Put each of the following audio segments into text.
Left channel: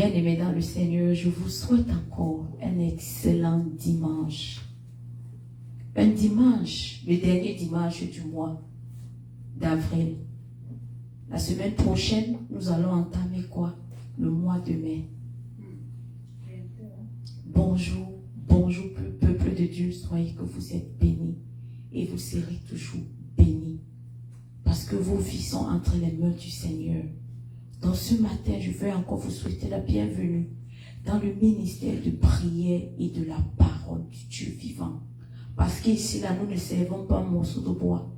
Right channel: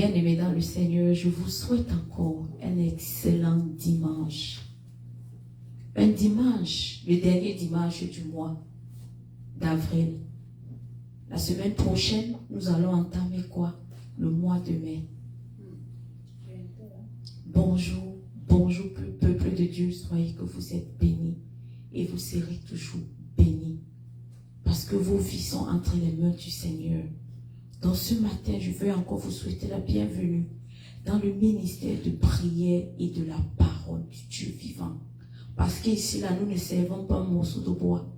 Bien-aimés dans le Seigneur, je vous souhaite encore un excellent dimanche. Un dimanche, le dernier dimanche du mois d'avril. La semaine prochaine, nous allons entamer quoi? Le mois de mai. Bonjour, bonjour peuple de Dieu, soyez que vous êtes bénis et vous serez toujours bénis. Parce que vos vies sont entre les mains du Seigneur. Donc ce matin, je veux encore vous souhaiter la bienvenue dans le ministère de prière et de la parole du Dieu vivant. Parce qu'ici, là, nous ne servons pas un morceau de bois.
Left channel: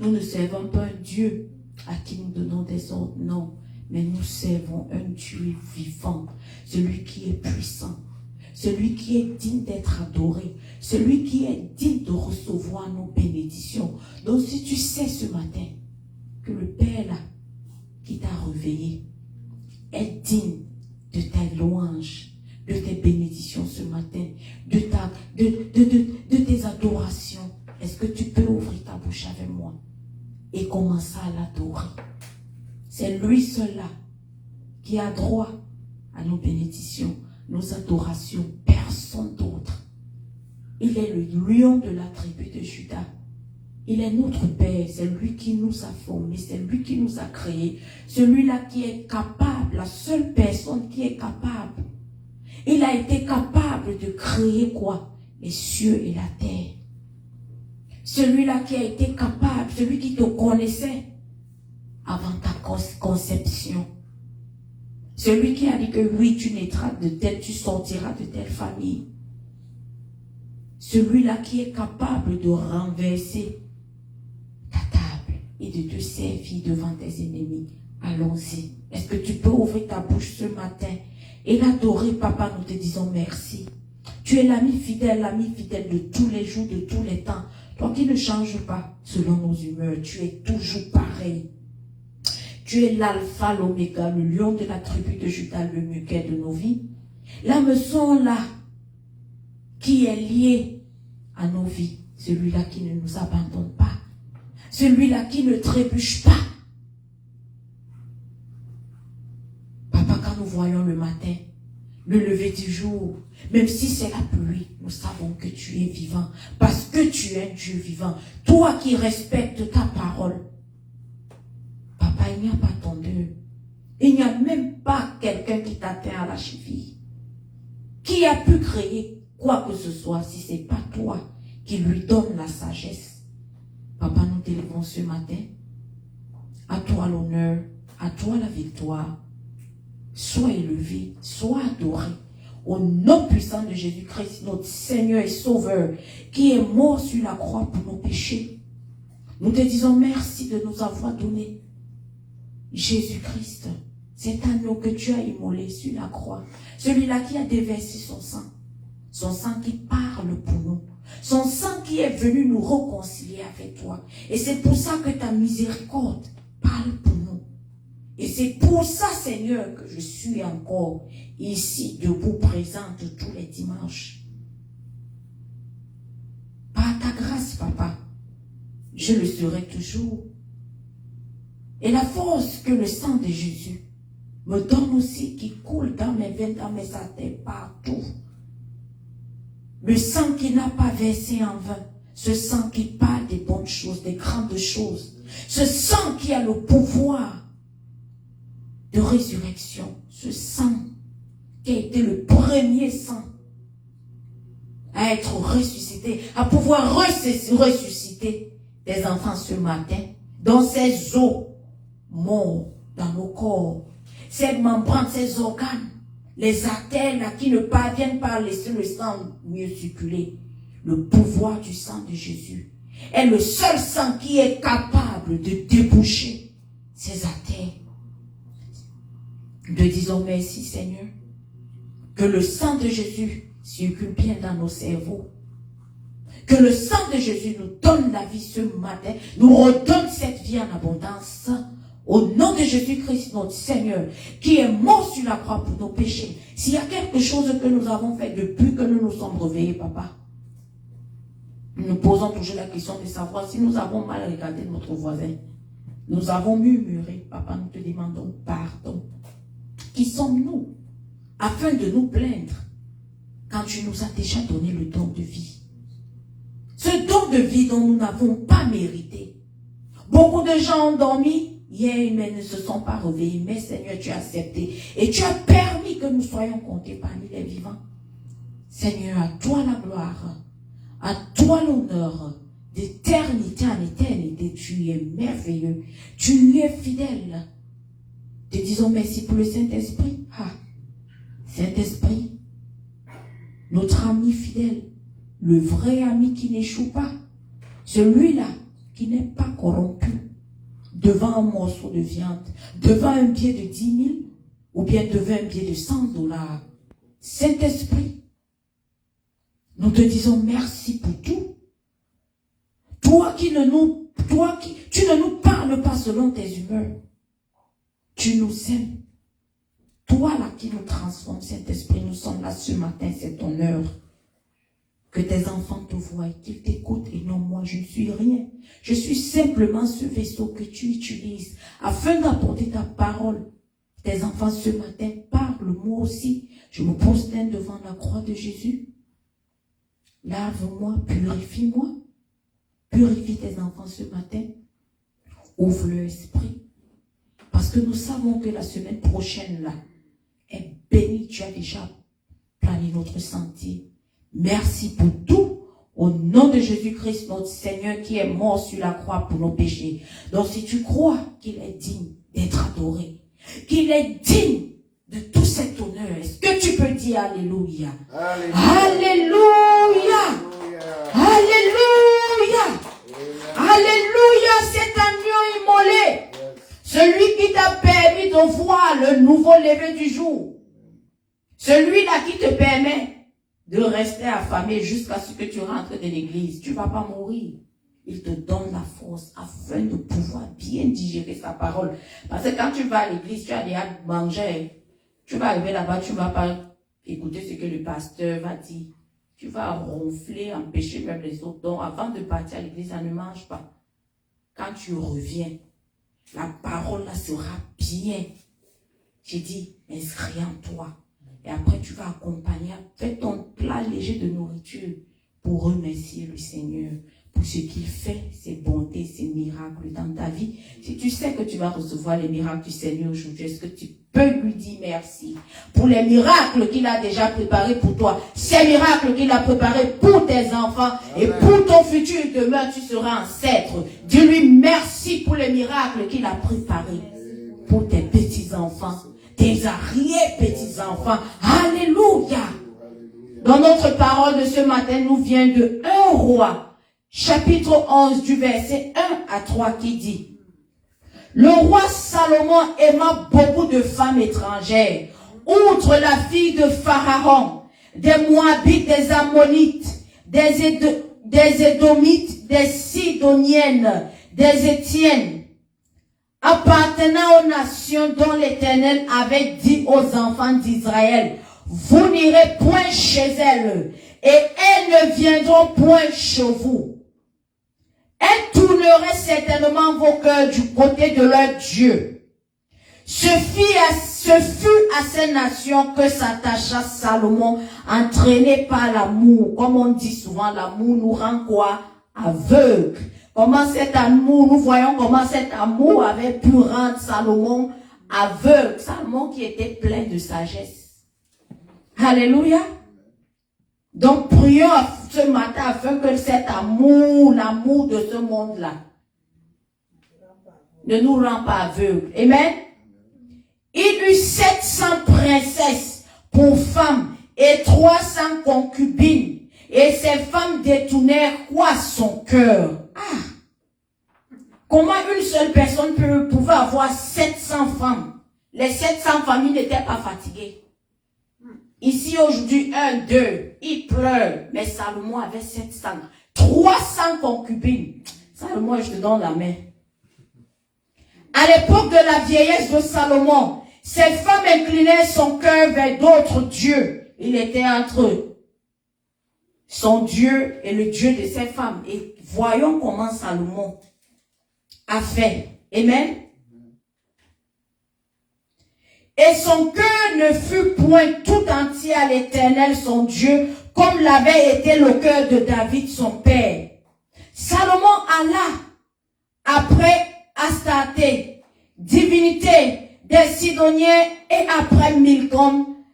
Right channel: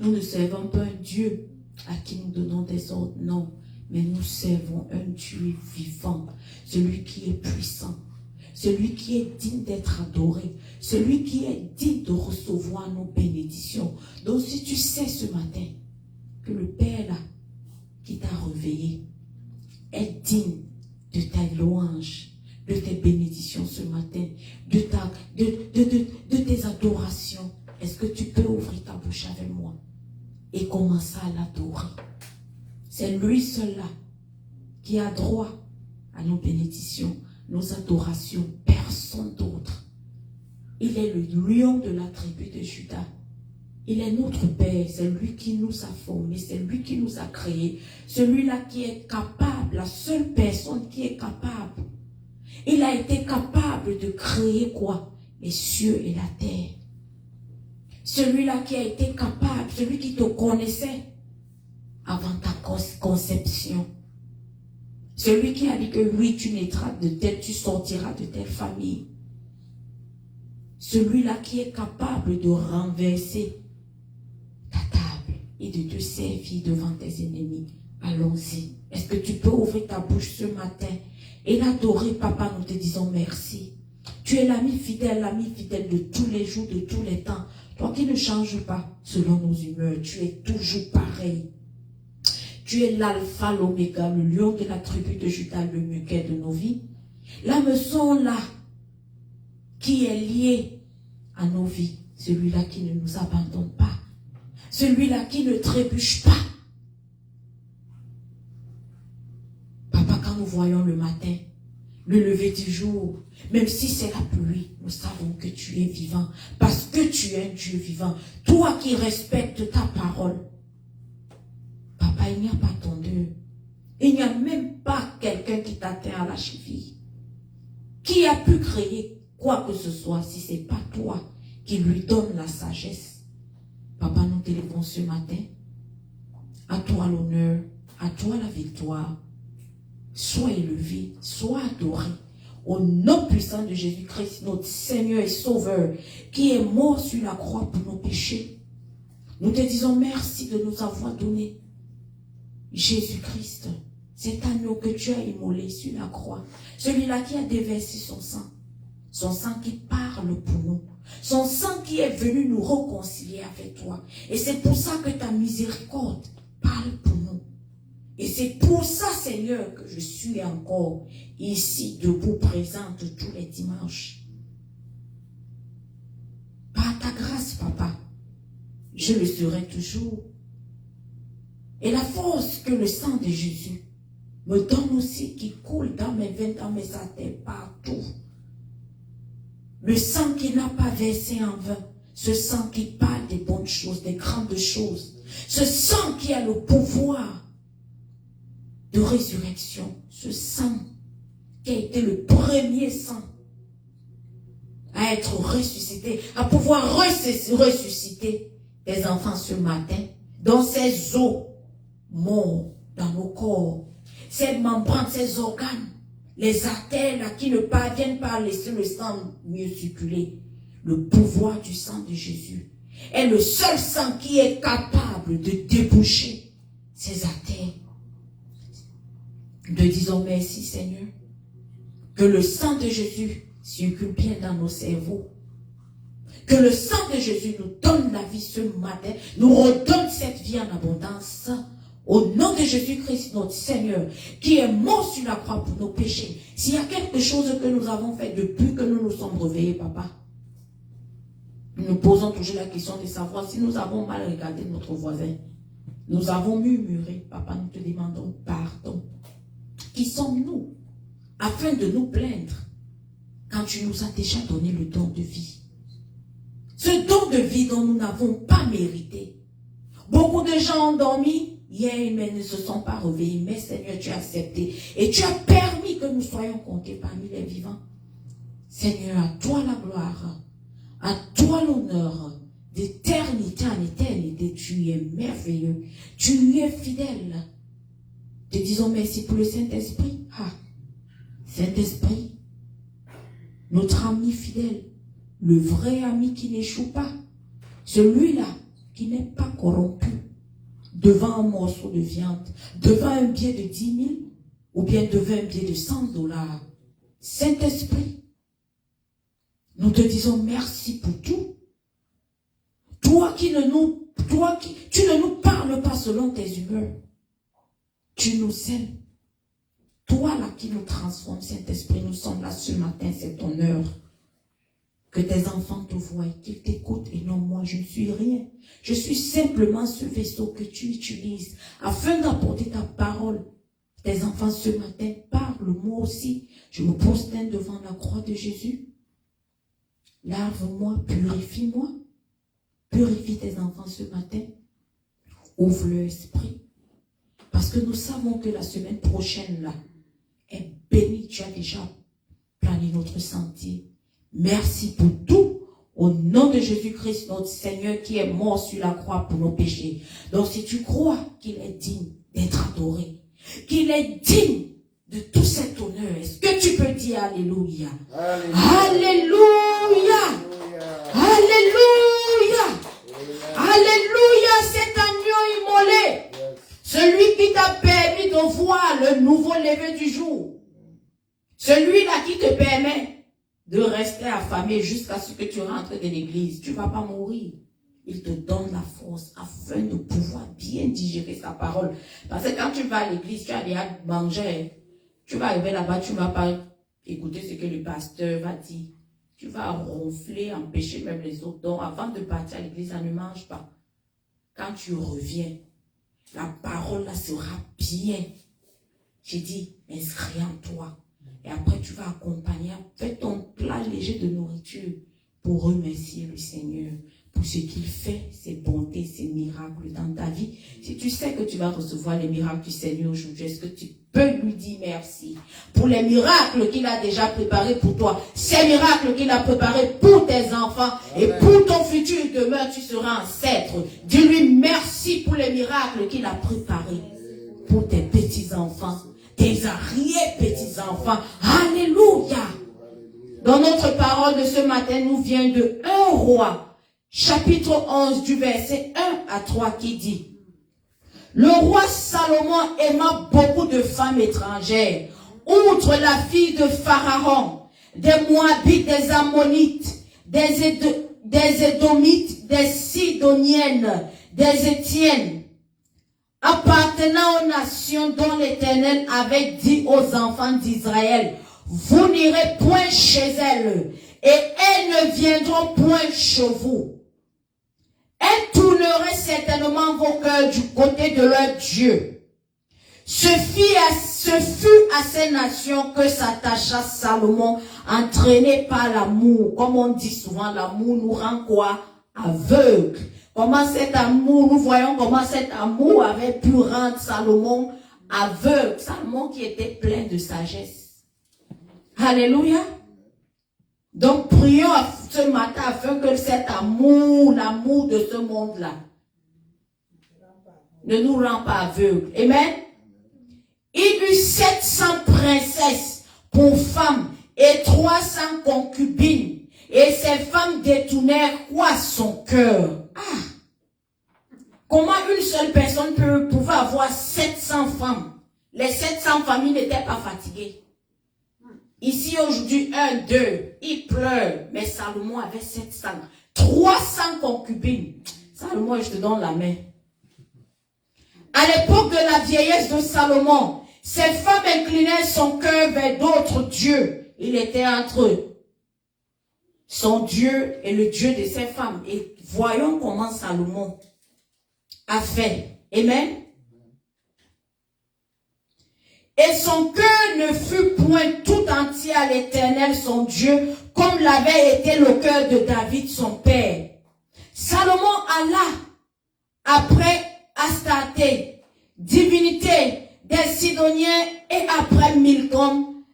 Nous ne servons pas un Dieu à qui nous donnons des ordres, non. Mais nous servons un Dieu vivant, celui qui est puissant, celui qui est digne d'être adoré, celui qui est digne de recevoir nos bénédictions. Donc si tu sais ce matin que le Père là, qui t'a réveillé, est digne de tes louanges, de tes bénédictions ce matin, de tes adorations. Est-ce que tu peux ouvrir ta bouche avec moi et commencer à l'adorer? C'est lui seul là qui a droit à nos bénédictions, nos adorations, personne d'autre. Il est le lion de la tribu de Juda. Il est notre Père, c'est lui qui nous a formés, c'est lui qui nous a créés, celui-là qui est capable, la seule personne qui est capable. Il a été capable de créer quoi? Les cieux et la terre. Celui-là qui a été capable, celui qui te connaissait avant ta conception. Celui qui a dit que oui, tu naîtras de telle, tu sortiras de telle famille. Celui-là qui est capable de renverser et de te servir devant tes ennemis. Allons-y. Est-ce que tu peux ouvrir ta bouche ce matin et l'adorer, papa, nous te disons merci. Tu es l'ami fidèle de tous les jours, de tous les temps. Toi qui ne changes pas selon nos humeurs, tu es toujours pareil. Tu es l'alpha, l'oméga, le lion de la tribu de Juda, le muguet de nos vies. L'hameçon là, qui est lié à nos vies, celui-là qui ne nous abandonne pas. Celui-là qui ne trébuche pas. Papa, quand nous voyons le matin, le lever du jour, même si c'est la pluie, nous savons que tu es vivant. Parce que tu es un Dieu vivant. Toi qui respectes ta parole. Papa, il n'y a pas ton Dieu. Il n'y a même pas quelqu'un qui t'atteint à la cheville. Qui a pu créer quoi que ce soit si ce n'est pas toi qui lui donne la sagesse? Papa, nous t'élevons ce matin. À toi l'honneur, à toi la victoire. Sois élevé, sois adoré. Au nom puissant de Jésus-Christ, notre Seigneur et Sauveur, qui est mort sur la croix pour nos péchés. Nous te disons merci de nous avoir donné Jésus-Christ, cet agneau que tu as immolé sur la croix. Celui-là qui a déversé son sang qui parle pour nous. Son sang qui est venu nous réconcilier avec toi. Et c'est pour ça que ta miséricorde parle pour nous. Et c'est pour ça, Seigneur, que je suis encore ici, debout, présente tous les dimanches. Par ta grâce, papa, je le serai toujours. Et la force que le sang de Jésus me donne aussi, qui coule dans mes veines, dans mes artères, partout. Le sang qui n'a pas versé en vain. Ce sang qui parle des bonnes choses, des grandes choses. Ce sang qui a le pouvoir de résurrection. Ce sang qui a été le premier sang à être ressuscité, à pouvoir ressusciter des enfants ce matin. Dans ces os morts dans nos corps. Ces membranes, ces organes. Les artères là, qui ne parviennent pas à laisser le sang mieux circuler. Le pouvoir du sang de Jésus est le seul sang qui est capable de déboucher ces artères. Nous disons merci Seigneur. Que le sang de Jésus circule bien dans nos cerveaux. Que le sang de Jésus nous donne la vie ce matin. Nous redonne cette vie en abondance. Au nom de Jésus-Christ, notre Seigneur, qui est mort sur la croix pour nos péchés. S'il y a quelque chose que nous avons fait depuis que nous nous sommes réveillés, papa, nous nous posons toujours la question de savoir si nous avons mal regardé notre voisin. Nous avons murmuré, papa, nous te demandons pardon. Qui sommes-nous afin de nous plaindre quand tu nous as déjà donné le don de vie. Ce don de vie dont nous n'avons pas mérité. Beaucoup de gens ont dormi hier, mais ne se sont pas réveillés. Mais Seigneur, tu as accepté et tu as permis que nous soyons comptés parmi les vivants. Seigneur, à toi la gloire, à toi l'honneur, d'éternité en éternité. Tu es merveilleux, tu es fidèle. Te disons merci pour le Saint-Esprit. Ah, Saint-Esprit, notre ami fidèle, le vrai ami qui n'échoue pas, celui-là qui n'est pas corrompu devant un morceau de viande, devant un billet de 10 000 ou bien devant un billet de 100 $. Saint-Esprit, nous te disons merci pour tout. Toi qui tu ne nous parles pas selon tes humeurs. Tu nous aimes. Toi là qui nous transformes, Saint-Esprit, nous sommes là ce matin, c'est ton heure. Que tes enfants te voient, qu'ils t'écoutent et non moi, je ne suis rien. Je suis simplement ce vaisseau que tu utilises afin d'apporter ta parole. Tes enfants ce matin parlent, moi aussi. Je me prosterne devant la croix de Jésus. Lave-moi, purifie-moi. Purifie tes enfants ce matin. Ouvre leur esprit. Parce que nous savons que la semaine prochaine là est bénie. Tu as déjà plané notre sentier. Merci pour tout. Au nom de Jésus-Christ, notre Seigneur qui est mort sur la croix pour nos péchés. Donc si tu crois qu'il est digne d'être adoré, qu'il est digne de tout cet honneur, est-ce que tu peux dire Alléluia? Alléluia! Alléluia! Alléluia! C'est agneau immolé. Celui qui t'a permis de voir le nouveau lever du jour. Celui-là qui te permet de rester affamé jusqu'à ce que tu rentres de l'église. Tu ne vas pas mourir. Il te donne la force afin de pouvoir bien digérer sa parole. Parce que quand tu vas à l'église, tu as déjà mangé. Tu vas arriver là-bas, tu ne vas pas écouter ce que le pasteur va dire. Tu vas ronfler, empêcher même les autres. Donc avant de partir à l'église, ça ne mange pas. Quand tu reviens, la parole là sera bien. J'ai dit, inscris en toi. Et après, tu vas accompagner, fais ton plat léger de nourriture pour remercier le Seigneur pour ce qu'il fait, ses bontés, ses miracles dans ta vie. Si tu sais que tu vas recevoir les miracles du Seigneur aujourd'hui, est-ce que tu peux lui dire merci pour les miracles qu'il a déjà préparés pour toi, ces miracles qu'il a préparés pour tes enfants et pour ton futur demeure, tu seras ancêtre. Dis-lui merci pour les miracles qu'il a préparés pour tes petits-enfants. Tes arrière-petits-enfants. Alléluia. Dans notre parole de ce matin, nous vient de 1 Roi, chapitre 11, du verset 1 à 3, qui dit: le roi Salomon aima beaucoup de femmes étrangères, outre la fille de Pharaon, des Moabites, des Ammonites, des Édomites, des Sidoniennes, des Étiennes, appartenant aux nations dont l'Éternel avait dit aux enfants d'Israël: vous n'irez point chez elles, et elles ne viendront point chez vous. Elles tourneraient certainement vos cœurs du côté de leur Dieu. Ce fut à ces nations que s'attacha Salomon, entraîné par l'amour. Comme on dit souvent, l'amour nous rend quoi? Aveugle. Comment cet amour, nous voyons comment cet amour avait pu rendre Salomon aveugle. Salomon qui était plein de sagesse. Alléluia. Donc prions ce matin afin que cet amour, l'amour de ce monde-là, ne nous rend pas aveugles. Amen. Il eut 700 princesses pour femmes et 300 concubines. Et ces femmes détournèrent quoi? Son cœur. Comment une seule personne pouvait avoir 700 femmes? Les 700 familles n'étaient pas fatiguées. Ici aujourd'hui, 1, 2, il pleure. Mais Salomon avait 700. 300 concubines. Salomon, je te donne la main. À l'époque de la vieillesse de Salomon, ces femmes inclinaient son cœur vers d'autres dieux. Il était entre son Dieu et le Dieu de ces femmes. Et voyons comment Salomon a fait. Amen. Et son cœur ne fut point tout entier à l'Éternel son Dieu, comme l'avait été le cœur de David son père. Salomon alla après Astarté, divinité des Sidoniens, et après Milcom,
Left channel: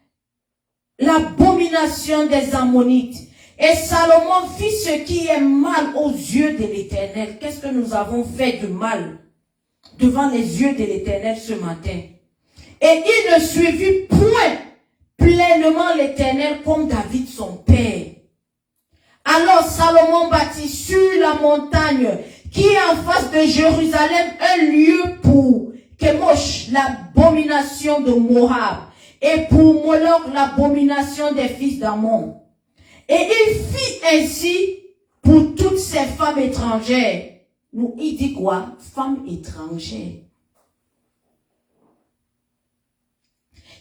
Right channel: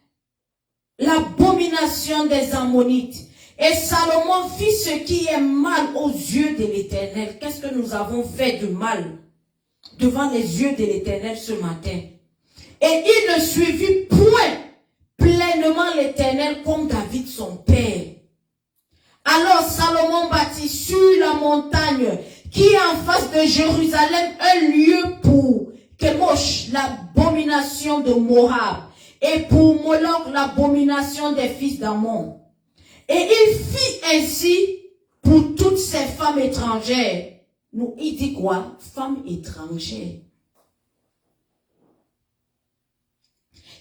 l'abomination des Ammonites. Et Salomon fit ce qui est mal aux yeux de l'Éternel. Qu'est-ce que nous avons fait de mal devant les yeux de l'Éternel ce matin? Et il ne suivit point pleinement l'Éternel comme David son père. Alors Salomon bâtit sur la montagne qui est en face de Jérusalem un lieu pour Kemosh, l'abomination de Moab, et pour Moloch, l'abomination des fils d'Ammon. Et il fit ainsi pour toutes ces femmes étrangères. Nous, il dit quoi? Femmes étrangères.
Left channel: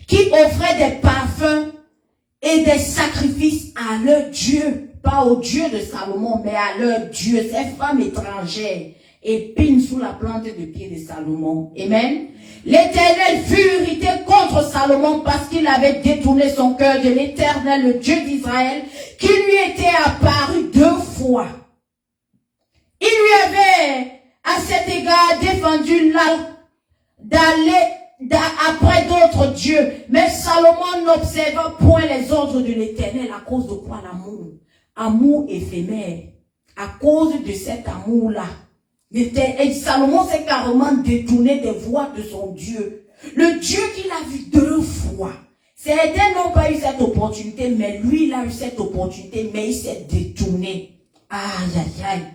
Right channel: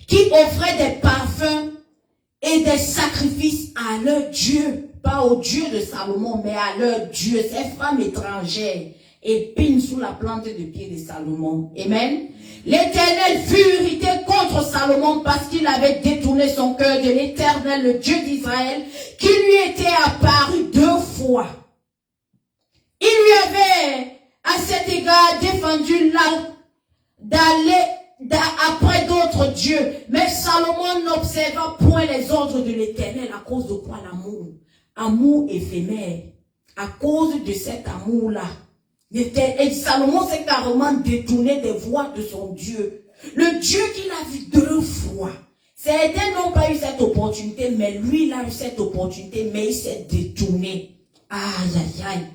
Qui offraient des parfums et des sacrifices à leur Dieu. Pas au Dieu de Salomon, mais à leur Dieu. Ces femmes étrangères épinent sous la plante de pied de Salomon. Amen. L'Éternel fut irrité contre Salomon parce qu'il avait détourné son cœur de l'Éternel, le Dieu d'Israël, qui lui était apparu 2 fois. Il lui avait, à cet égard, défendu d'aller après d'autres dieux. Mais Salomon n'observa point les ordres de l'Éternel. À cause de quoi? L'amour. Amour éphémère. À cause de cet amour-là. Et Salomon s'est carrément détourné des voies de son Dieu. Le Dieu qu'il a vu 2 fois. Certains n'ont pas eu cette opportunité, mais lui, il a eu cette opportunité, mais il s'est détourné. Aïe, aïe, aïe.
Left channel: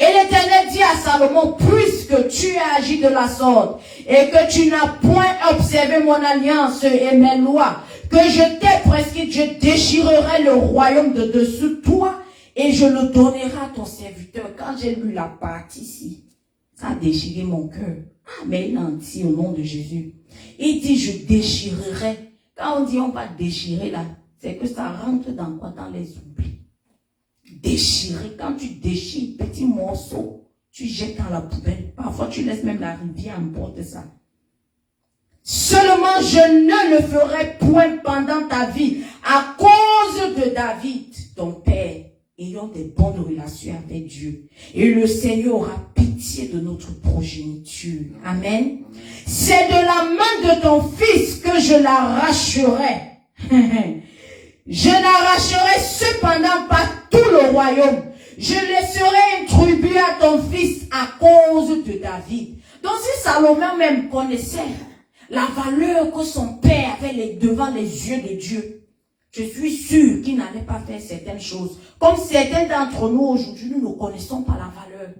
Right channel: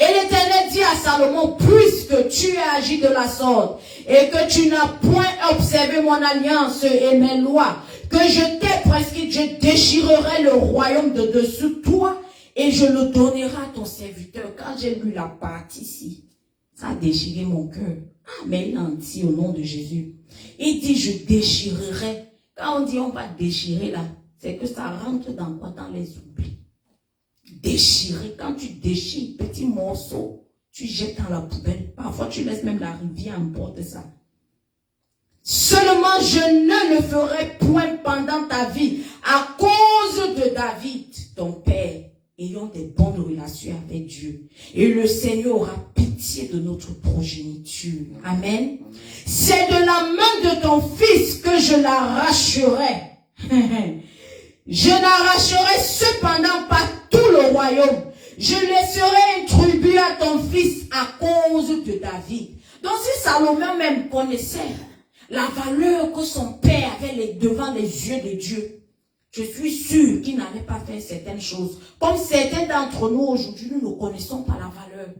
Et l'Éternel dit à Salomon, puisque tu as agi de la sorte, et que tu n'as point observé mon alliance et mes lois, que je t'ai prescrit, je déchirerai le royaume de dessous toi, et je le donnerai à ton serviteur. Quand j'ai lu la partie ici, ça a déchiré mon cœur. Ah, mais il en dit au nom de Jésus. Il dit, je déchirerai. Quand on dit on va déchirer là, c'est que ça rentre dans quoi? Dans les oublis. Déchirer, quand tu déchires petit morceau, tu jettes dans la poubelle. Parfois tu laisses même la rivière emporter ça. Seulement je ne le ferai point pendant ta vie à cause de David, ton père. Ayons des bonnes relations avec Dieu. Et le Seigneur aura pitié de notre progéniture. Amen. C'est de la main de ton fils que je l'arracherai. Je n'arracherai cependant pas tout le royaume. Je laisserai une tribu à ton fils à cause de David. Donc si Salomon même connaissait la valeur que son père avait devant les yeux de Dieu, je suis sûr qu'il n'allait pas faire certaines choses. Comme certains d'entre nous aujourd'hui, nous ne connaissons pas la valeur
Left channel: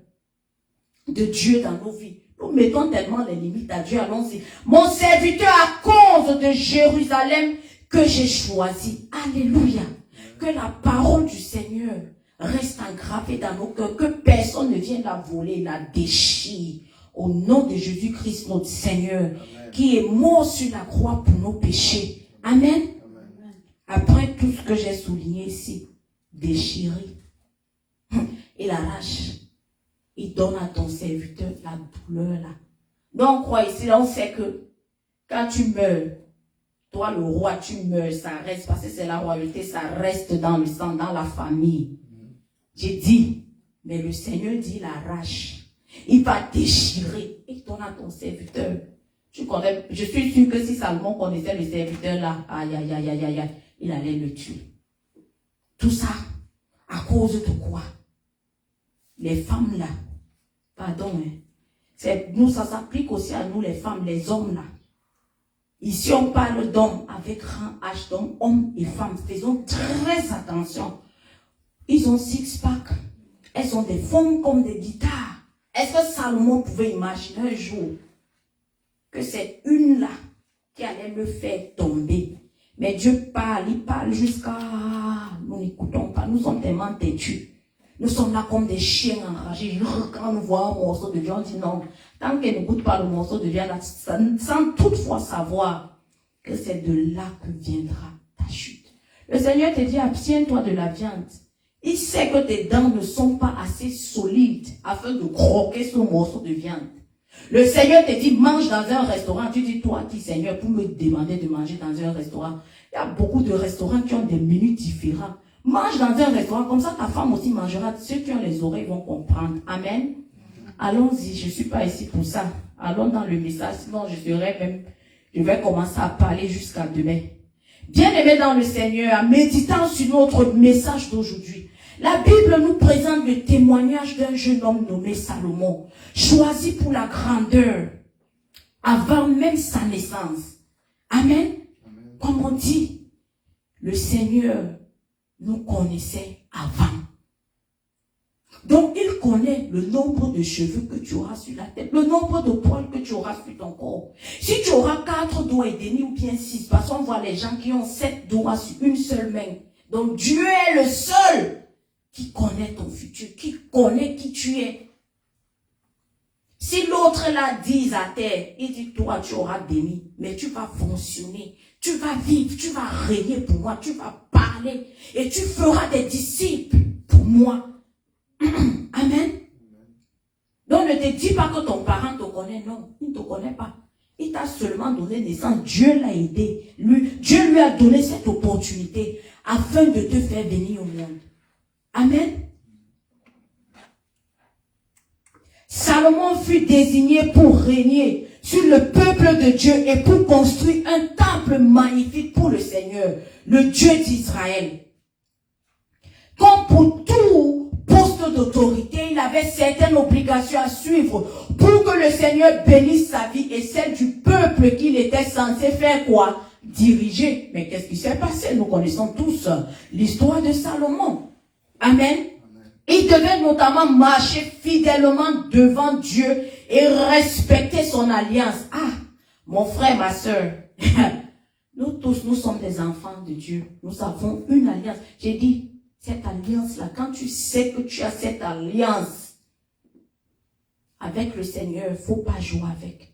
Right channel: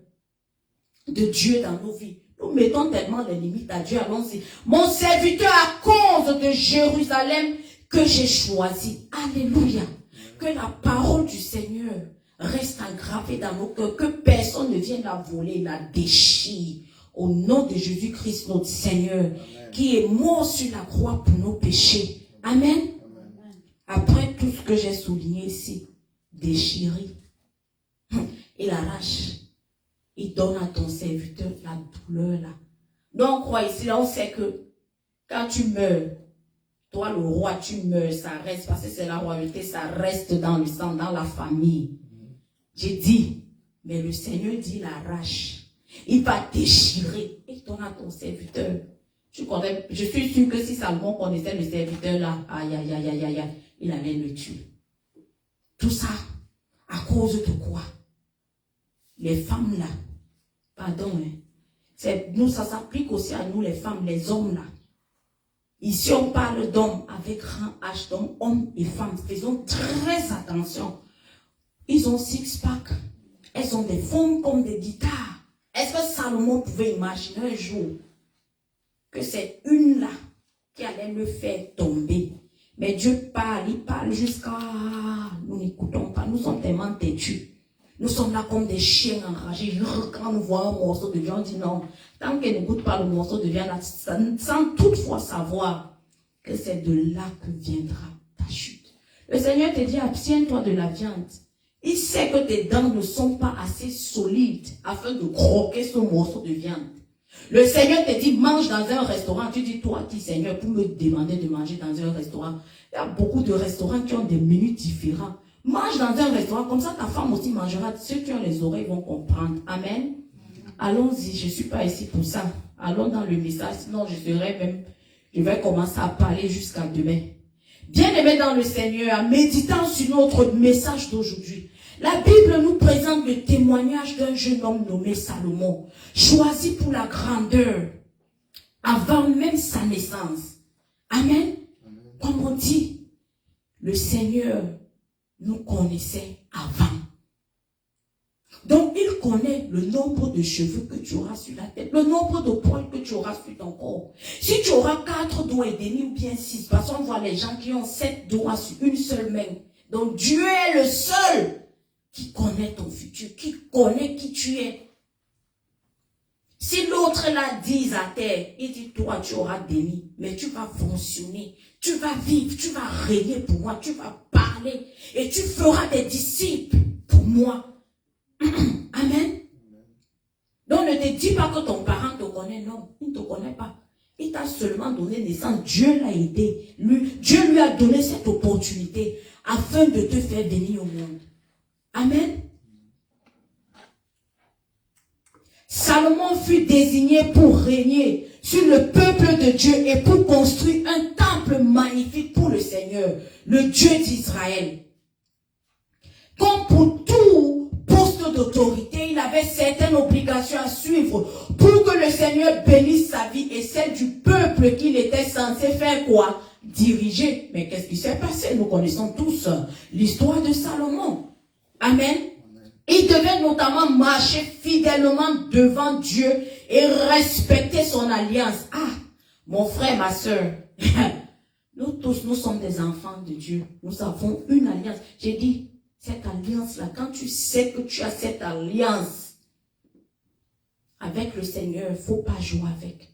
de Dieu dans nos vies. Nous mettons tellement de limites à Dieu. Allons-y. Mon serviteur à cause de Jérusalem que j'ai choisi. Alléluia. Que la parole du Seigneur reste engravée dans nos cœurs. Que personne ne vienne la voler, la déchire. Au nom de Jésus-Christ, notre Seigneur, qui est mort sur la croix pour nos péchés. Amen. Après tout ce que j'ai souligné ici, déchiré, il arrache, il donne à ton serviteur la douleur là. Donc on croit ici, là on sait que quand tu meurs, toi le roi, tu meurs, ça reste, parce que c'est la royauté, ça reste dans le sang, dans la famille. J'ai dit, mais le Seigneur dit, il arrache, il va déchirer, il donne à ton serviteur. Tu connais, je suis sûr que si Salomon connaissait le serviteur là, aïe, aïe, aïe, aïe, aïe, aïe, il allait le tuer. Tout ça, à cause de quoi? Les femmes là, pardon, hein, nous, ça s'applique aussi à nous les femmes, les hommes là. Ici on parle d'hommes avec grand H, donc hommes et femmes. Faisons très attention. Ils ont six-pack, elles ont des formes comme des guitares. Est-ce que Salomon pouvait imaginer un jour que c'est une là qui allait me faire tomber? Mais Dieu parle, il parle jusqu'à... Nous n'écoutons pas, nous sommes tellement têtus. Nous sommes là comme des chiens enragés. Quand nous voyons un morceau de viande, on dit non. Tant qu'elle n'écoute pas le morceau de viande, sans toutefois savoir que c'est de là que viendra ta chute. Le Seigneur te dit, abstiens-toi de la viande. Il sait que tes dents ne sont pas assez solides afin de croquer ce morceau de viande. Le Seigneur te dit, mange dans un restaurant. Tu dis, toi, qui Seigneur, pour me demander de manger dans un restaurant. Il y a beaucoup de restaurants qui ont des menus différents. Mange dans un restaurant, comme ça ta femme aussi mangera. Ceux qui ont les oreilles vont comprendre. Amen. Allons-y, je ne suis pas ici pour ça. Allons dans le message, sinon je vais commencer à parler jusqu'à demain. Bien-aimés dans le Seigneur, méditant sur notre message d'aujourd'hui, la Bible nous présente le témoignage d'un jeune homme nommé Salomon, choisi pour la grandeur, avant même sa naissance. Amen. Comme on dit, le Seigneur nous connaissait avant. Donc, il connaît le nombre de cheveux que tu auras sur la tête, le nombre de poils que tu auras sur ton corps. Si tu auras 4 doigts et demi ou bien 6, parce qu'on voit les gens qui ont 7 doigts sur une seule main. Donc, Dieu est le seul qui connaît ton futur, qui connaît qui tu es. Si l'autre là dit à terre, il dit, toi, tu auras demi, mais tu vas fonctionner, tu vas vivre, tu vas régner pour moi, tu vas parler et tu feras des disciples pour moi. Amen. Donc ne te dis pas que ton parent te connaît. Non, il ne te connaît pas. Il t'a seulement donné naissance. Dieu l'a aidé. Dieu lui a donné cette opportunité afin de te faire venir au monde. Amen. Salomon fut désigné pour régner sur le peuple de Dieu et pour construire un temple magnifique pour le Seigneur, le Dieu d'Israël. Comme pour tout poste d'autorité, il avait certaines obligations à suivre pour que le Seigneur bénisse sa vie et celle du peuple qu'il était censé faire quoi? Diriger. Mais qu'est-ce qui s'est passé? Nous connaissons tous l'histoire de Salomon. Amen. Il devait notamment marcher fidèlement devant Dieu et respecter son alliance. Ah, mon frère, ma soeur, nous tous, nous sommes des enfants de Dieu. Nous avons une alliance. J'ai dit, cette alliance-là, quand tu sais que tu as cette alliance avec le Seigneur, il ne faut pas jouer avec.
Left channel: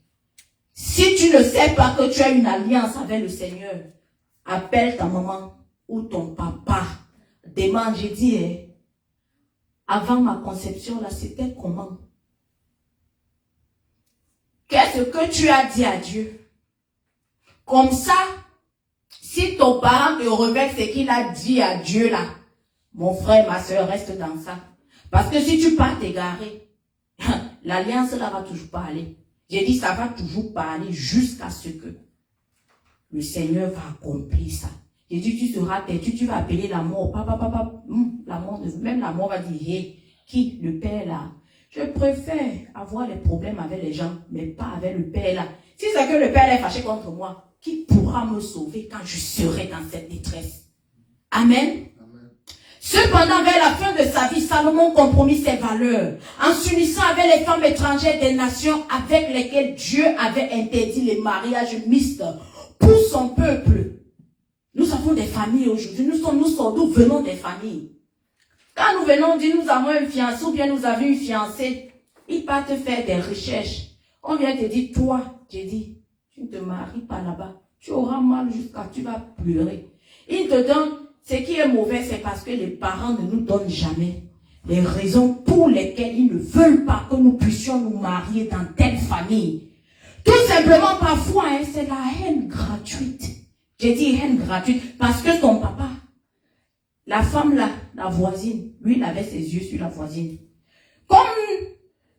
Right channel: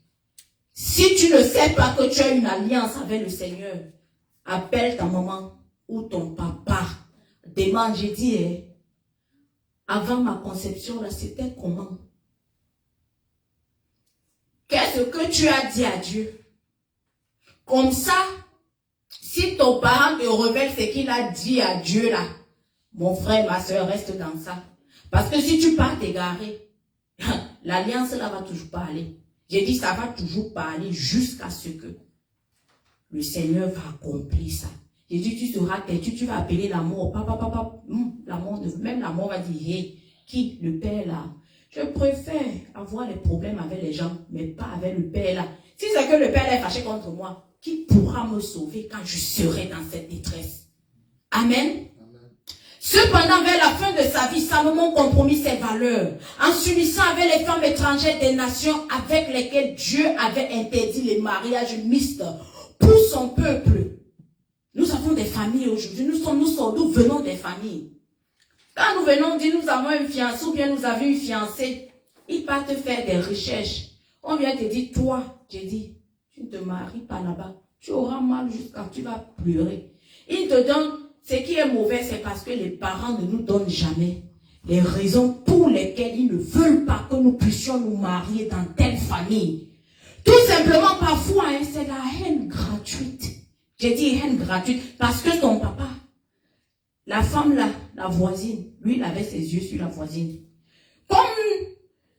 Si tu ne sais pas que tu as une alliance avec le Seigneur, appelle ta maman ou ton papa. Demande, j'ai dit, avant ma conception, là, c'était comment? Qu'est-ce que tu as dit à Dieu? Comme ça, si ton parent te révèle ce qu'il a dit à Dieu, là, mon frère, ma soeur, reste dans ça. Parce que si tu pars t'égarer, l'alliance là va toujours pas aller. J'ai dit, ça va toujours pas aller jusqu'à ce que le Seigneur va accomplir ça. J'ai dit, tu seras têtu, tu vas appeler la mort. Papa, la mort, même la mort va dire, hey, qui? Le Père là. Je préfère avoir des problèmes avec les gens, mais pas avec le Père là. Si c'est que le Père est fâché contre moi, qui pourra me sauver quand je serai dans cette détresse? Amen. Cependant, vers la fin de sa vie, Salomon compromit ses valeurs en s'unissant avec les femmes étrangères des nations avec lesquelles Dieu avait interdit les mariages mixtes pour son peuple. Nous avons des familles aujourd'hui, nous venons des familles. Quand nous venons dire nous avons un fiancé ou bien nous avons une fiancée, il part te faire des recherches. On vient te dire, toi, j'ai dit, tu ne te maries pas là-bas. Tu auras mal jusqu'à tu vas pleurer. Il te donne. Ce qui est mauvais, c'est parce que les parents ne nous donnent jamais les raisons pour lesquelles ils ne veulent pas que nous puissions nous marier dans telle famille. Tout simplement, parfois, c'est la haine gratuite. J'ai dit haine gratuite parce que ton papa, la femme là, la voisine, lui, il avait ses yeux sur la voisine. Comme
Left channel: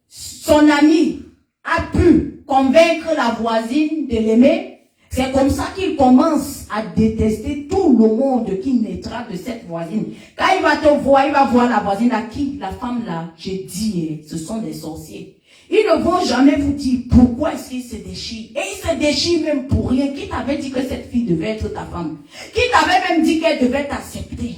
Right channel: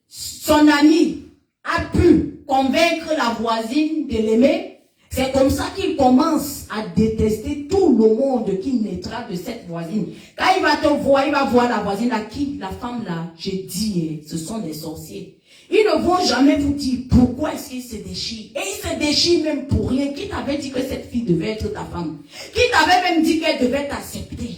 son ami a pu convaincre la voisine de l'aimer, c'est comme ça qu'il commence à détester tout le monde qui naîtra de cette voisine. Quand il va te voir, il va voir la voisine à qui la femme là, j'ai dit, ce sont des sorciers. Ils ne vont jamais vous dire pourquoi est-ce qu'ils se déchirent. Et ils se déchirent même pour rien. Qui t'avait dit que cette fille devait être ta femme? Qui t'avait même dit qu'elle devait t'accepter?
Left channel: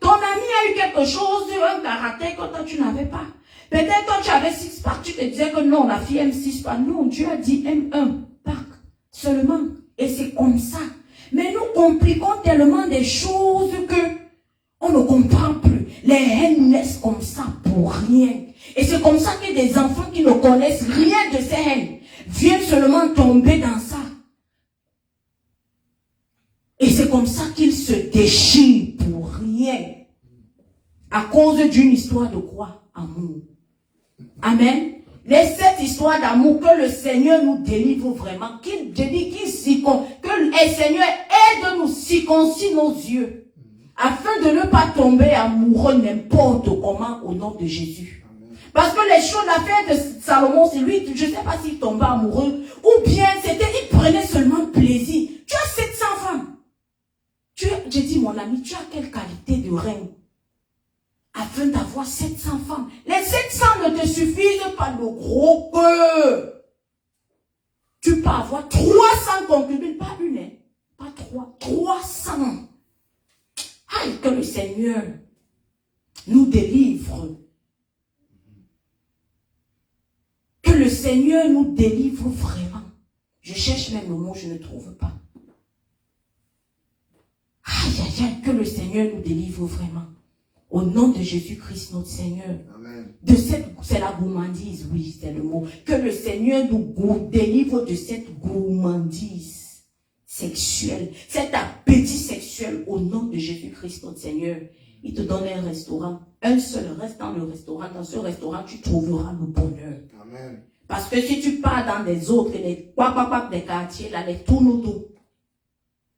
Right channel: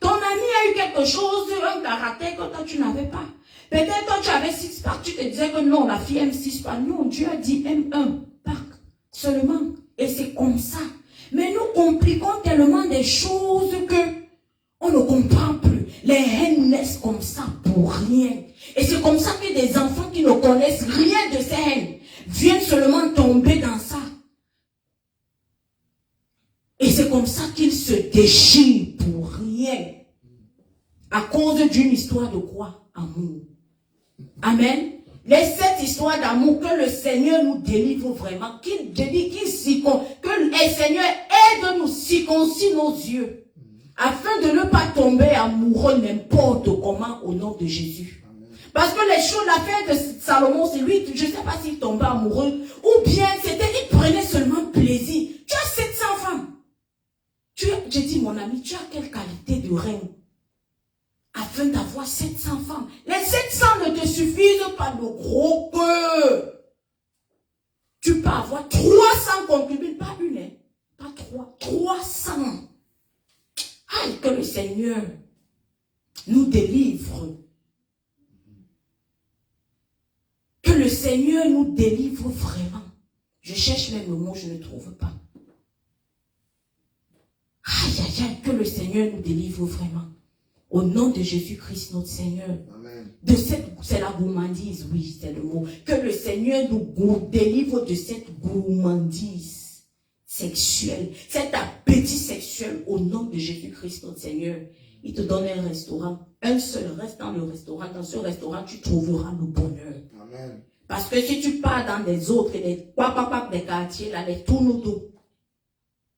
Ton ami a eu quelque chose, un caractère que toi tu n'avais pas. Peut-être toi tu avais 6 pack, tu te disais que non, la fille aime 6 pack. Non, Dieu a dit aime 1 pack. Seulement, et c'est comme ça. Mais nous compliquons tellement des choses que on ne comprend plus. Les haines naissent comme ça pour rien. Et c'est comme ça que des enfants qui ne connaissent rien de ces haines viennent seulement tomber dans ça. Et c'est comme ça qu'ils se déchirent pour rien. À cause d'une histoire de quoi? Amour. Amen. les 7 histoires d'amour, que le Seigneur nous délivre vraiment, que le Seigneur aide-nous, circoncis nos yeux, afin de ne pas tomber amoureux n'importe comment au nom de Jésus. Parce que les choses, l'affaire de Salomon, c'est lui, je ne sais pas s'il tombait amoureux, ou bien c'était, il prenait seulement plaisir. Tu as 700 femmes. Je dis, mon ami, tu as quelle qualité de reine afin d'avoir 700 femmes? Les 700 ne te suffisent pas de gros cœur. Tu peux avoir 300 concubines, pas une, hein, pas 3, 300. Aïe, que le Seigneur nous délivre. Que le Seigneur nous délivre vraiment. Je cherche même le mot, je ne trouve pas. Aïe, aïe, aïe, que le Seigneur nous délivre vraiment. Au nom de Jésus-Christ, notre Seigneur. Amen. C'est la gourmandise, oui, c'est le mot. Que le Seigneur nous délivre de cette gourmandise sexuelle, cet appétit sexuel au nom de Jésus-Christ, notre Seigneur. Il te donne un restaurant, un seul, reste dans le restaurant. Dans ce restaurant, tu trouveras le bonheur. Amen. Parce que si tu pars dans les autres, les des quartiers, là, les tournodos,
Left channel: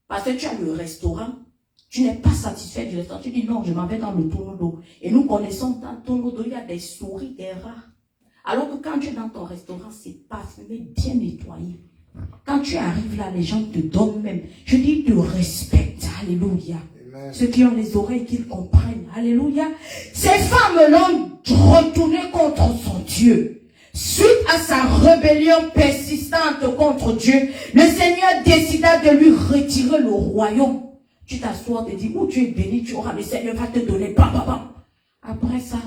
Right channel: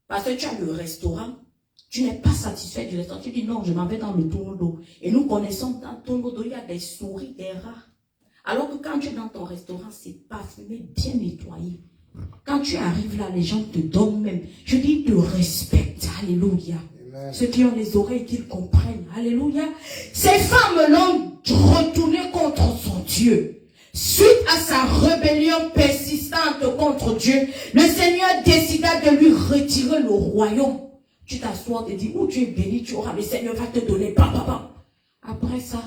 parce que tu as le restaurant, tu n'es pas satisfait du restaurant. Tu dis non, je m'en vais dans le tournodo. Et nous connaissons dans le tournodo, il y a des souris, des rats. Alors que quand tu es dans ton restaurant, c'est parfumé, bien nettoyé. Quand tu arrives là, les gens te donnent même. Je dis, ils te respectent. Alléluia. Amen. Ceux qui ont les oreilles, qu'ils comprennent. Alléluia. Ces femmes l'ont retourné contre son Dieu. Suite à sa rébellion persistante contre Dieu, le Seigneur décida de lui retirer le royaume. Tu t'assois, te dis, où tu es béni, tu auras, le Seigneur va te donner. Bam, bam, bam. Après ça,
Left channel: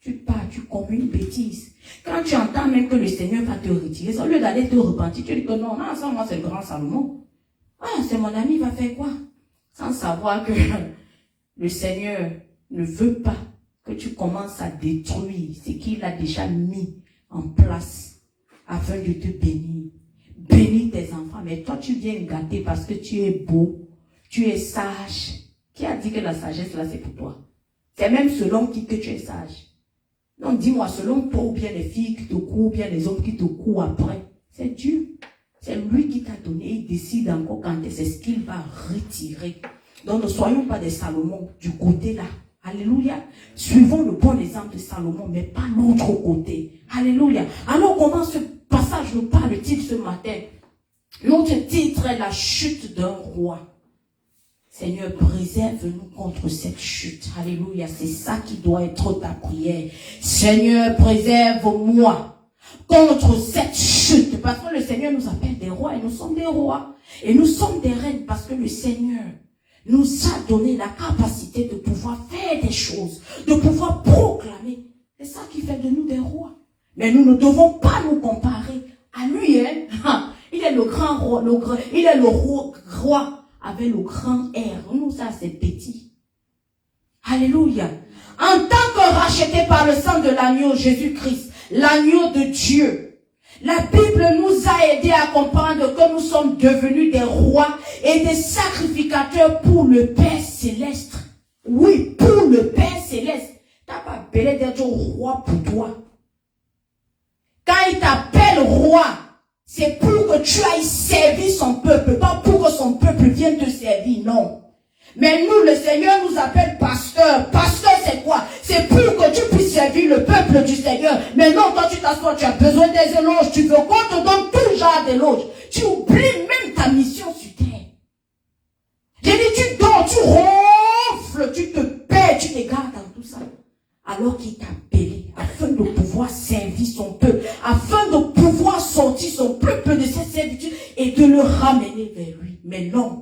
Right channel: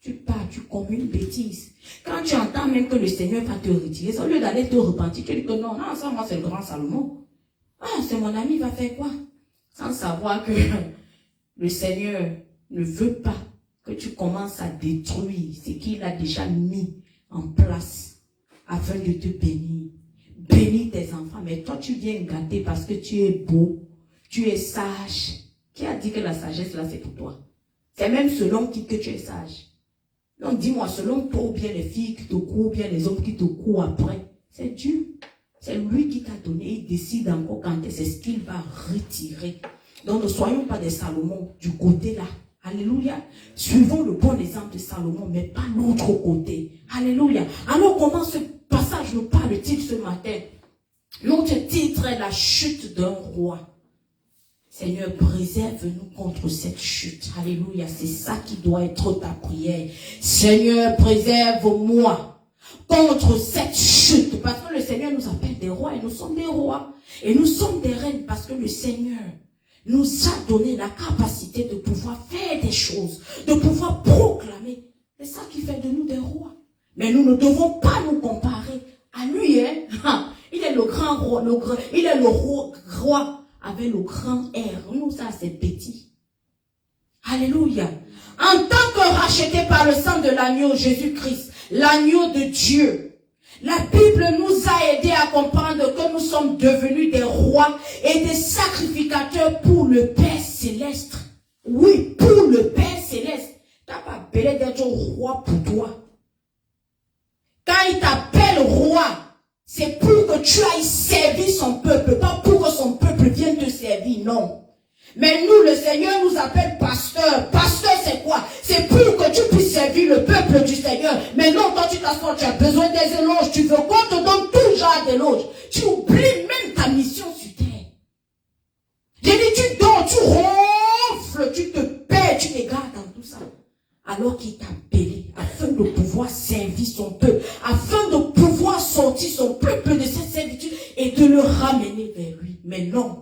tu pars, tu commets une bêtise. Quand tu entends même que le Seigneur va te retirer, au lieu d'aller te repentir, tu dis que non, non, ça, moi, c'est le grand Salomon. Ah, c'est mon ami, il va faire quoi? Sans savoir que le Seigneur ne veut pas que tu commences à détruire ce qu'il a déjà mis en place afin de te bénir. Bénis tes enfants, mais toi, tu viens gâter parce que tu es beau, tu es sage. Qui a dit que la sagesse, là, c'est pour toi? C'est même selon qui que tu es sage. Donc, dis-moi, selon toi, ou bien les filles qui te courent, ou bien les hommes qui te courent après, c'est Dieu. C'est lui qui t'a donné. Il décide encore quand c'est ce qu'il va retirer. Donc, ne soyons pas des Salomon du côté là. Alléluia. Suivons le bon exemple de Salomon, mais pas l'autre côté. Alléluia. Alors, comment ce passage nous parle-t-il ce matin? Notre titre est la chute d'un roi. Seigneur, préserve-nous contre cette chute. Alléluia. C'est ça qui doit être ta prière. Seigneur, préserve-moi contre cette chute. Parce que le Seigneur nous appelle des rois et nous sommes des rois. Et nous sommes des reines parce que le Seigneur nous a donné la capacité de pouvoir faire des choses, de pouvoir proclamer. C'est ça qui fait de nous des rois. Mais nous ne devons pas nous comparer à lui. Hein? Il est le grand roi, il est le roi avec le grand R. Nous, ça, c'est petit. Alléluia. En tant que racheté par le sang de l'agneau Jésus-Christ, l'agneau de Dieu, la Bible nous a aidé à comprendre que nous sommes devenus des rois et des sacrificateurs pour le Père Céleste. Oui, pour le Père Céleste. Tu n'as pas appelé d'être roi pour toi. Quand il t'appelle roi, c'est pour que tu ailles servir son peuple, pas pour que son peuple vienne te servir, non. Mais nous, le Seigneur nous appelle pasteur. Pasteur, c'est quoi? C'est pour que tu puisses servir le peuple du Seigneur. Mais non, quand tu t'assois, tu as besoin des éloges. Tu veux qu'on te donne tout genre d'éloges. Tu oublies même ta mission sur terre. J'ai dit, tu dors, tu ronfles, tu te perds, tu t'égares dans tout ça. Alors qu'il t'a appelé afin de pouvoir servir son peuple, afin de pouvoir sortir son peuple de cette servitude et de le ramener vers lui. Mais non.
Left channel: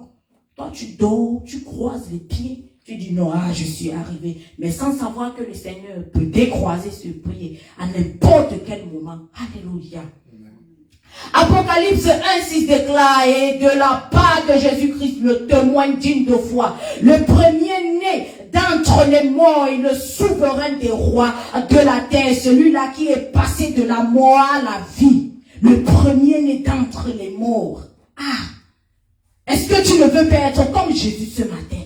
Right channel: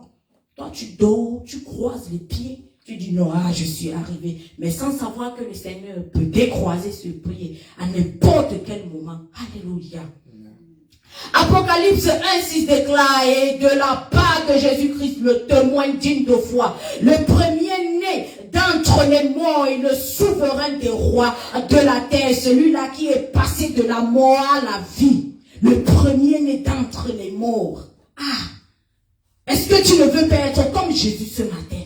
Toi, tu dors, tu croises les pieds, tu dis non, je suis arrivé. Mais sans savoir que le Seigneur peut décroiser ce pied à n'importe quel moment. Alléluia. Apocalypse 1:6 déclare, et de la part de Jésus-Christ, le témoin digne de foi, le premier-né d'entre les morts et le souverain des rois de la terre, celui-là qui est passé de la mort à la vie, le premier-né d'entre les morts. Est-ce que tu ne veux pas être comme Jésus ce matin?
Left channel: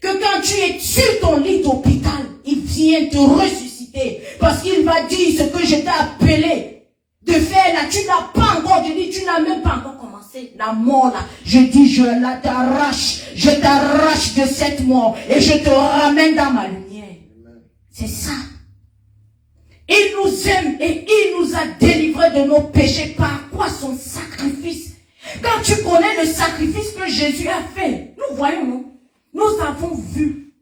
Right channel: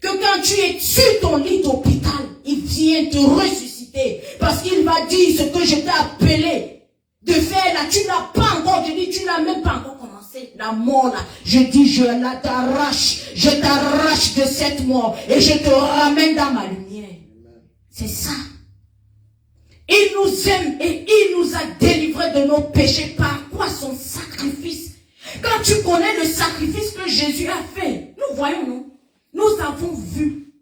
Que quand tu es sur ton lit d'hôpital, il vient te ressusciter. Parce qu'il va dire ce que je t'ai appelé. de faire là, tu n'as pas encore, je dis, tu n'as même pas encore commencé la mort là. Je dis, je t'arrache de cette mort et je te ramène dans ma lumière. C'est ça. Il nous aime et il nous a délivrés de nos péchés. Par quoi? Son sacrifice. Quand tu connais le sacrifice que Jésus a fait, nous voyons, non? Nous avons vu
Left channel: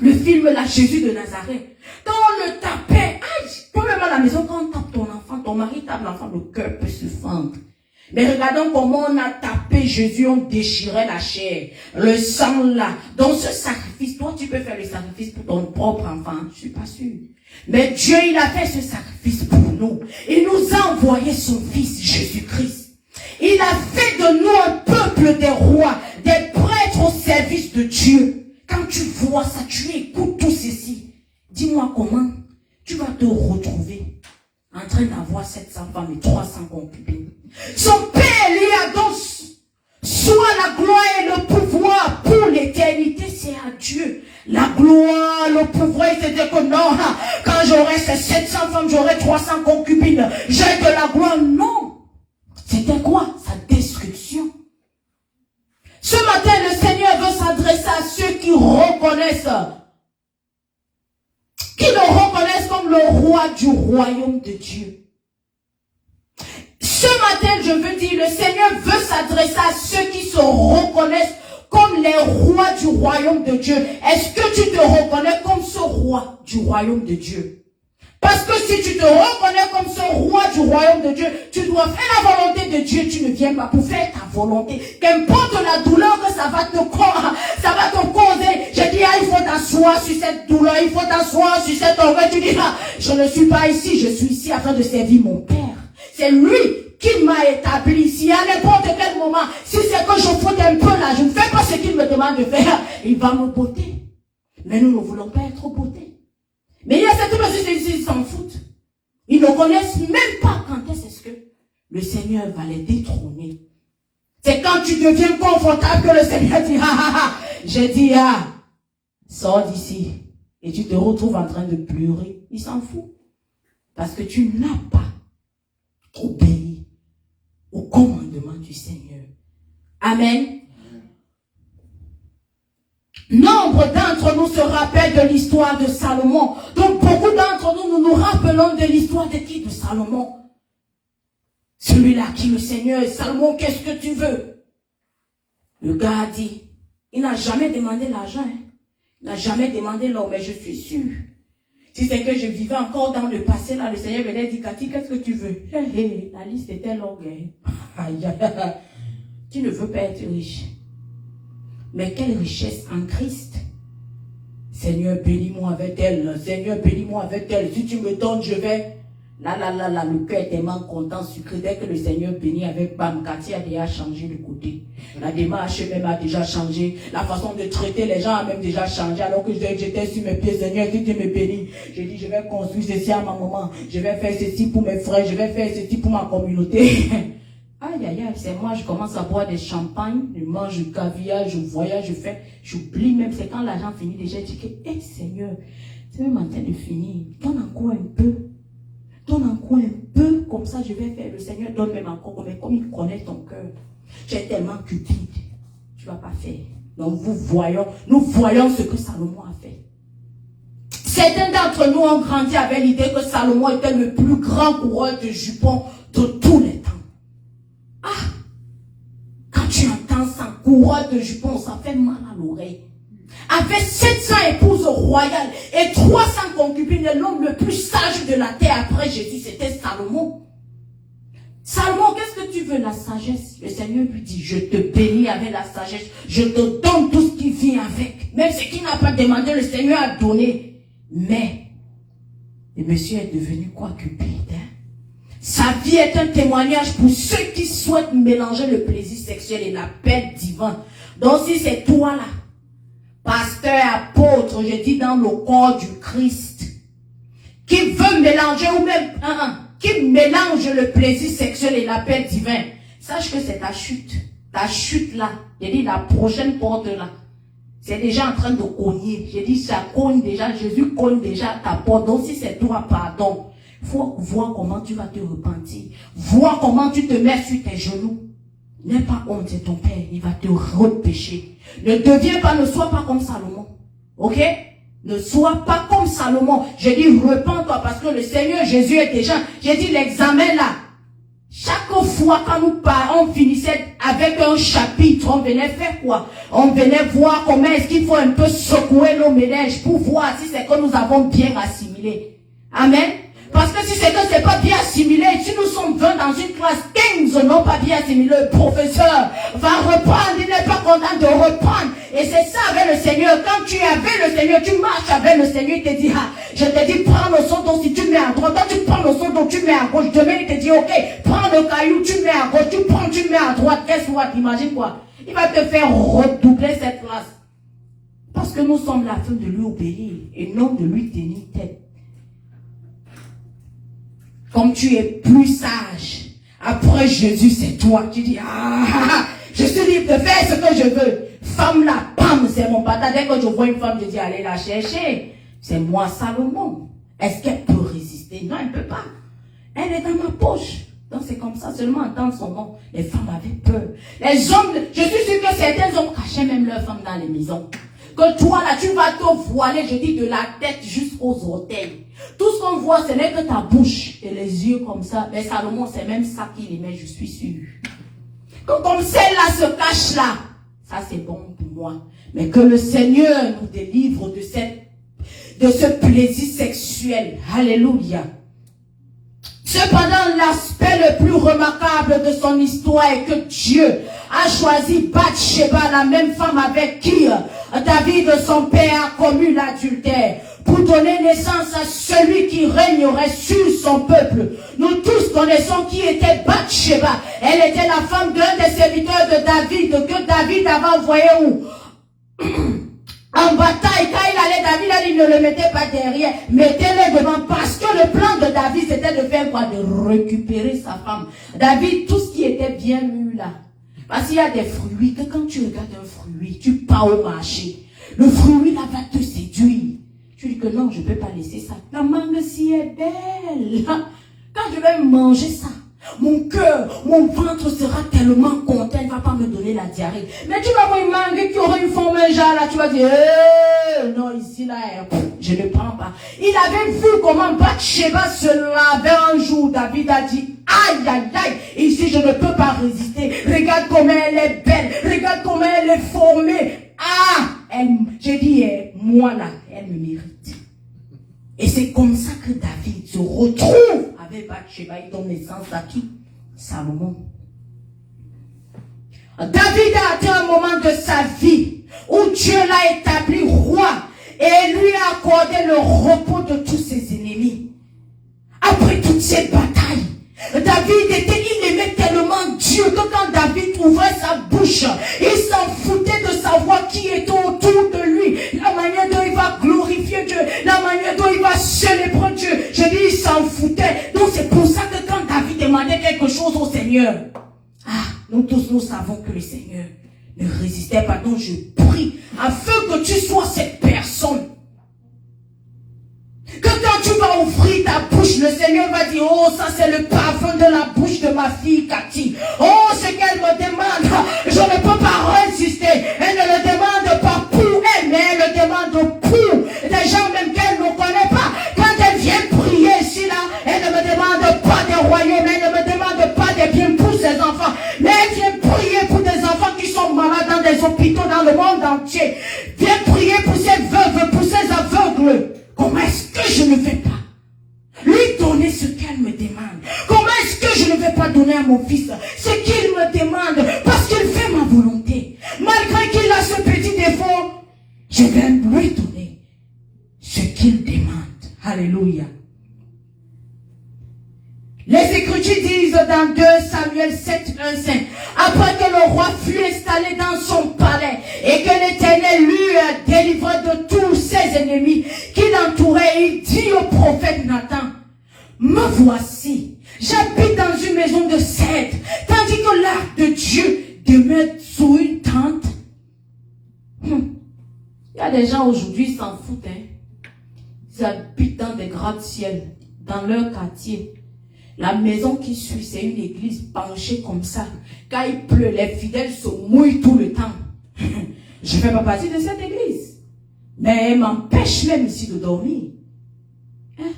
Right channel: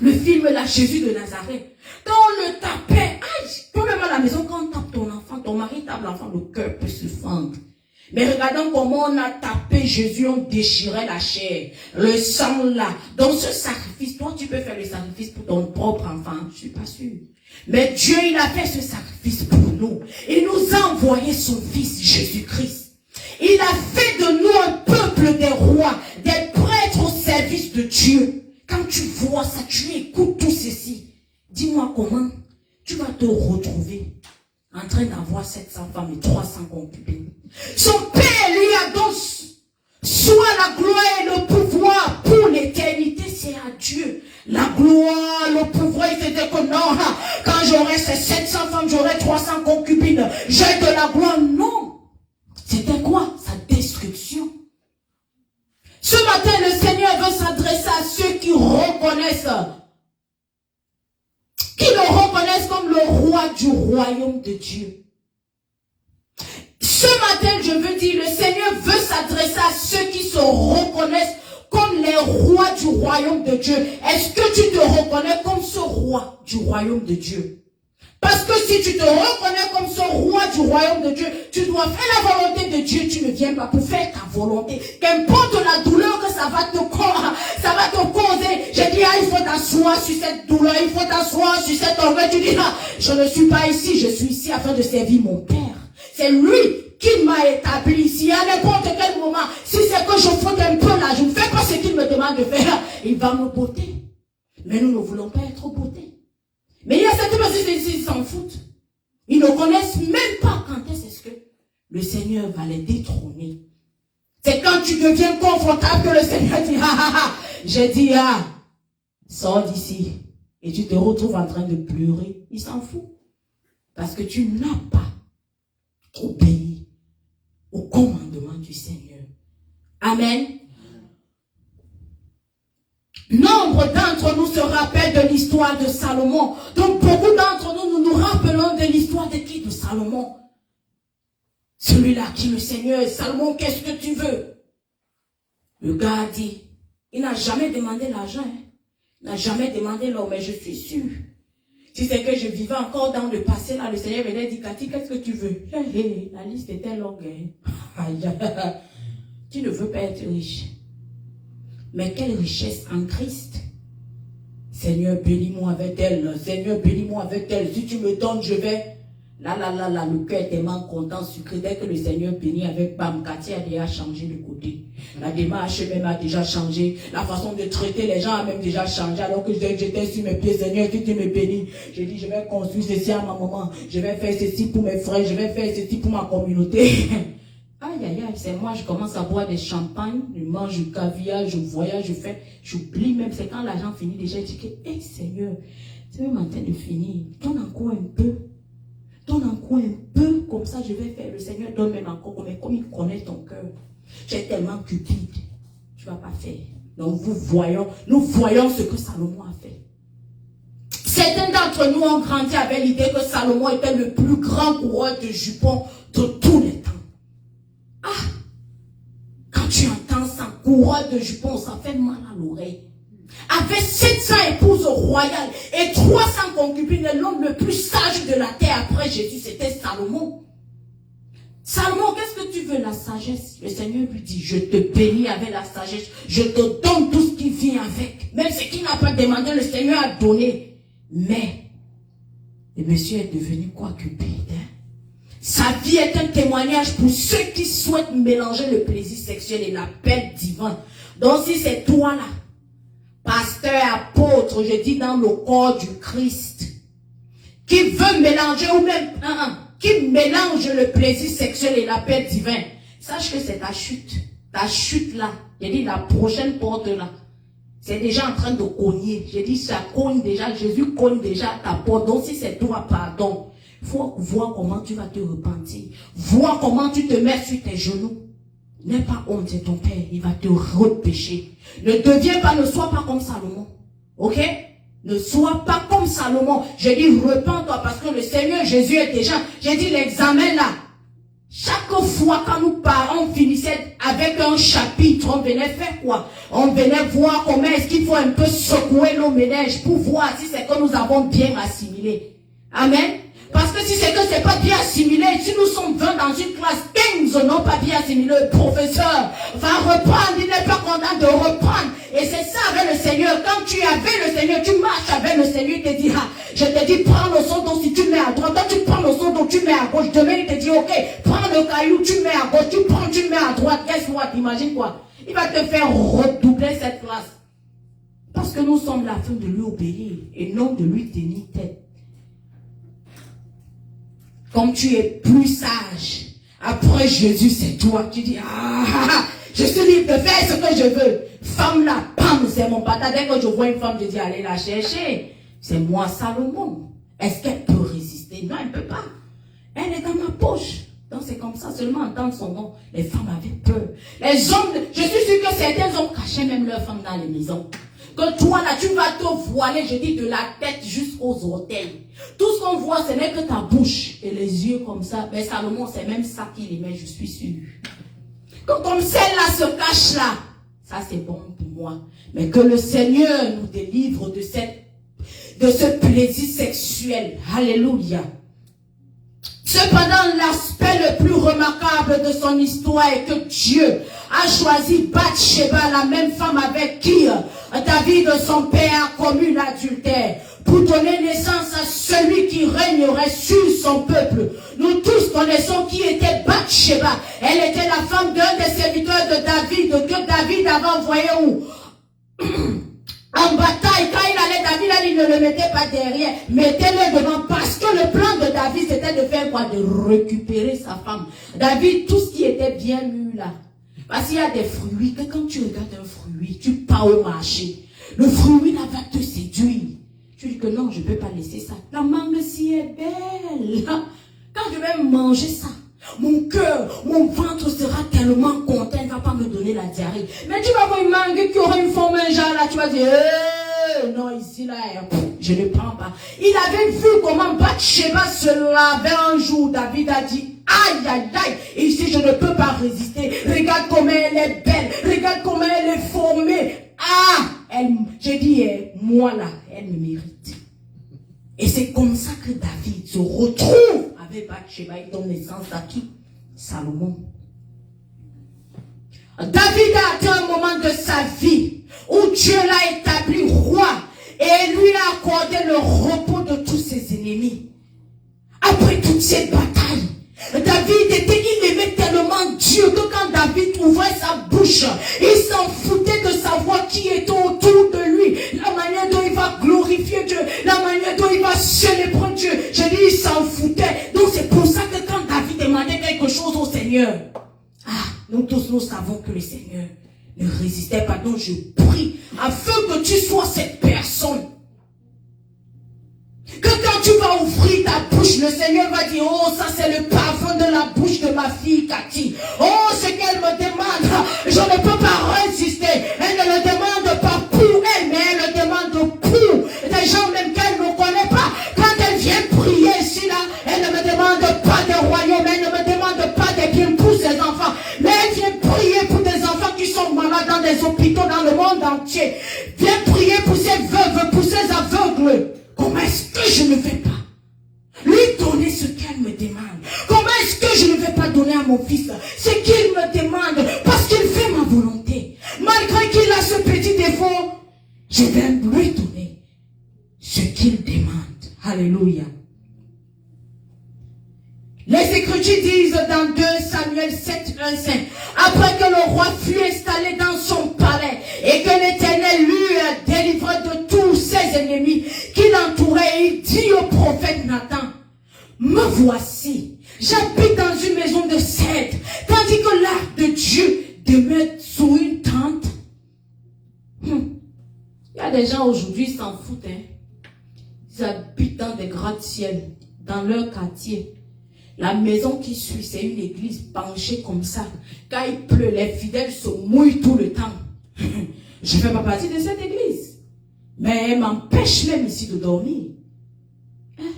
le film là, Jésus de Nazareth. Quand on le tapait, toi-même à la maison, quand on tape ton enfant, ton mari tape l'enfant, le cœur peut se fendre. Mais regardons comment on a tapé Jésus, on déchirait la chair, le sang là. Donc ce sacrifice, toi tu peux faire le sacrifice pour ton propre enfant, je suis pas sûr. Mais Dieu, il a fait ce sacrifice pour nous. Il nous a envoyé son fils Jésus-Christ. Il a fait de nous un peuple des rois, des prêtres au service de Dieu. Quand tu vois ça, tu écoutes tout ceci. Dis-moi comment tu vas te retrouver en train d'avoir 700 femmes et 300 concubines. Son Père lui a donc soit la gloire et le pouvoir pour l'éternité, c'est à Dieu. La gloire, le pouvoir, il c'était que non, quand j'aurai ces 700 femmes, j'aurai 300 concubines, j'ai de la gloire. Non. C'était quoi? Sa destruction. Ce matin, le Seigneur veut s'adresser à ceux qui reconnaissent, comme le roi du royaume de Dieu. Ce matin, je veux dire, le Seigneur veut s'adresser à ceux qui se reconnaissent comme les rois du royaume de Dieu. Est-ce que tu te reconnais comme ce roi du royaume de Dieu? Parce que si tu te reconnais comme ce roi du royaume de Dieu, tu dois faire la volonté de Dieu. Tu ne viens pas pour faire ta volonté. Qu'importe la douleur que ça va te causer. Je dis, il faut t'asseoir sur cette douleur, il faut t'asseoir sur cette orgueil. Tu dis, je ne suis pas ici, je suis ici afin de servir mon Père. C'est lui qui m'a établi ici. À n'importe quel moment, si c'est que je faute un peu là, je ne fais pas ce qu'il me demande de faire, il va me botter. Mais nous ne voulons pas être bottés. Mais il y a cette personne qui s'en foutent. Ils ne connaissent même pas quand est-ce que le Seigneur va les détrôner. C'est quand tu deviens confortable que le Seigneur dit, j'ai dit, sors d'ici. Et tu te retrouves en train de pleurer. Il s'en fout. Parce que tu n'as pas obéi au commandement du Seigneur. Amen. Nombre d'entre nous se rappellent de l'histoire de Salomon. Donc beaucoup d'entre nous, nous nous rappelons de l'histoire de qui? De Salomon. Celui-là qui le Seigneur, Salomon, qu'est-ce que tu veux? Le gars a dit, il n'a jamais demandé l'argent. Il n'a jamais demandé l'or, mais je suis sûr. Si c'est que je vivais encore dans le passé, là, le Seigneur venait dire, Cathy, qu'est-ce que tu veux? La liste était longue. Tu ne veux pas être riche. Mais quelle richesse en Christ. Seigneur, bénis-moi avec elle. Seigneur, bénis-moi avec elle. Si tu me donnes, je vais. Là, le cœur est tellement content, sucré. Dès que le Seigneur bénit avec Bam, Cathy a déjà changé de côté. La démarche même a déjà changé. La façon de traiter les gens a même déjà changé. Alors que j'étais sur mes pieds, Seigneur, si tu me bénis, je dis, je vais construire ceci à ma maman. Je vais faire ceci pour mes frères. Je vais faire ceci pour ma communauté. Aïe, c'est moi, je commence à boire des champagnes, je mange du caviar, je voyage, j'oublie même, c'est quand l'argent finit déjà, je dis que, Seigneur, c'est même en train de finir, donne encore un peu, comme ça je vais faire, le Seigneur donne même encore, mais comme il connaît ton cœur, tu es tellement cupide, tu ne vas pas faire. Donc nous voyons ce que Salomon a fait. Certains d'entre nous ont grandi avec l'idée que Salomon était le plus grand coureur de jupons de tous les temps. Quand tu entends ça, coureur de jupons, ça fait mal à l'oreille. Avec 700 épouses royales et 300 concubines, l'homme le plus sage de la terre après Jésus, c'était Salomon. Salomon, qu'est-ce que tu veux? La sagesse. Le Seigneur lui dit, je te bénis avec la sagesse. Je te donne tout ce qui vient avec. Même ce qu'il n'a pas demandé, le Seigneur a donné. Mais, le monsieur est devenu quoi? Cupide. Sa vie est un témoignage pour ceux qui souhaitent mélanger le plaisir sexuel et l'appel divin. Donc si c'est toi là, pasteur, apôtre, je dis dans le corps du Christ, qui veut mélanger ou même qui mélange le plaisir sexuel et l'appel divin, sache que c'est ta chute. Ta chute là, j'ai dit la prochaine porte là, c'est déjà en train de cogner. J'ai dit ça cogne déjà, Jésus cogne déjà ta porte. Donc si c'est toi, pardon. Il faut voir comment tu vas te repentir. Voir comment tu te mets sur tes genoux. N'aie pas honte de ton père, il va te repêcher. Ne sois pas comme Salomon. Ok? Ne sois pas comme Salomon. Je dis, repens-toi parce que le Seigneur Jésus est déjà. J'ai dit, l'examen là. Chaque fois quand nous parlons, on finissait avec un chapitre, on venait faire quoi? On venait voir comment est-ce qu'il faut un peu secouer nos ménages pour voir si c'est que nous avons bien assimilé. Amen. Parce que si c'est que c'est pas bien assimilé, si nous sommes 20 dans une classe, 15 n'ont pas bien assimilé, le professeur va reprendre, il n'est pas content de reprendre. Et c'est ça avec le Seigneur. Quand tu es avec le Seigneur, tu marches avec le Seigneur, il te dit, ah, je te dis, prends le son donc si tu mets à droite, toi tu prends le son donc tu mets à gauche. Demain, il te dit, ok, prends le caillou, tu mets à gauche, tu prends, tu mets à droite. Qu'est-ce que tu imagines quoi? Il va te faire redoubler cette classe. Parce que nous sommes là afin de lui obéir et non de lui tenir tête. Comme tu es plus sage, après Jésus, c'est toi. Tu dis, je suis libre de faire ce que je veux. Femme là, pam, c'est mon pata. Dès que je vois une femme, je dis, allez la chercher. C'est moi, Salomon. Est-ce qu'elle peut résister? Non, elle ne peut pas. Elle est dans ma poche. Donc c'est comme ça, seulement entendre son nom. Les femmes avaient peur. Les hommes, je suis sûr que certains hommes cachaient même leurs femmes dans les maisons. Que toi là, tu vas te voiler, je dis, de la tête jusqu'aux orteils. Tout ce qu'on voit, ce n'est que ta bouche et les yeux comme ça. Mais Salomon, c'est même ça qu'il aimait, je suis sûr. Quand comme celle-là se cache là, ça c'est bon pour moi. Mais que le Seigneur nous délivre de ce plaisir sexuel. Alléluia. Cependant, l'aspect le plus remarquable de son histoire est que Dieu a choisi Bathsheba, la même femme avec qui David, son père, a commis l'adultère, pour donner naissance à celui qui régnerait sur son peuple. Nous tous connaissons qui était Bathsheba. Elle était la femme d'un des serviteurs de David, que David avait envoyé où? En bataille, quand il allait, David a dit, ne le mettez pas derrière, mettez-le devant, parce que le plan de David, c'était de faire quoi? De récupérer sa femme. David, tout ce qui était bien mûr là, parce qu'il y a des fruits, que quand tu regardes un fruit, tu pars au marché, le fruit là va te séduire. Tu dis que non, je ne peux pas laisser ça. La mangue si est belle. Quand je vais manger ça, mon cœur, mon ventre sera tellement content, il ne va pas me donner la diarrhée. Mais tu vas voir une mangue qui aurait une forme genre là, tu vas dire, non, ici là, je ne prends pas. Il avait vu comment Bathsheba se lavait un jour. David a dit, aïe, aïe, aïe, ici je ne peux pas résister. Regarde comment elle est belle, regarde comment elle est formée. J'ai dit, moi là, elle me mérite. Et c'est comme ça que David se retrouve avec Bathsheba et donne naissance à qui? Salomon. David a atteint un moment de sa vie où Dieu l'a établi roi et lui a accordé le repos de tous ses ennemis. Après toute cette bataille, il aimait tellement Dieu que quand David ouvrait sa bouche, il s'en foutait de savoir qui était autour de lui, la manière dont il va glorifier Dieu, la manière dont il va célébrer Dieu. Je dis, il s'en foutait. Donc c'est pour ça que quand David demandait quelque chose au Seigneur, nous tous nous savons que le Seigneur ne résistait pas. Donc je prie afin que tu sois cette personne. Que quand tu vas ouvrir ta bouche, le Seigneur va dire, oh, ça c'est le parfum de la bouche de ma fille Cathy. Oh, ce qu'elle me demande, je ne peux pas résister. Elle ne le demande pas pour elle, mais elle le demande pour des gens même qu'elle ne connaît pas. Quand elle vient prier ici, là, elle ne me demande pas des royaumes, elle ne me demande pas des biens pour ses enfants. Mais elle vient prier pour des enfants qui sont malades dans des hôpitaux dans le monde entier. Viens prier pour ces veuves, pour ces aveugles. Comment est-ce que je ne vais pas lui donner ce qu'elle me demande? Comment est-ce que je ne vais pas donner à mon fils ce qu'il me demande? Parce qu'il fait ma volonté. Malgré qu'il a ce petit défaut, je vais lui donner ce qu'il demande. Alléluia. Les Écritures disent dans 2 Samuel 7, 1, 5, après que le roi fut installé dans son palais et que l'Éternel lui délivré de tous ses ennemis qui l'entouraient, il dit au prophète Nathan, me voici, j'habite dans une maison de cèdre, tandis que l'arc de Dieu demeure sous une tente. Il y a des gens aujourd'hui qui s'en foutent. Ils habitent dans des gratte-ciel. dans leur quartier. La maison qui suit, c'est une église penchée comme ça. Quand il pleut, les fidèles se mouillent tout le temps. Je ne fais pas partie de cette église. Mais elle m'empêche même ici de dormir. Hein?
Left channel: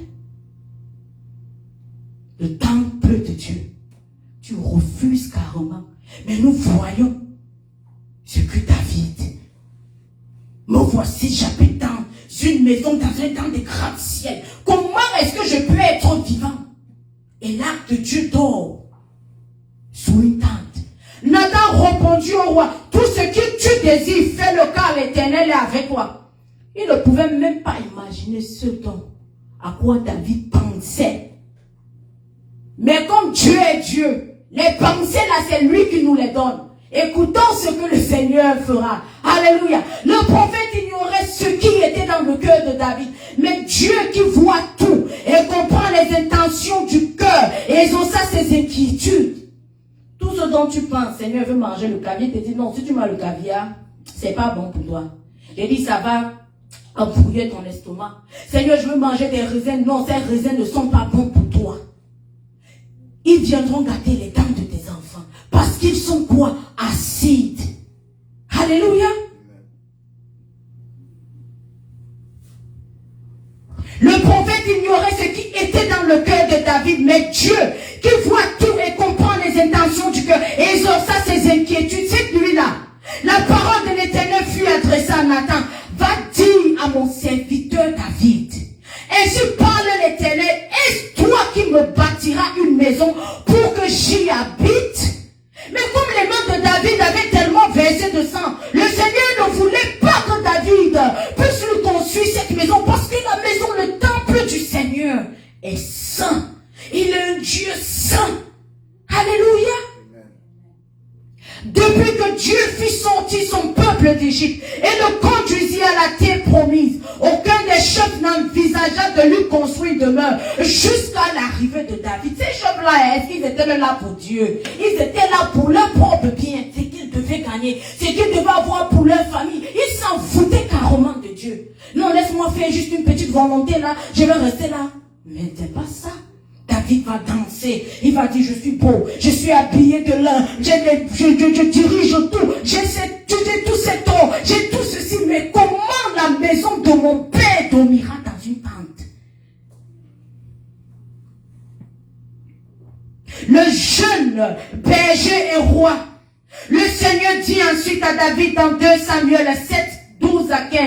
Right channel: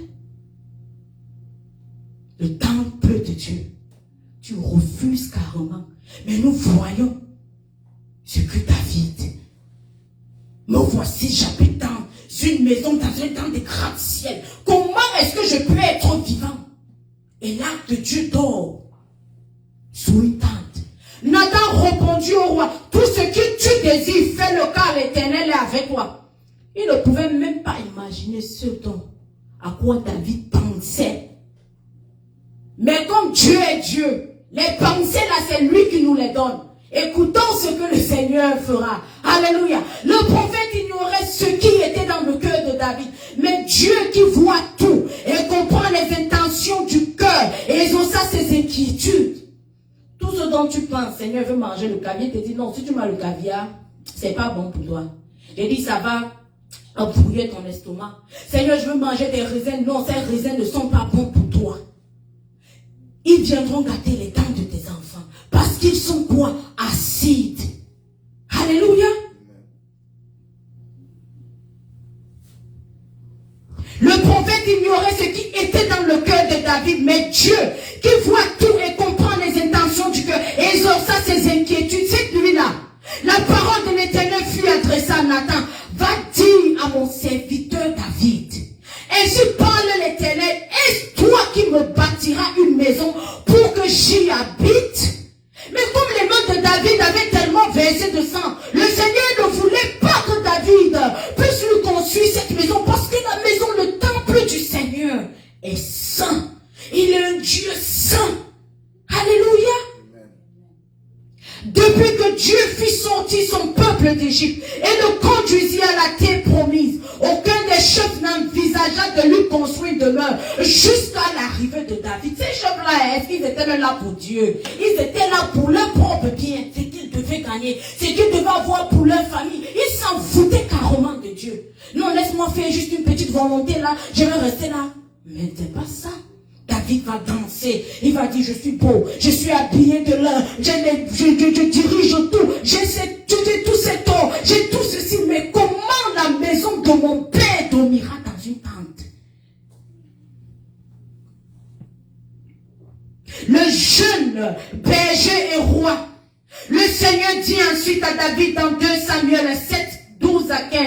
Le temple de Dieu. Tu refuses carrément. Mais nous voyons ce que David. Me voici, j'habite dans une maison, dans des gratte-ciel. Comment est-ce que je peux être vivant? Et l'arc de Dieu dort sous une tente. Nathan répondit au roi, tout ce que tu désires, fais-le car l'Éternel est avec toi. Il ne pouvait même pas imaginer ce dont à quoi David pensait. Mais comme Dieu est Dieu, les pensées là, c'est lui qui nous les donne. Écoutons ce que le Seigneur fera. Alléluia. Le prophète ignorait ce qui était dans le cœur de David. Mais Dieu qui voit tout et comprend les intentions du cœur et exauça ses inquiétudes. Tout ce dont tu penses, Seigneur veut manger le caviar, il te dit non, si tu manges le caviar, c'est pas bon pour toi. J'ai dit ça va embrouiller ton estomac. Seigneur, je veux manger des raisins. Non, ces raisins ne sont pas bons pour toi. Ils viendront gâter les dents de tes enfants. Parce qu'ils sont quoi? Acides. Alléluia. Le prophète ignorait ce qui était dans le cœur de David, mais Dieu, qui voit tout et comprend les intentions du cœur, et exauça ses inquiétudes, cette nuit-là, la parole de l'Éternel fut adressée à Nathan. Va dire à mon serviteur David, ainsi parle l'Éternel, est-ce toi qui me bâtiras une maison pour que j'y habite? Mais comme les mains de David avaient tellement versé de sang, le Seigneur ne voulait pas que David puisse lui construire cette maison, parce que la maison, le temple du Seigneur, est saint. Il est un Dieu saint. Alléluia. Depuis que Dieu fit sortir son peuple d'Égypte et le conduisit à la terre promise, aucun des chefs n'envisagea de lui construire demeure jusqu'à l'arrivée de David. Ces chefs-là, est-ce qu'ils étaient là pour Dieu? Ils étaient là pour leur propre bien, ce qu'ils devaient gagner, ce qu'ils devaient avoir pour leur famille. Ils s'en foutaient carrément de Dieu. Non, laisse-moi faire juste une petite volonté là, je vais rester là. Mais c'est pas ça. David va danser, il va dire je suis beau, je suis habillé de l'or, je dirige tout, j'ai tout cet or, j'ai tout ceci, mais comment la maison de mon père dormira dans une tente? Le jeune berger et roi, le Seigneur dit ensuite à David dans 2 Samuel 7, 12 à 15,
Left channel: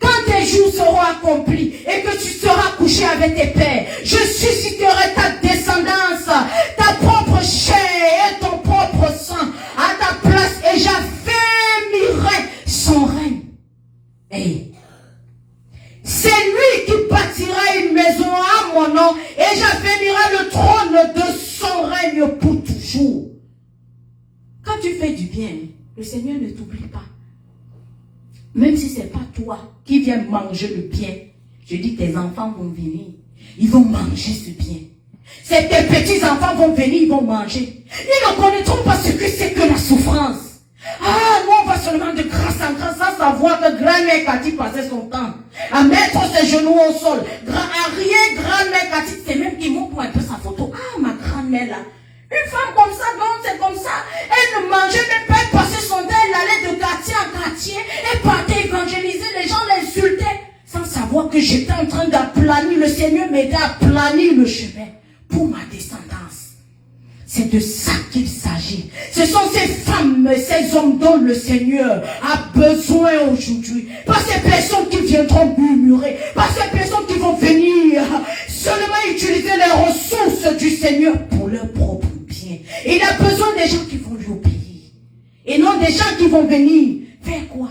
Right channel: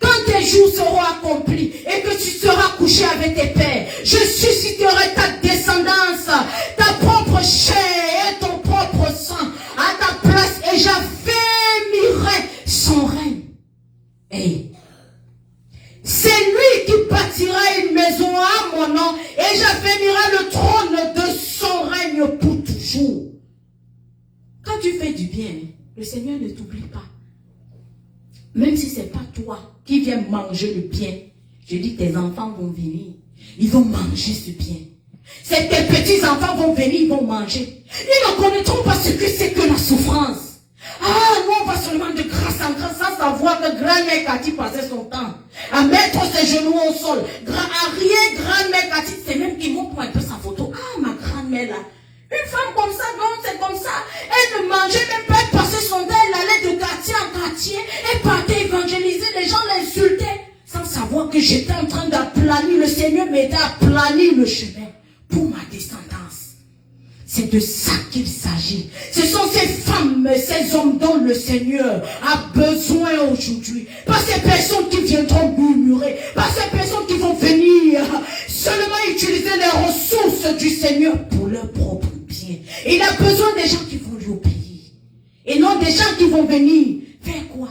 quand tes jours seront accomplis et que tu seras couché avec tes pères, je susciterai ta descendance, ta propre chair et ton propre sang à ta place et j'affermirai son règne. Hey. C'est lui qui bâtira une maison à mon nom et j'affermirai le trône de son règne pour toujours. Quand tu fais du bien, le Seigneur ne t'oublie pas. Même si ce n'est pas toi qui viens manger le bien, je dis tes enfants vont venir. Ils vont manger ce bien. C'est tes petits-enfants vont venir, ils vont manger. Ils ne connaîtront pas ce que c'est que la souffrance. Ah, nous on va seulement de grâce en grâce sans savoir que grand-mère Cathy passait son temps à mettre ses genoux au sol. Grand-mère Cathy, c'est même qui montre un peu sa photo. Ah, ma grand-mère là. Une femme comme ça, non, c'est comme ça. Elle ne mangeait même pas, elle passait son temps, elle allait de quartier en quartier, elle partait évangéliser, les gens l'insultaient, sans savoir que j'étais en train d'aplanir, le Seigneur m'aidait à planir le chemin pour ma descendance. C'est de ça qu'il s'agit. Ce sont ces femmes, ces hommes dont le Seigneur a besoin aujourd'hui. Pas ces personnes qui viendront murmurer, pas ces personnes qui vont venir seulement utiliser les ressources du Seigneur pour leur propre bien. Il a besoin des gens qui vont lui obéir. Et non des gens qui vont venir faire quoi?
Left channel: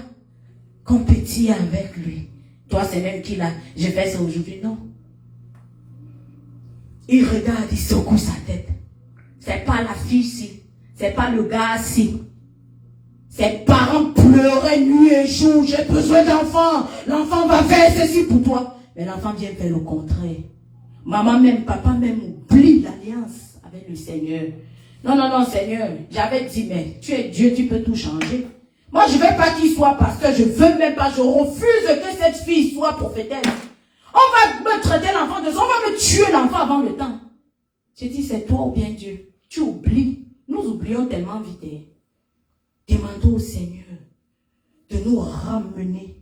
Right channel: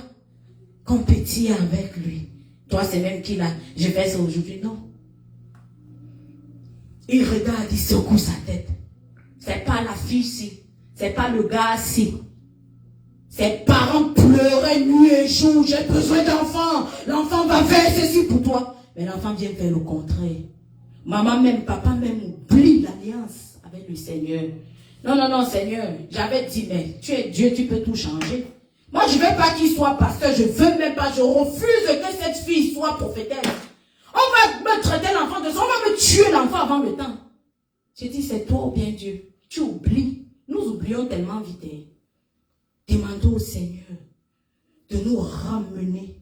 Compétir avec lui. Toi, c'est même qui là, je fais ça aujourd'hui, non. Il regarde, il secoue sa tête. C'est pas la fille ci, c'est pas le gars ci. Ses parents pleuraient nuit et jour, j'ai besoin d'enfants. L'enfant va faire ceci pour toi. Mais l'enfant vient faire le contraire. Maman même, papa même oublie l'alliance avec le Seigneur. Non, non, non, Seigneur, j'avais dit, mais tu es Dieu, tu peux tout changer. Moi, je ne veux pas qu'il soit pasteur, je ne veux même pas, je refuse que cette fille soit prophétesse. On va me traiter l'enfant de ça. On va me tuer l'enfant avant le temps. J'ai dit, c'est toi ou bien Dieu. Tu oublies. Nous oublions tellement vite. Demandons au Seigneur de nous ramener.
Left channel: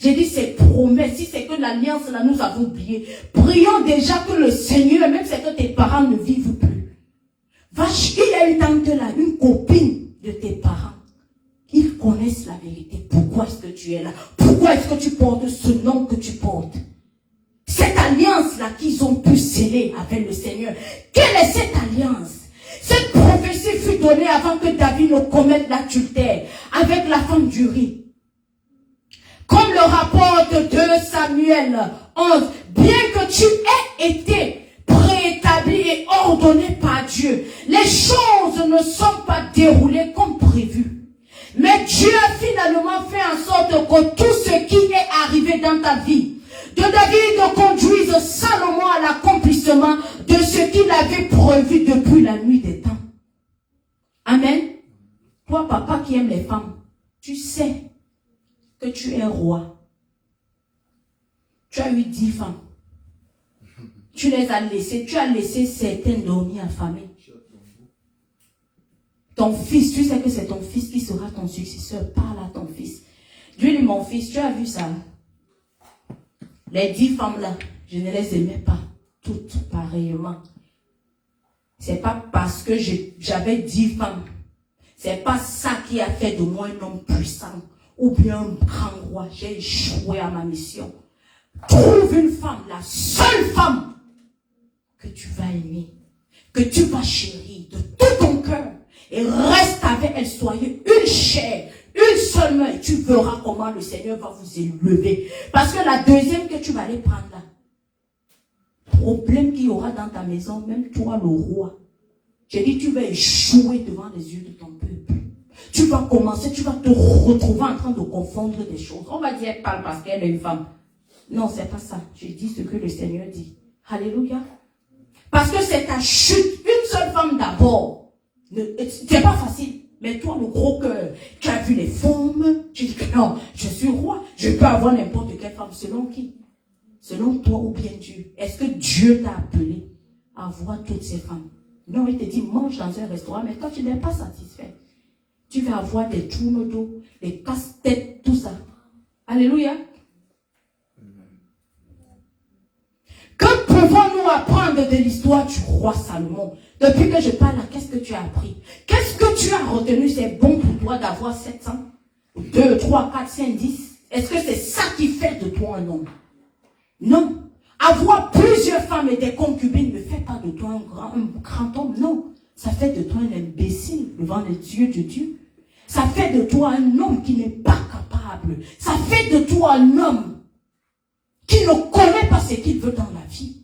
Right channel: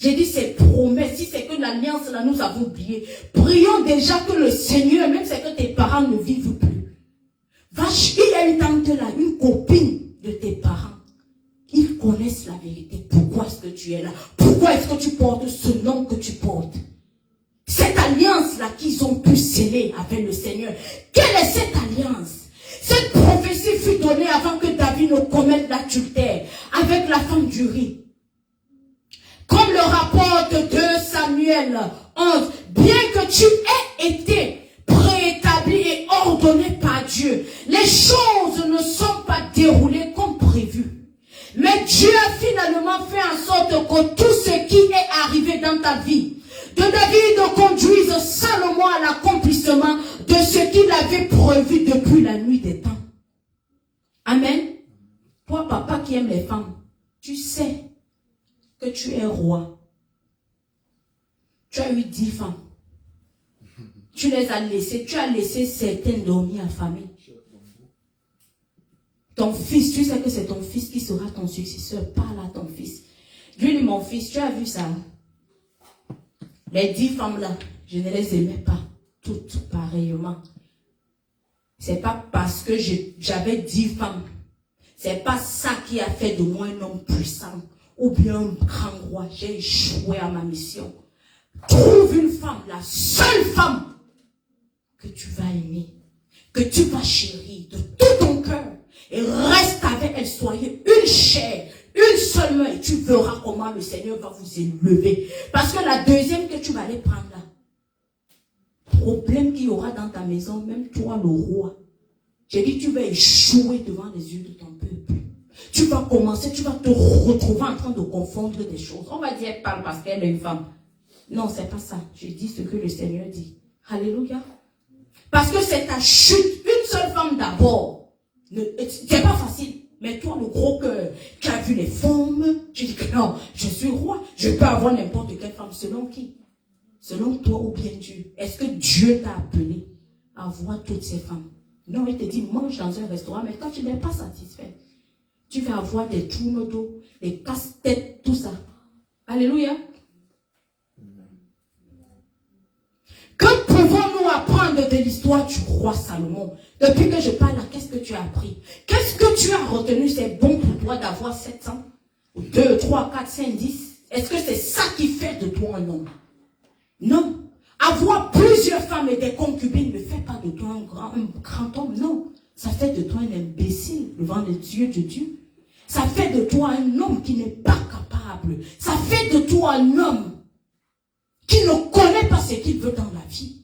J'ai dit, ces promesses, si c'est que l'alliance là, nous avons oublié. Prions déjà que le Seigneur, même si c'est que tes parents ne vivent plus. Vache, il y a une tante là, une copine de tes parents. Ils connaissent la vérité. Pourquoi est-ce que tu es là? Pourquoi est-ce que tu portes ce nom que tu portes? Cette alliance-là qu'ils ont pu sceller avec le Seigneur. Quelle est cette alliance? Cette prophétie fut donnée avant que David ne commette l'adultère avec la femme d'Uri. Comme le rapporte 2 Samuel 11, bien que tu aies été préétabli et ordonné par Dieu, les choses ne sont pas déroulées comme prévu. Mais Dieu a finalement fait en sorte que tout ce qui est arrivé dans ta vie, de David conduise Salomon à l'accomplissement de ce qu'il avait prévu depuis la nuit des temps. Amen. Toi, papa qui aime les femmes, tu sais que tu es roi. Tu as eu 10 femmes. Tu les as laissées. Tu as laissé certaines dormir affamées. Ton fils, tu sais que c'est ton fils qui sera ton successeur. Parle à ton fils. Lui, mon fils, tu as vu ça? Les 10 femmes là, je ne les aimais pas toutes pareillement. C'est pas parce que j'avais 10 femmes. C'est pas ça qui a fait de moi un homme puissant ou bien un grand roi. J'ai échoué à ma mission. Trouve une femme, la seule femme que tu vas aimer, que tu vas chérir de tout ton cœur et reste avec elle. Soyez une chair, une seule main et tu verras comment le Seigneur va vous élever. Parce que la deuxième que tu vas aller prendre là, problème qu'il y aura dans ta maison, même toi le roi, j'ai dit tu vas échouer devant les yeux de ton peuple. Tu vas commencer, tu vas te retrouver en train de confondre des choses. On va dire, elle parle parce qu'elle est une femme. Non, c'est pas ça. Je dis ce que le Seigneur dit. Alléluia. Parce que c'est ta chute. Une seule femme d'abord. C'est pas facile. Mais toi, le gros cœur, tu as vu les femmes. Tu dis que non, je suis roi. Je peux avoir n'importe quelle femme. Selon qui? Selon toi ou bien Dieu. Est-ce que Dieu t'a appelé à voir toutes ces femmes? Non, il te dit, mange dans un restaurant, mais toi, tu n'es pas satisfait. Tu vas avoir des tournes d'eau, des casse-têtes, tout ça. Alléluia. Que pouvons-nous apprendre de l'histoire du roi Salomon? Depuis que je parle là, qu'est-ce que tu as appris? Qu'est-ce que tu as retenu? C'est bon pour toi d'avoir 7 ans? 2, 3, 4, 5, 10? Est-ce que c'est ça qui fait de toi un homme? Non. Avoir plusieurs femmes et des concubines ne fait pas de toi un grand homme. Non. Ça fait de toi un imbécile devant les yeux de Dieu. Ça fait de toi un homme qui n'est pas capable. Ça fait de toi un homme qui ne connaît pas ce qu'il veut dans la vie.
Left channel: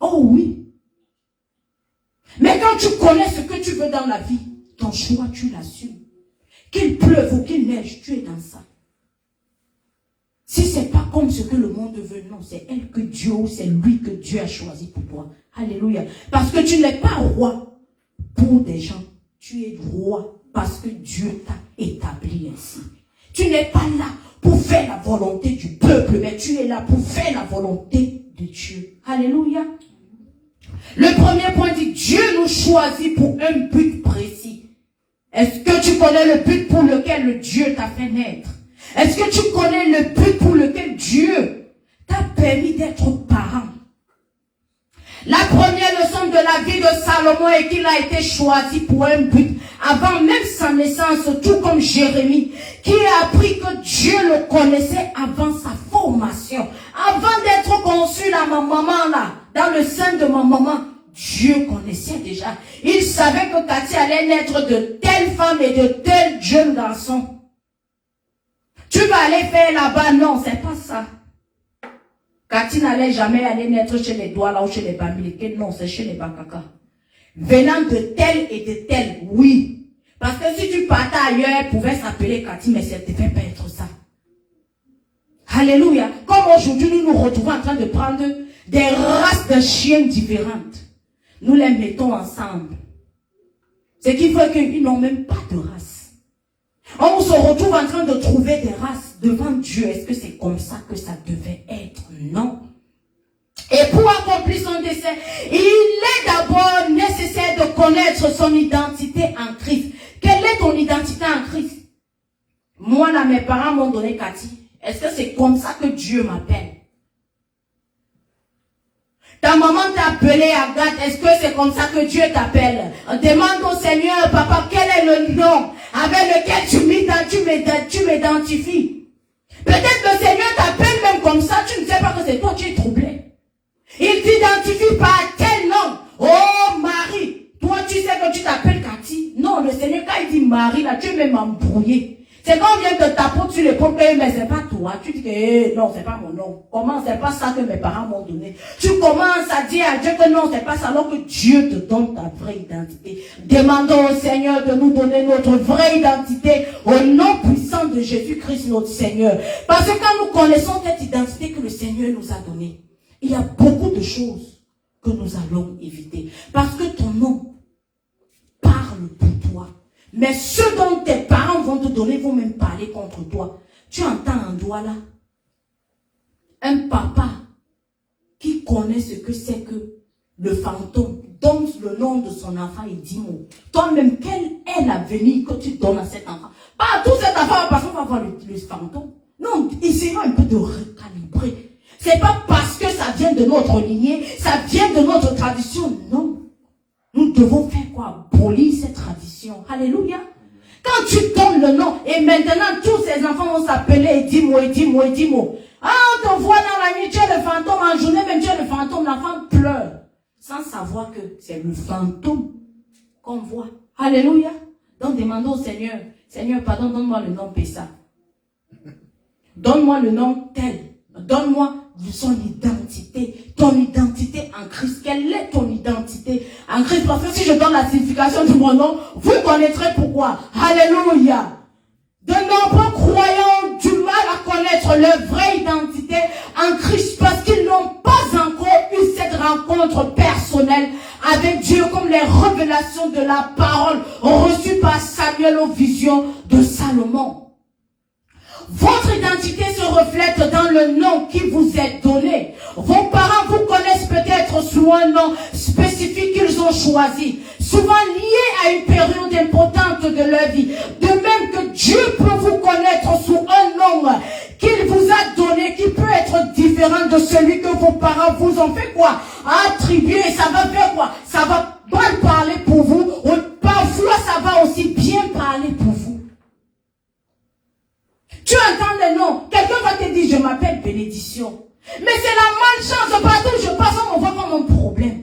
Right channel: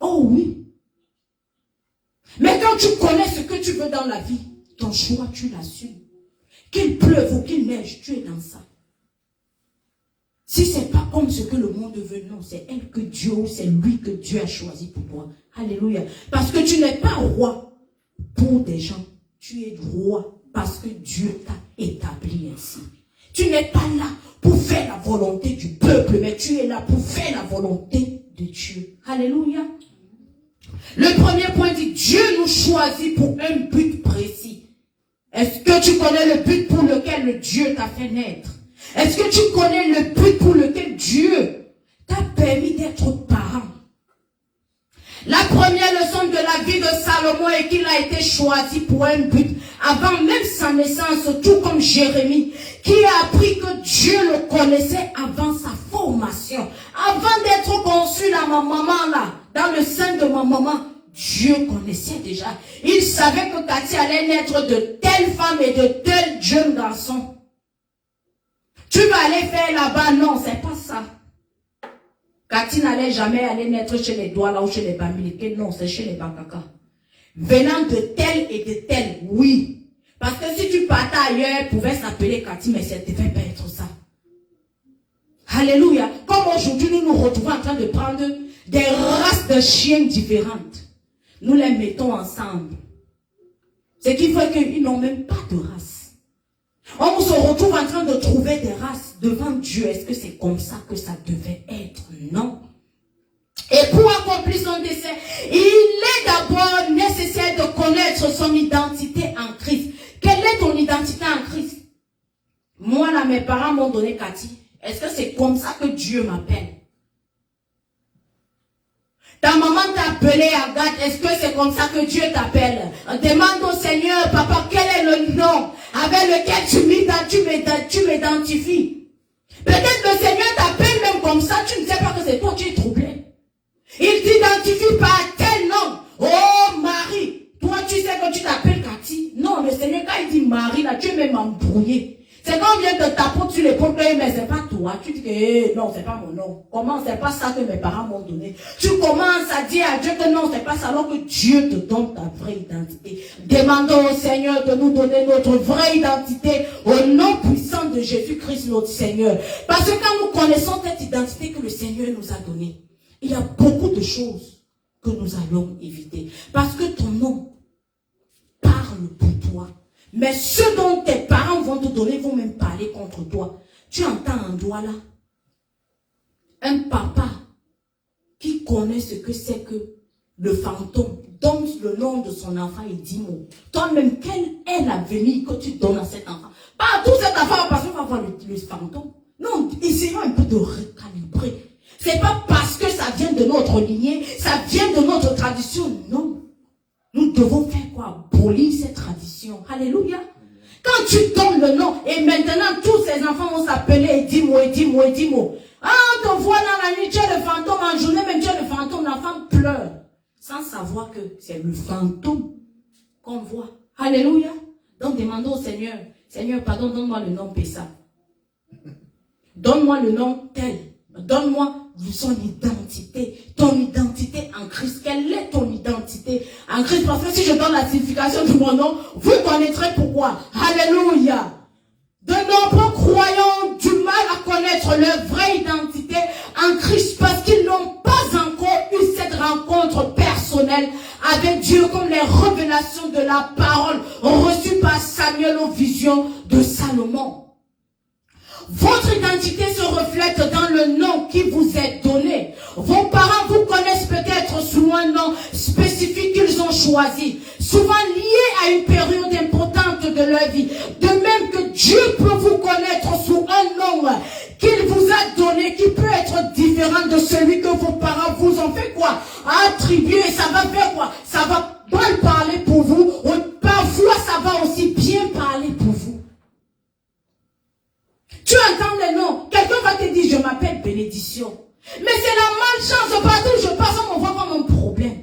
Oh oui. Mais quand tu connais ce que tu veux dans la vie, ton choix, tu l'assumes. Qu'il pleuve ou qu'il neige, tu es dans ça. Si ce n'est pas comme ce que le monde veut, non, c'est elle que Dieu, ou c'est lui que Dieu a choisi pour toi. Alléluia. Parce que tu n'es pas roi pour des gens. Tu es roi parce que Dieu t'a établi ainsi. Tu n'es pas là pour faire la volonté du peuple, mais tu es là pour faire la volonté de Dieu. Alléluia. Le premier point dit, Dieu nous choisit pour un but précis. Est-ce que tu connais le but pour lequel Dieu t'a fait naître? Est-ce que tu connais le but pour lequel Dieu t'a permis d'être parent? La première leçon de la vie de Salomon est qu'il a été choisi pour un but avant même sa naissance, tout comme Jérémie, qui a appris que Dieu le connaissait avant sa formation. Avant d'être conçu dans ma maman là, dans le sein de ma maman, Dieu connaissait déjà. Il savait que Cathy allait naître de telle femme et de tel jeune garçon. Tu vas aller faire là-bas, non, c'est pas ça. Cathy n'allait jamais aller naître chez les Douala ou chez les Bamileke, non, c'est chez les Bakaka. Venant de tel et de tel, oui. Parce que si tu partais ailleurs, elle pouvait s'appeler Cathy, mais ça ne devait pas être ça. Alléluia. Comme aujourd'hui, nous nous retrouvons en train de prendre des races de chiens différentes. Nous les mettons ensemble. Ce qui fait qu'ils n'ont même pas de race. On se retrouve en train train de trouver des races devant Dieu. Est-ce que c'est comme ça que ça devait être? Non. Et pour accomplir son dessein, il est d'abord nécessaire de connaître son identité en Christ. Quelle est ton identité en Christ? Moi, là, mes parents m'ont donné Cathy. Est-ce que c'est comme ça que Dieu m'appelle? Ta maman t'a appelé Agathe. Est-ce que c'est comme ça que Dieu t'appelle? Demande au Seigneur, papa, quel est le nom avec lequel tu m'identifies? Peut-être le Seigneur t'appelle même comme ça. Tu ne sais pas que c'est toi qui es troublé. Il t'identifie par tel nom. Oh, Marie. Toi, tu sais que tu t'appelles Cathy. Non, le Seigneur, quand il dit Marie, là, tu es même embrouillé. C'est quand on vient te taper sur l'épaule, mais c'est pas toi. Tu dis que non, c'est pas mon nom. Comment? C'est pas ça que mes parents m'ont donné. Tu commences à dire à Dieu que non, c'est pas ça, alors que Dieu te donne ta vraie identité. Demandons au Seigneur de nous donner notre vraie identité au nom puissant de Jésus-Christ, notre Seigneur. Parce que quand nous connaissons cette identité que le Seigneur nous a donnée, il y a beaucoup de choses que nous allons éviter. Parce que ton nom parle pour toi. Mais ceux dont tes parents vont te donner vont même parler contre toi. Tu entends un doigt là? Un papa qui connaît ce que c'est que le fantôme donne le nom de son enfant et dit mots. Toi-même, quel est l'avenir que tu donnes à cet enfant? Pas à tout cet enfant parce qu'on va voir le fantôme. Non, essayons un peu de recalibrer. C'est pas parce que ça vient de notre lignée, ça vient de notre tradition. Non. Nous devons faire quoi? Abolir cette tradition. Alléluia. Quand tu donnes le nom, et maintenant tous ces enfants vont s'appeler Edimo. Ah, on te voit dans la nuit, tu es le fantôme, en journée même tu es le fantôme, l'enfant pleure. Sans savoir que c'est le fantôme qu'on voit. Alléluia. Donc demandons au Seigneur, Seigneur, pardon, donne-moi le nom Pessa. Donne-moi le nom tel. Donne-moi son identité. Ton identité en Christ. Quelle est ton identité en Christ? Parce que si je donne la signification de mon nom, vous connaîtrez pourquoi. Alléluia. De nombreux croyants ont du mal à connaître leur vraie identité en Christ parce qu'ils n'ont pas encore eu cette rencontre personnelle avec Dieu comme les révélations de la parole reçues par Samuel aux visions de Salomon. Votre identité se reflète dans le nom qui vous est donné. Vos parents vous connaissent peut-être sous un nom spécifique qu'ils ont choisi, souvent lié à une période importante de leur vie. De même que Dieu peut vous connaître sous un nom qu'il vous a donné, qui peut être différent de celui que vos parents vous ont fait quoi? Attribuer, ça va faire quoi? Ça va mal parler pour vous, ou parfois ça va aussi bien parler pour vous. Tu entends le nom, quelqu'un va te dire, je m'appelle bénédiction. Mais c'est la malchance, partout où je passe, on voit pas mon problème.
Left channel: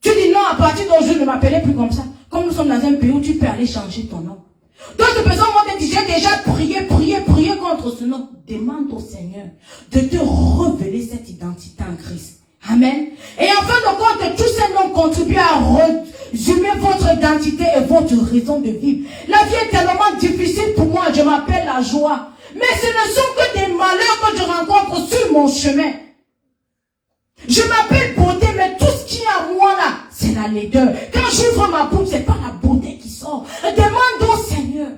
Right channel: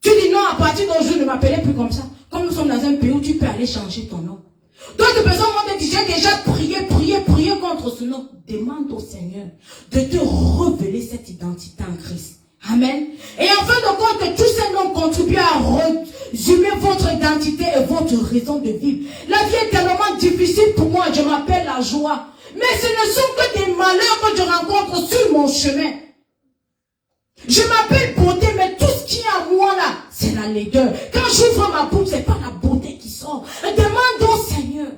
Tu dis non, à partir d'aujourd'hui, je ne m'appelais plus comme ça. Comme nous sommes dans un pays où tu peux aller changer ton nom. D'autres personnes vont te dire, j'ai déjà prié contre ce nom. Demande au Seigneur de te révéler cette identité en Christ. Amen. Et en fin de compte, tous ces noms contribuent à résumer votre identité et votre raison de vivre. La vie est tellement difficile pour moi, je m'appelle la joie. Mais ce ne sont que des malheurs que je rencontre sur mon chemin. Je m'appelle beauté, mais tout ce qui est à moi là, c'est la laideur. Quand j'ouvre ma bouche, c'est pas la beauté qui sort. Demande au Seigneur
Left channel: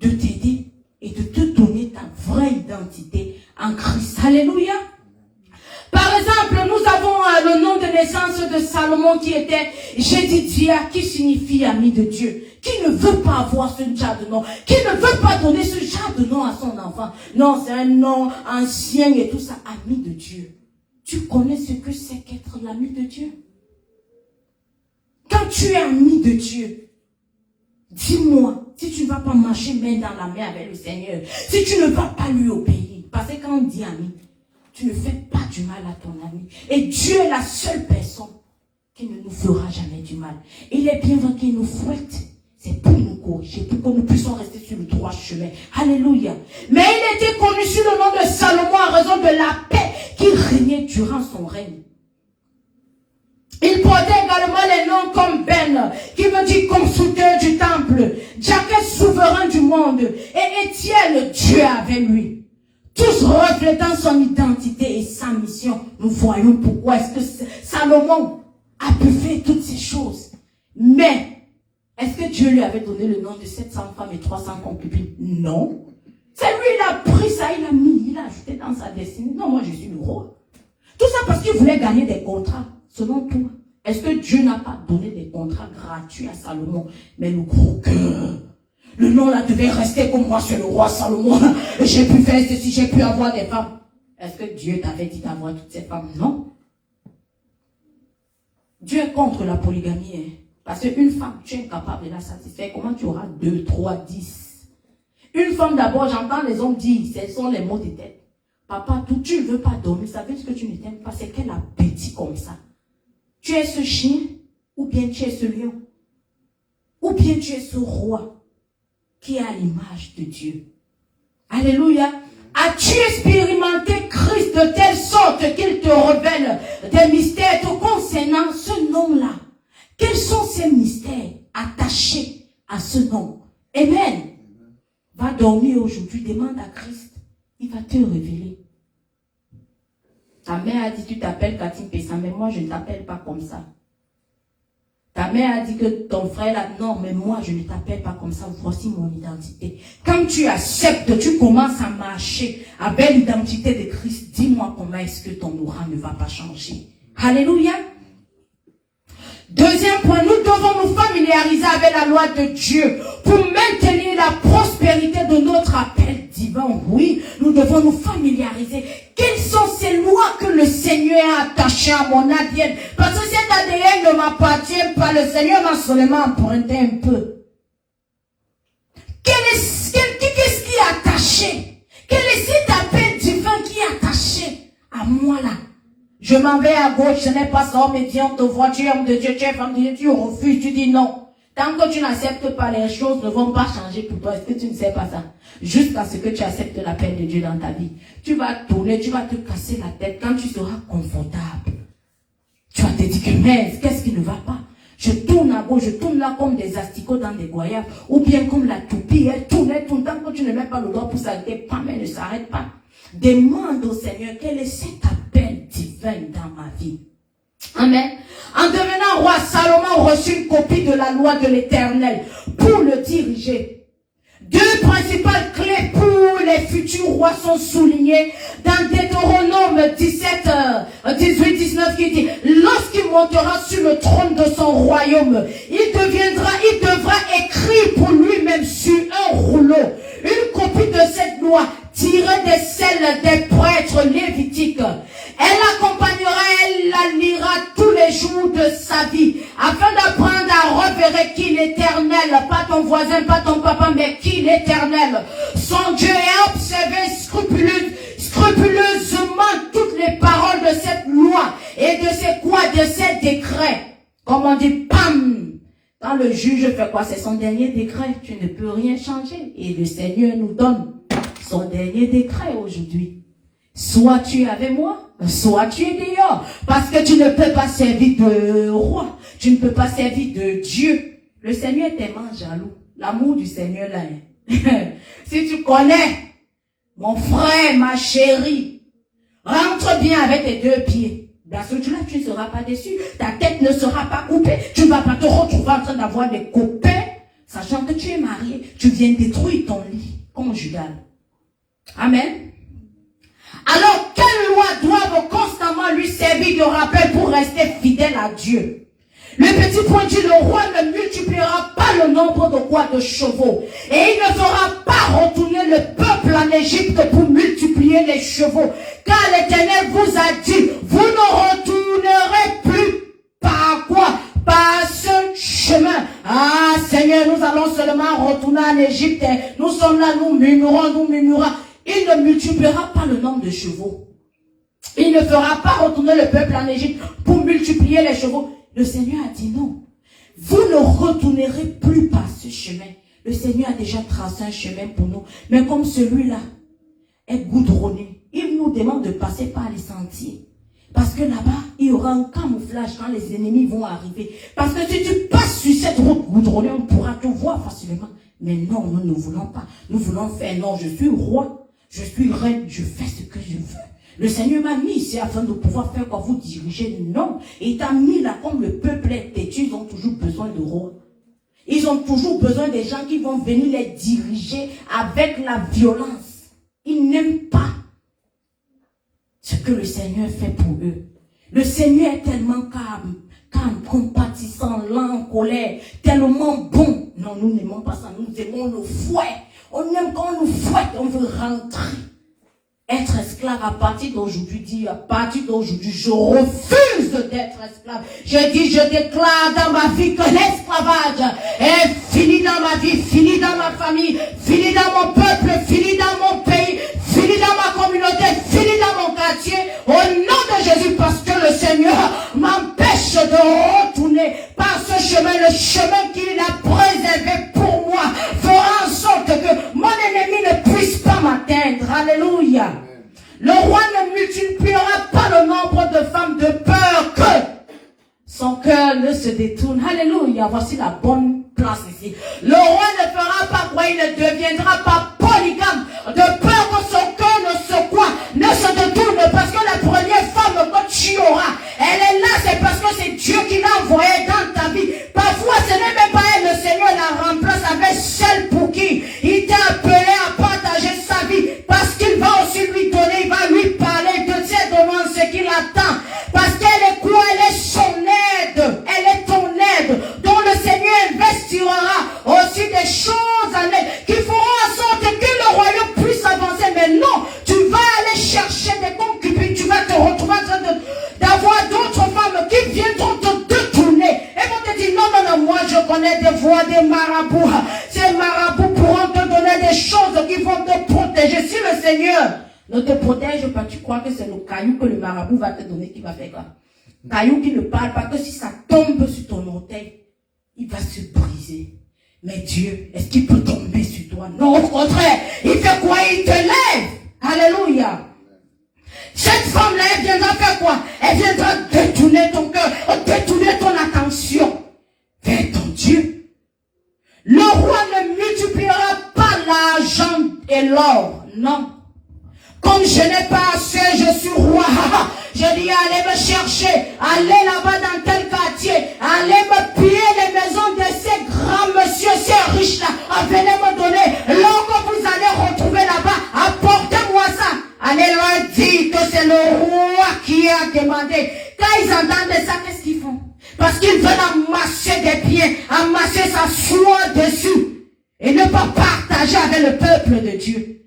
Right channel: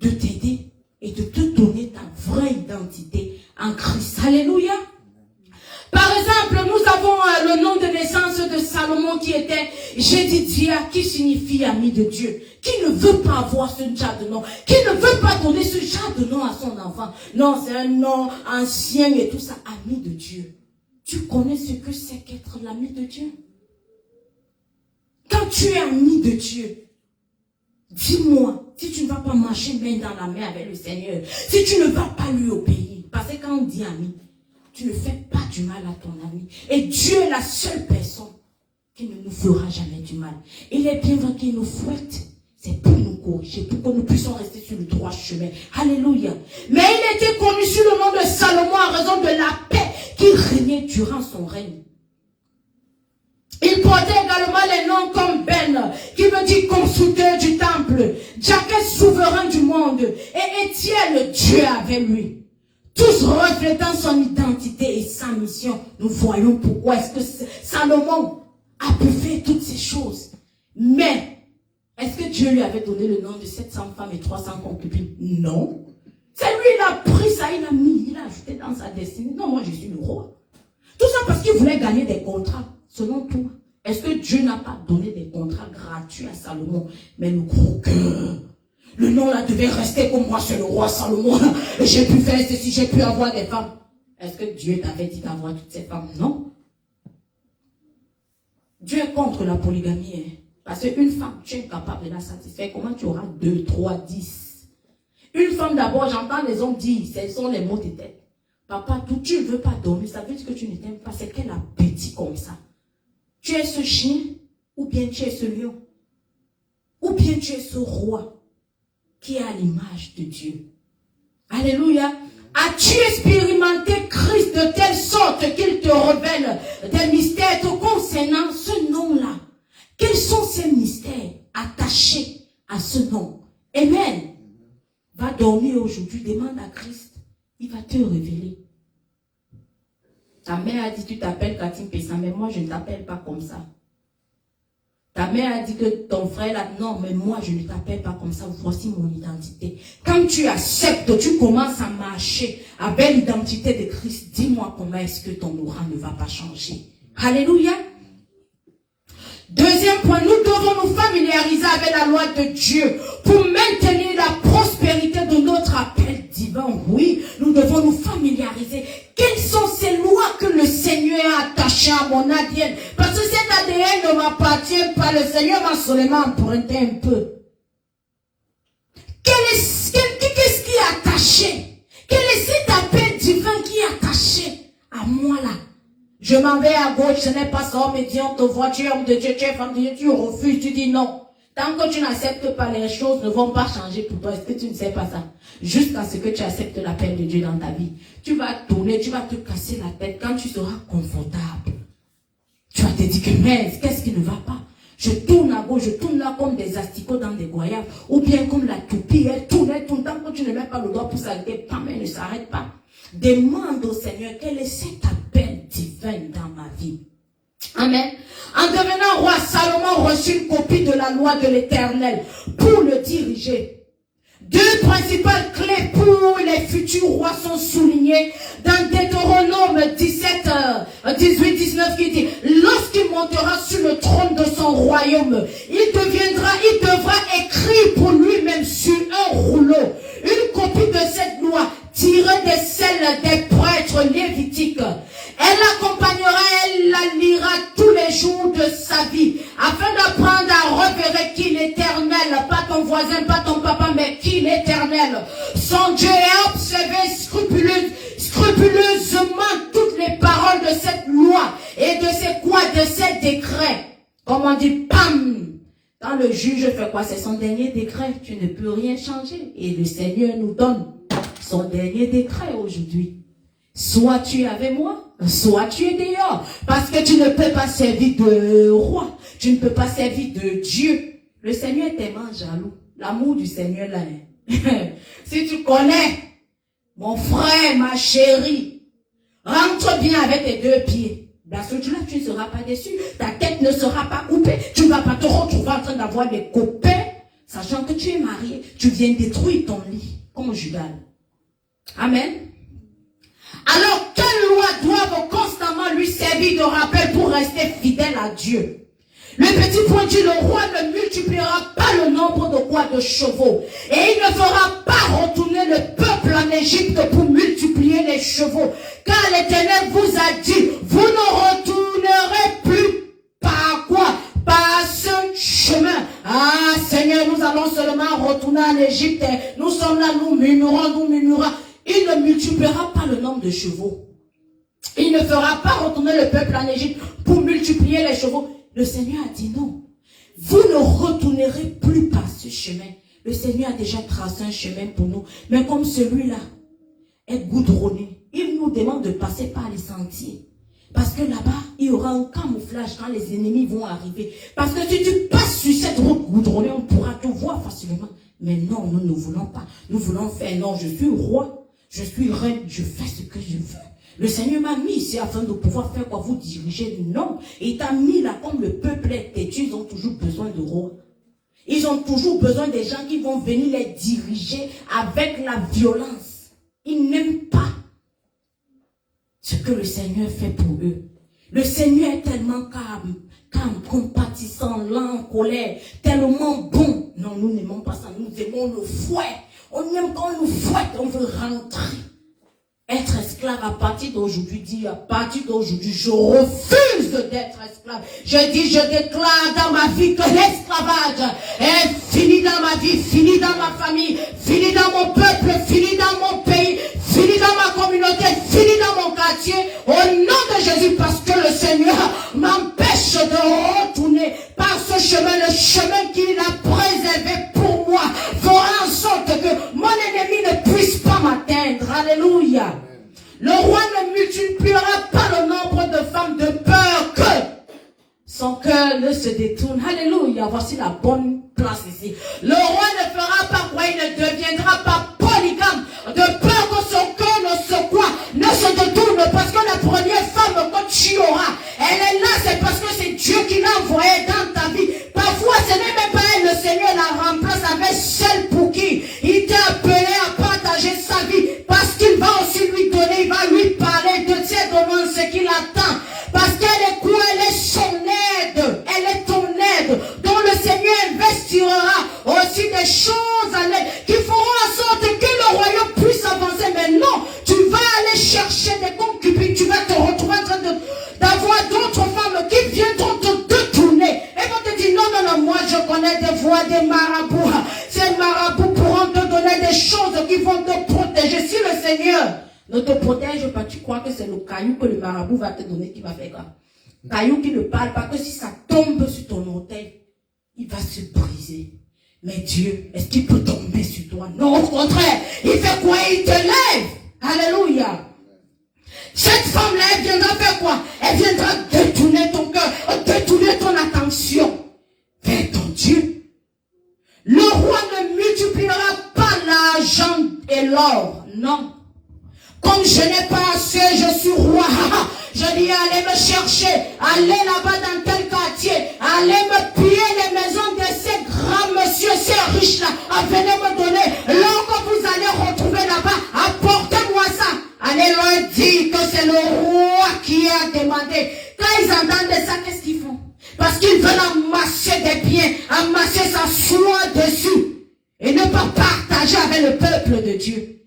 de t'aider et de te donner ta vraie identité en Christ. Alléluia. Par exemple, nous avons le nom de naissance de Salomon qui était Jédidia, qui signifie ami de Dieu, qui ne veut pas avoir ce genre de nom, qui ne veut pas donner ce genre de nom à son enfant. Non, c'est un nom ancien et tout ça, ami de Dieu. Tu connais ce que c'est qu'être l'ami de Dieu? Quand tu es ami de Dieu, dis-moi, si tu ne vas pas marcher main dans la main avec le Seigneur, si tu ne vas pas lui obéir, parce que quand on dit ami, tu ne fais pas du mal à ton ami. Et Dieu est la seule personne qui ne nous fera jamais du mal. Et il est bien vrai qu'il nous fouette. C'est pour nous corriger, pour que nous puissions rester sur le droit chemin. Alléluia. Mais il était connu sous le nom de Salomon en raison de la paix qui régnait durant son règne. Il portait également les noms comme Ben, qui veut dire constructeur du temple, Jacob souverain du monde, et Étienne, Dieu avec lui. Tous reflétant son identité et sa mission. Nous voyons pourquoi est-ce que Salomon a pu faire toutes ces choses. Mais, est-ce que Dieu Dieu lui avait donné le nom de 700 femmes et 300 concubines? Non. C'est lui, il a pris ça, il a mis, il a ajouté dans sa destinée. Non, moi je suis le roi. Tout ça parce qu'il voulait gagner des contrats. Selon toi, est-ce que Dieu n'a pas donné des contrats gratuits à Salomon? Mais le gros cœur, le nom là devait rester comme moi, c'est le roi Salomon. J'ai pu faire ceci, j'ai pu avoir des femmes. Est-ce que Dieu t'avait dit d'avoir toutes ces femmes? Non. Dieu est contre la polygamie. Hein? Parce qu'une femme, tu es incapable de la satisfaire. Comment tu auras 2, 3, 10? Une femme d'abord, j'entends les hommes dire, ce sont les mots de tête. Papa, tout, tu ne veux pas dormir, ça veut dire que tu ne t'aimes pas. C'est quel appétit comme ça? Tu es ce chien, ou bien tu es ce lion, ou bien tu es ce roi qui est à l'image de Dieu. Alléluia. As-tu expérimenté Christ de telle sorte qu'il te révèle des mystères te concernant ce nom-là? Quels sont ces mystères attachés à ce nom? Amen. Va dormir aujourd'hui, demande à Christ. Il va te révéler. Ta mère a dit tu t'appelles Cathy Pessa, mais moi je ne t'appelle pas comme ça. Ta mère a dit que ton frère là, non, mais moi je ne t'appelle pas comme ça, voici mon identité. Quand tu acceptes, tu commences à marcher avec l'identité de Christ, dis-moi comment est-ce que ton aura ne va pas changer. Alléluia. Deuxième point, nous devons nous familiariser avec la loi de Dieu pour maintenir la prospérité de notre appel divin. Oui, nous devons nous familiariser. Quelles sont ces lois que le Seigneur a attachées à mon ADN? Parce que cet ADN ne m'appartient pas. Le Seigneur m'a seulement emprunté un peu. Qu'est-ce qui est attaché? Quel est cet appel divin qui est attaché à moi là? Je m'en vais à gauche, ce n'est pas ça, mais Dieu, on te voit, tu es homme de Dieu, tu es femme de Dieu, tu refuses, tu dis non. Tant que tu n'acceptes pas, les choses ne vont pas changer pour toi. Est-ce que tu ne sais pas ça? Jusqu'à ce que tu acceptes l'appel de Dieu dans ta vie. Tu vas tourner, tu vas te casser la tête quand tu seras confortable. Tu vas te dire que merde, qu'est-ce qui ne va pas? Je tourne à gauche, je tourne là comme des asticots dans des goyaves, ou bien comme la toupie, elle tourne, tant que tu ne mets pas le doigt pour s'arrêter, pam, elle ne s'arrête pas. Demande au Seigneur quel est cet appel divin dans ma vie. Amen. En devenant roi, Salomon reçut une copie de la loi de l'Éternel pour le diriger. Deux principales clés pour les futurs rois sont soulignées dans Deutéronome 17, 18, 19 qui dit: lorsqu'il montera sur le trône de son royaume, il devra écrire pour lui-même sur un rouleau une copie de cette loi tirée des selles des prêtres lévitiques. Elle l'accompagnera, elle la lira tous les jours de sa vie, afin d'apprendre à repérer qui l'Éternel, pas ton voisin, pas ton papa, mais qui l'Éternel, son Dieu, et observer scrupuleusement toutes les paroles de cette loi et de ces décrets. Comme on dit, pam! Quand le juge fait quoi? C'est son dernier décret. Tu ne peux rien changer. Et le Seigneur nous donne son dernier décret aujourd'hui. Soit tu es avec moi, soit tu es dehors. Parce que tu ne peux pas servir de roi. Tu ne peux pas servir de Dieu. Le Seigneur est tellement jaloux. L'amour du Seigneur là. Si tu connais, mon frère, ma chérie, rentre bien avec tes deux pieds. Parce que là, tu ne seras pas déçu. Ta tête ne sera pas coupée. Tu ne vas pas te retrouver en train d'avoir des copains, sachant que tu es marié. Tu viens détruire ton lit conjugal. Amen. Alors, quelles lois doivent constamment lui servir de rappel pour rester fidèle à Dieu? Le petit point dit: le roi ne multipliera pas le nombre de chevaux. Et il ne fera pas retourner le peuple en Égypte pour multiplier les chevaux. Car l'Éternel vous a dit: vous ne retournerez plus par quoi? Par ce chemin. Ah Seigneur, nous allons seulement retourner en Égypte. Nous sommes là, nous murmurons. Il ne multipliera pas le nombre de chevaux. Il ne fera pas retourner le peuple en Égypte pour multiplier les chevaux. Le Seigneur a dit non. Vous ne retournerez plus par ce chemin. Le Seigneur a déjà tracé un chemin pour nous. Mais comme celui-là est goudronné, il nous demande de passer par les sentiers. Parce que là-bas, il y aura un camouflage quand les ennemis vont arriver. Parce que si tu passes sur cette route goudronnée, on pourra te voir facilement. Mais non, nous ne voulons pas. Nous voulons faire non, je suis roi, je suis reine, je fais ce que je veux. Le Seigneur m'a mis ici afin de pouvoir faire quoi? Vous diriger. Non. Et il t'a mis là comme le peuple est têtu, ils ont toujours besoin de roi. Ils ont toujours besoin des gens qui vont venir les diriger avec la violence. Ils n'aiment pas ce que le Seigneur fait pour eux. Le Seigneur est tellement calme, compatissant, lent, en colère, tellement bon. Non, nous n'aimons pas ça, nous aimons le fouet. On aime quand on nous fouette, on veut rentrer. Être esclave à partir d'aujourd'hui, je refuse d'être esclave. Je dis, je déclare dans ma vie que l'esclavage est fini dans ma vie, fini dans ma famille, fini dans mon peuple, fini dans mon pays, fini dans ma communauté, fini dans mon quartier. Au nom de Jésus, parce que le Seigneur m'empêche de retourner par ce chemin, le chemin qu'il a préservé pour moi, fera en sorte que mon ennemi ne puisse pas m'atteindre. Alléluia. Le roi ne multipliera pas le nombre de femmes de peur que son cœur ne se détourne. Alléluia. Voici la bonne place ici. Le roi ne fera pas quoi, il ne deviendra pas polygame de peur que son cœur ne se détourne, parce que la première femme que tu auras, elle est là, c'est parce que c'est Dieu qui l'a envoyée dans ta vie. Parfois, ce n'est même pas elle, le Seigneur la remplace avec celle pour qui il t'a appelé à partager sa vie, parce qu'il va aussi lui donner, il va lui parler de ses demandes, ce qu'il attend, parce qu'elle est quoi, elle est son aide, elle est ton aide, dont le Seigneur investira aussi des choses à l'aide, qui feront en sorte que le royaume puisse avancer. Mais non, tu vas aller chercher des concubines, tu vas te retrouver en train d'avoir d'autres femmes qui viendront te détourner, et vont te dire, non, moi je connais des voies, des marabouts, ces marabouts pourront te donner des choses qui vont te protéger. Si le Seigneur ne te protège pas, tu crois que c'est le caillou que le marabout va te donner qui va faire quoi? Caillou qui ne parle pas, que si ça tombe sur ton orteil, il va se briser. Mais Dieu, est-ce qu'il peut tomber sur toi? Non, au contraire, il fait quoi? Il te lève. Alléluia. Cette femme-là, elle viendra faire quoi? Elle viendra détourner ton cœur, détourner ton attention vers ton Dieu. Le roi ne multipliera pas l'argent et l'or. Non. Comme je n'ai pas assez, je suis roi. Je dis, allez me chercher, allez là-bas dans tel quartier, allez me piller les maisons de ces grands messieurs, ces riches-là. Venez me donner. Lorsque vous allez retrouver là-bas, apportez-moi ça. Allez leur dire que c'est le roi qui a demandé. Quand ils entendent ça, qu'est-ce qu'ils font? Parce qu'ils veulent amasser des biens, amasser sa soie dessus, et ne pas partager avec le peuple de Dieu.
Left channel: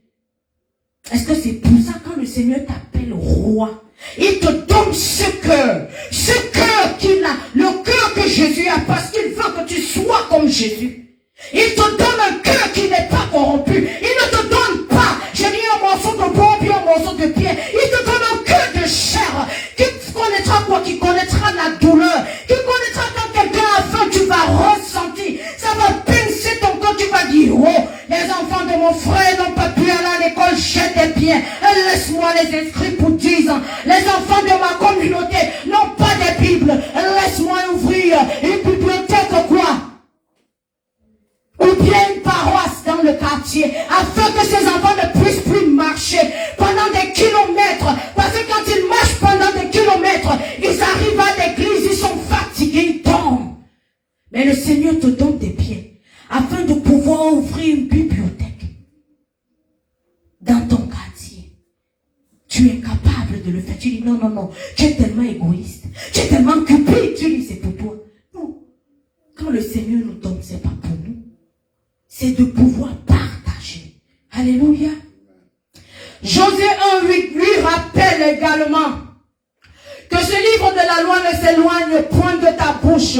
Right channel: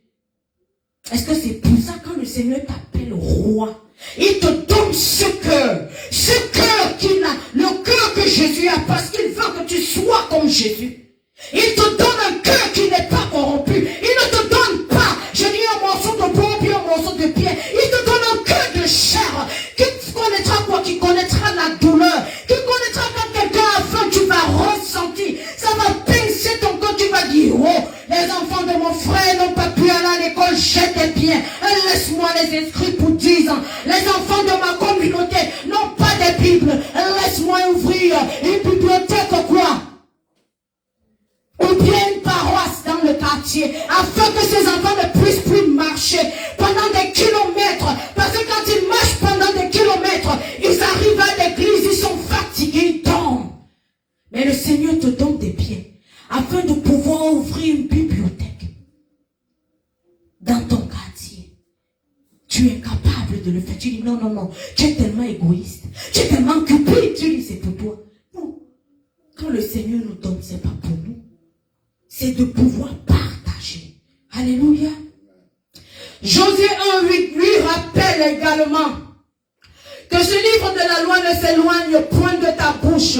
Est-ce que c'est pour ça que le Seigneur t'appelle roi? Il te donne ce cœur qu'il a, le cœur que Jésus a, parce qu'il veut que tu sois comme Jésus. Il te donne un cœur qui n'est pas corrompu. Il ne te donne pas, je dis, un morceau de bois puis un morceau de pierre. Il te donne un cœur de chair qui connaîtra quoi? Qui connaîtra la douleur, qui connaîtra quand quelqu'un a faim, tu vas ressentir. Ça va pincer ton cœur, tu vas dire, oh, les enfants de mon frère n'ont pas pu aller à l'école, j'ai des biens. Laisse-moi les inscrire pour 10 ans. Les enfants de ma communauté n'ont pas de Bible. Laisse-moi ouvrir une bibliothèque quoi? Ou bien une paroisse dans le quartier, afin que ces enfants ne puissent plus marcher pendant des kilomètres. Parce que quand ils marchent pendant des kilomètres, ils arrivent à l'église, ils sont fatigués, ils tombent. Mais le Seigneur te donne des pieds, afin de pouvoir ouvrir une bibliothèque dans ton quartier. Tu es capable de le faire. Tu dis non, tu es tellement égoïste, tu es tellement occupé, tu dis c'est pour toi. Non. Quand le Seigneur nous donne, c'est pas pour nous. C'est de pouvoir partager. Alléluia. Josué 1:8 lui rappelle également que ce livre de la loi ne s'éloigne point de ta bouche.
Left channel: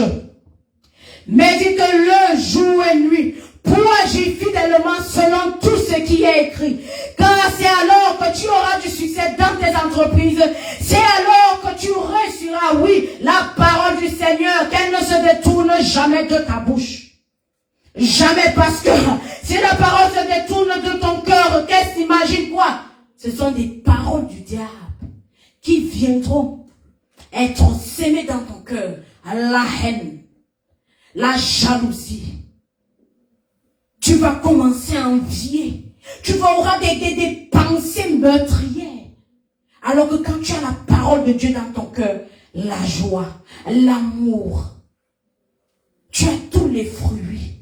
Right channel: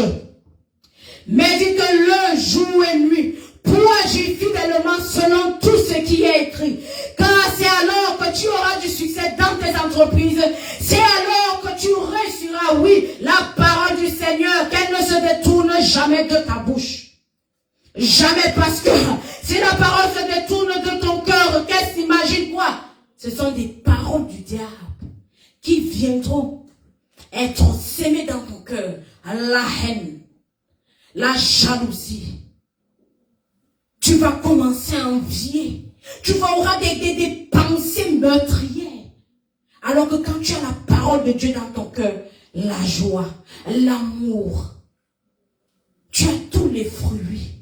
Médite-le jour et nuit pour agir fidèlement selon tout ce qui est écrit. Car c'est alors que tu auras du succès dans tes entreprises. C'est alors que tu réussiras, oui, la parole du Seigneur, qu'elle ne se détourne jamais de ta bouche. Jamais, parce que si la parole se détourne de ton cœur, qu'est-ce qu'imagine quoi? Ce sont des paroles du diable qui viendront être sémées dans ton cœur. La haine, la jalousie. Tu vas commencer à envier. Tu vas avoir des pensées meurtrières. Alors que quand tu as la parole de Dieu dans ton cœur, la joie, l'amour, tu as tous les fruits.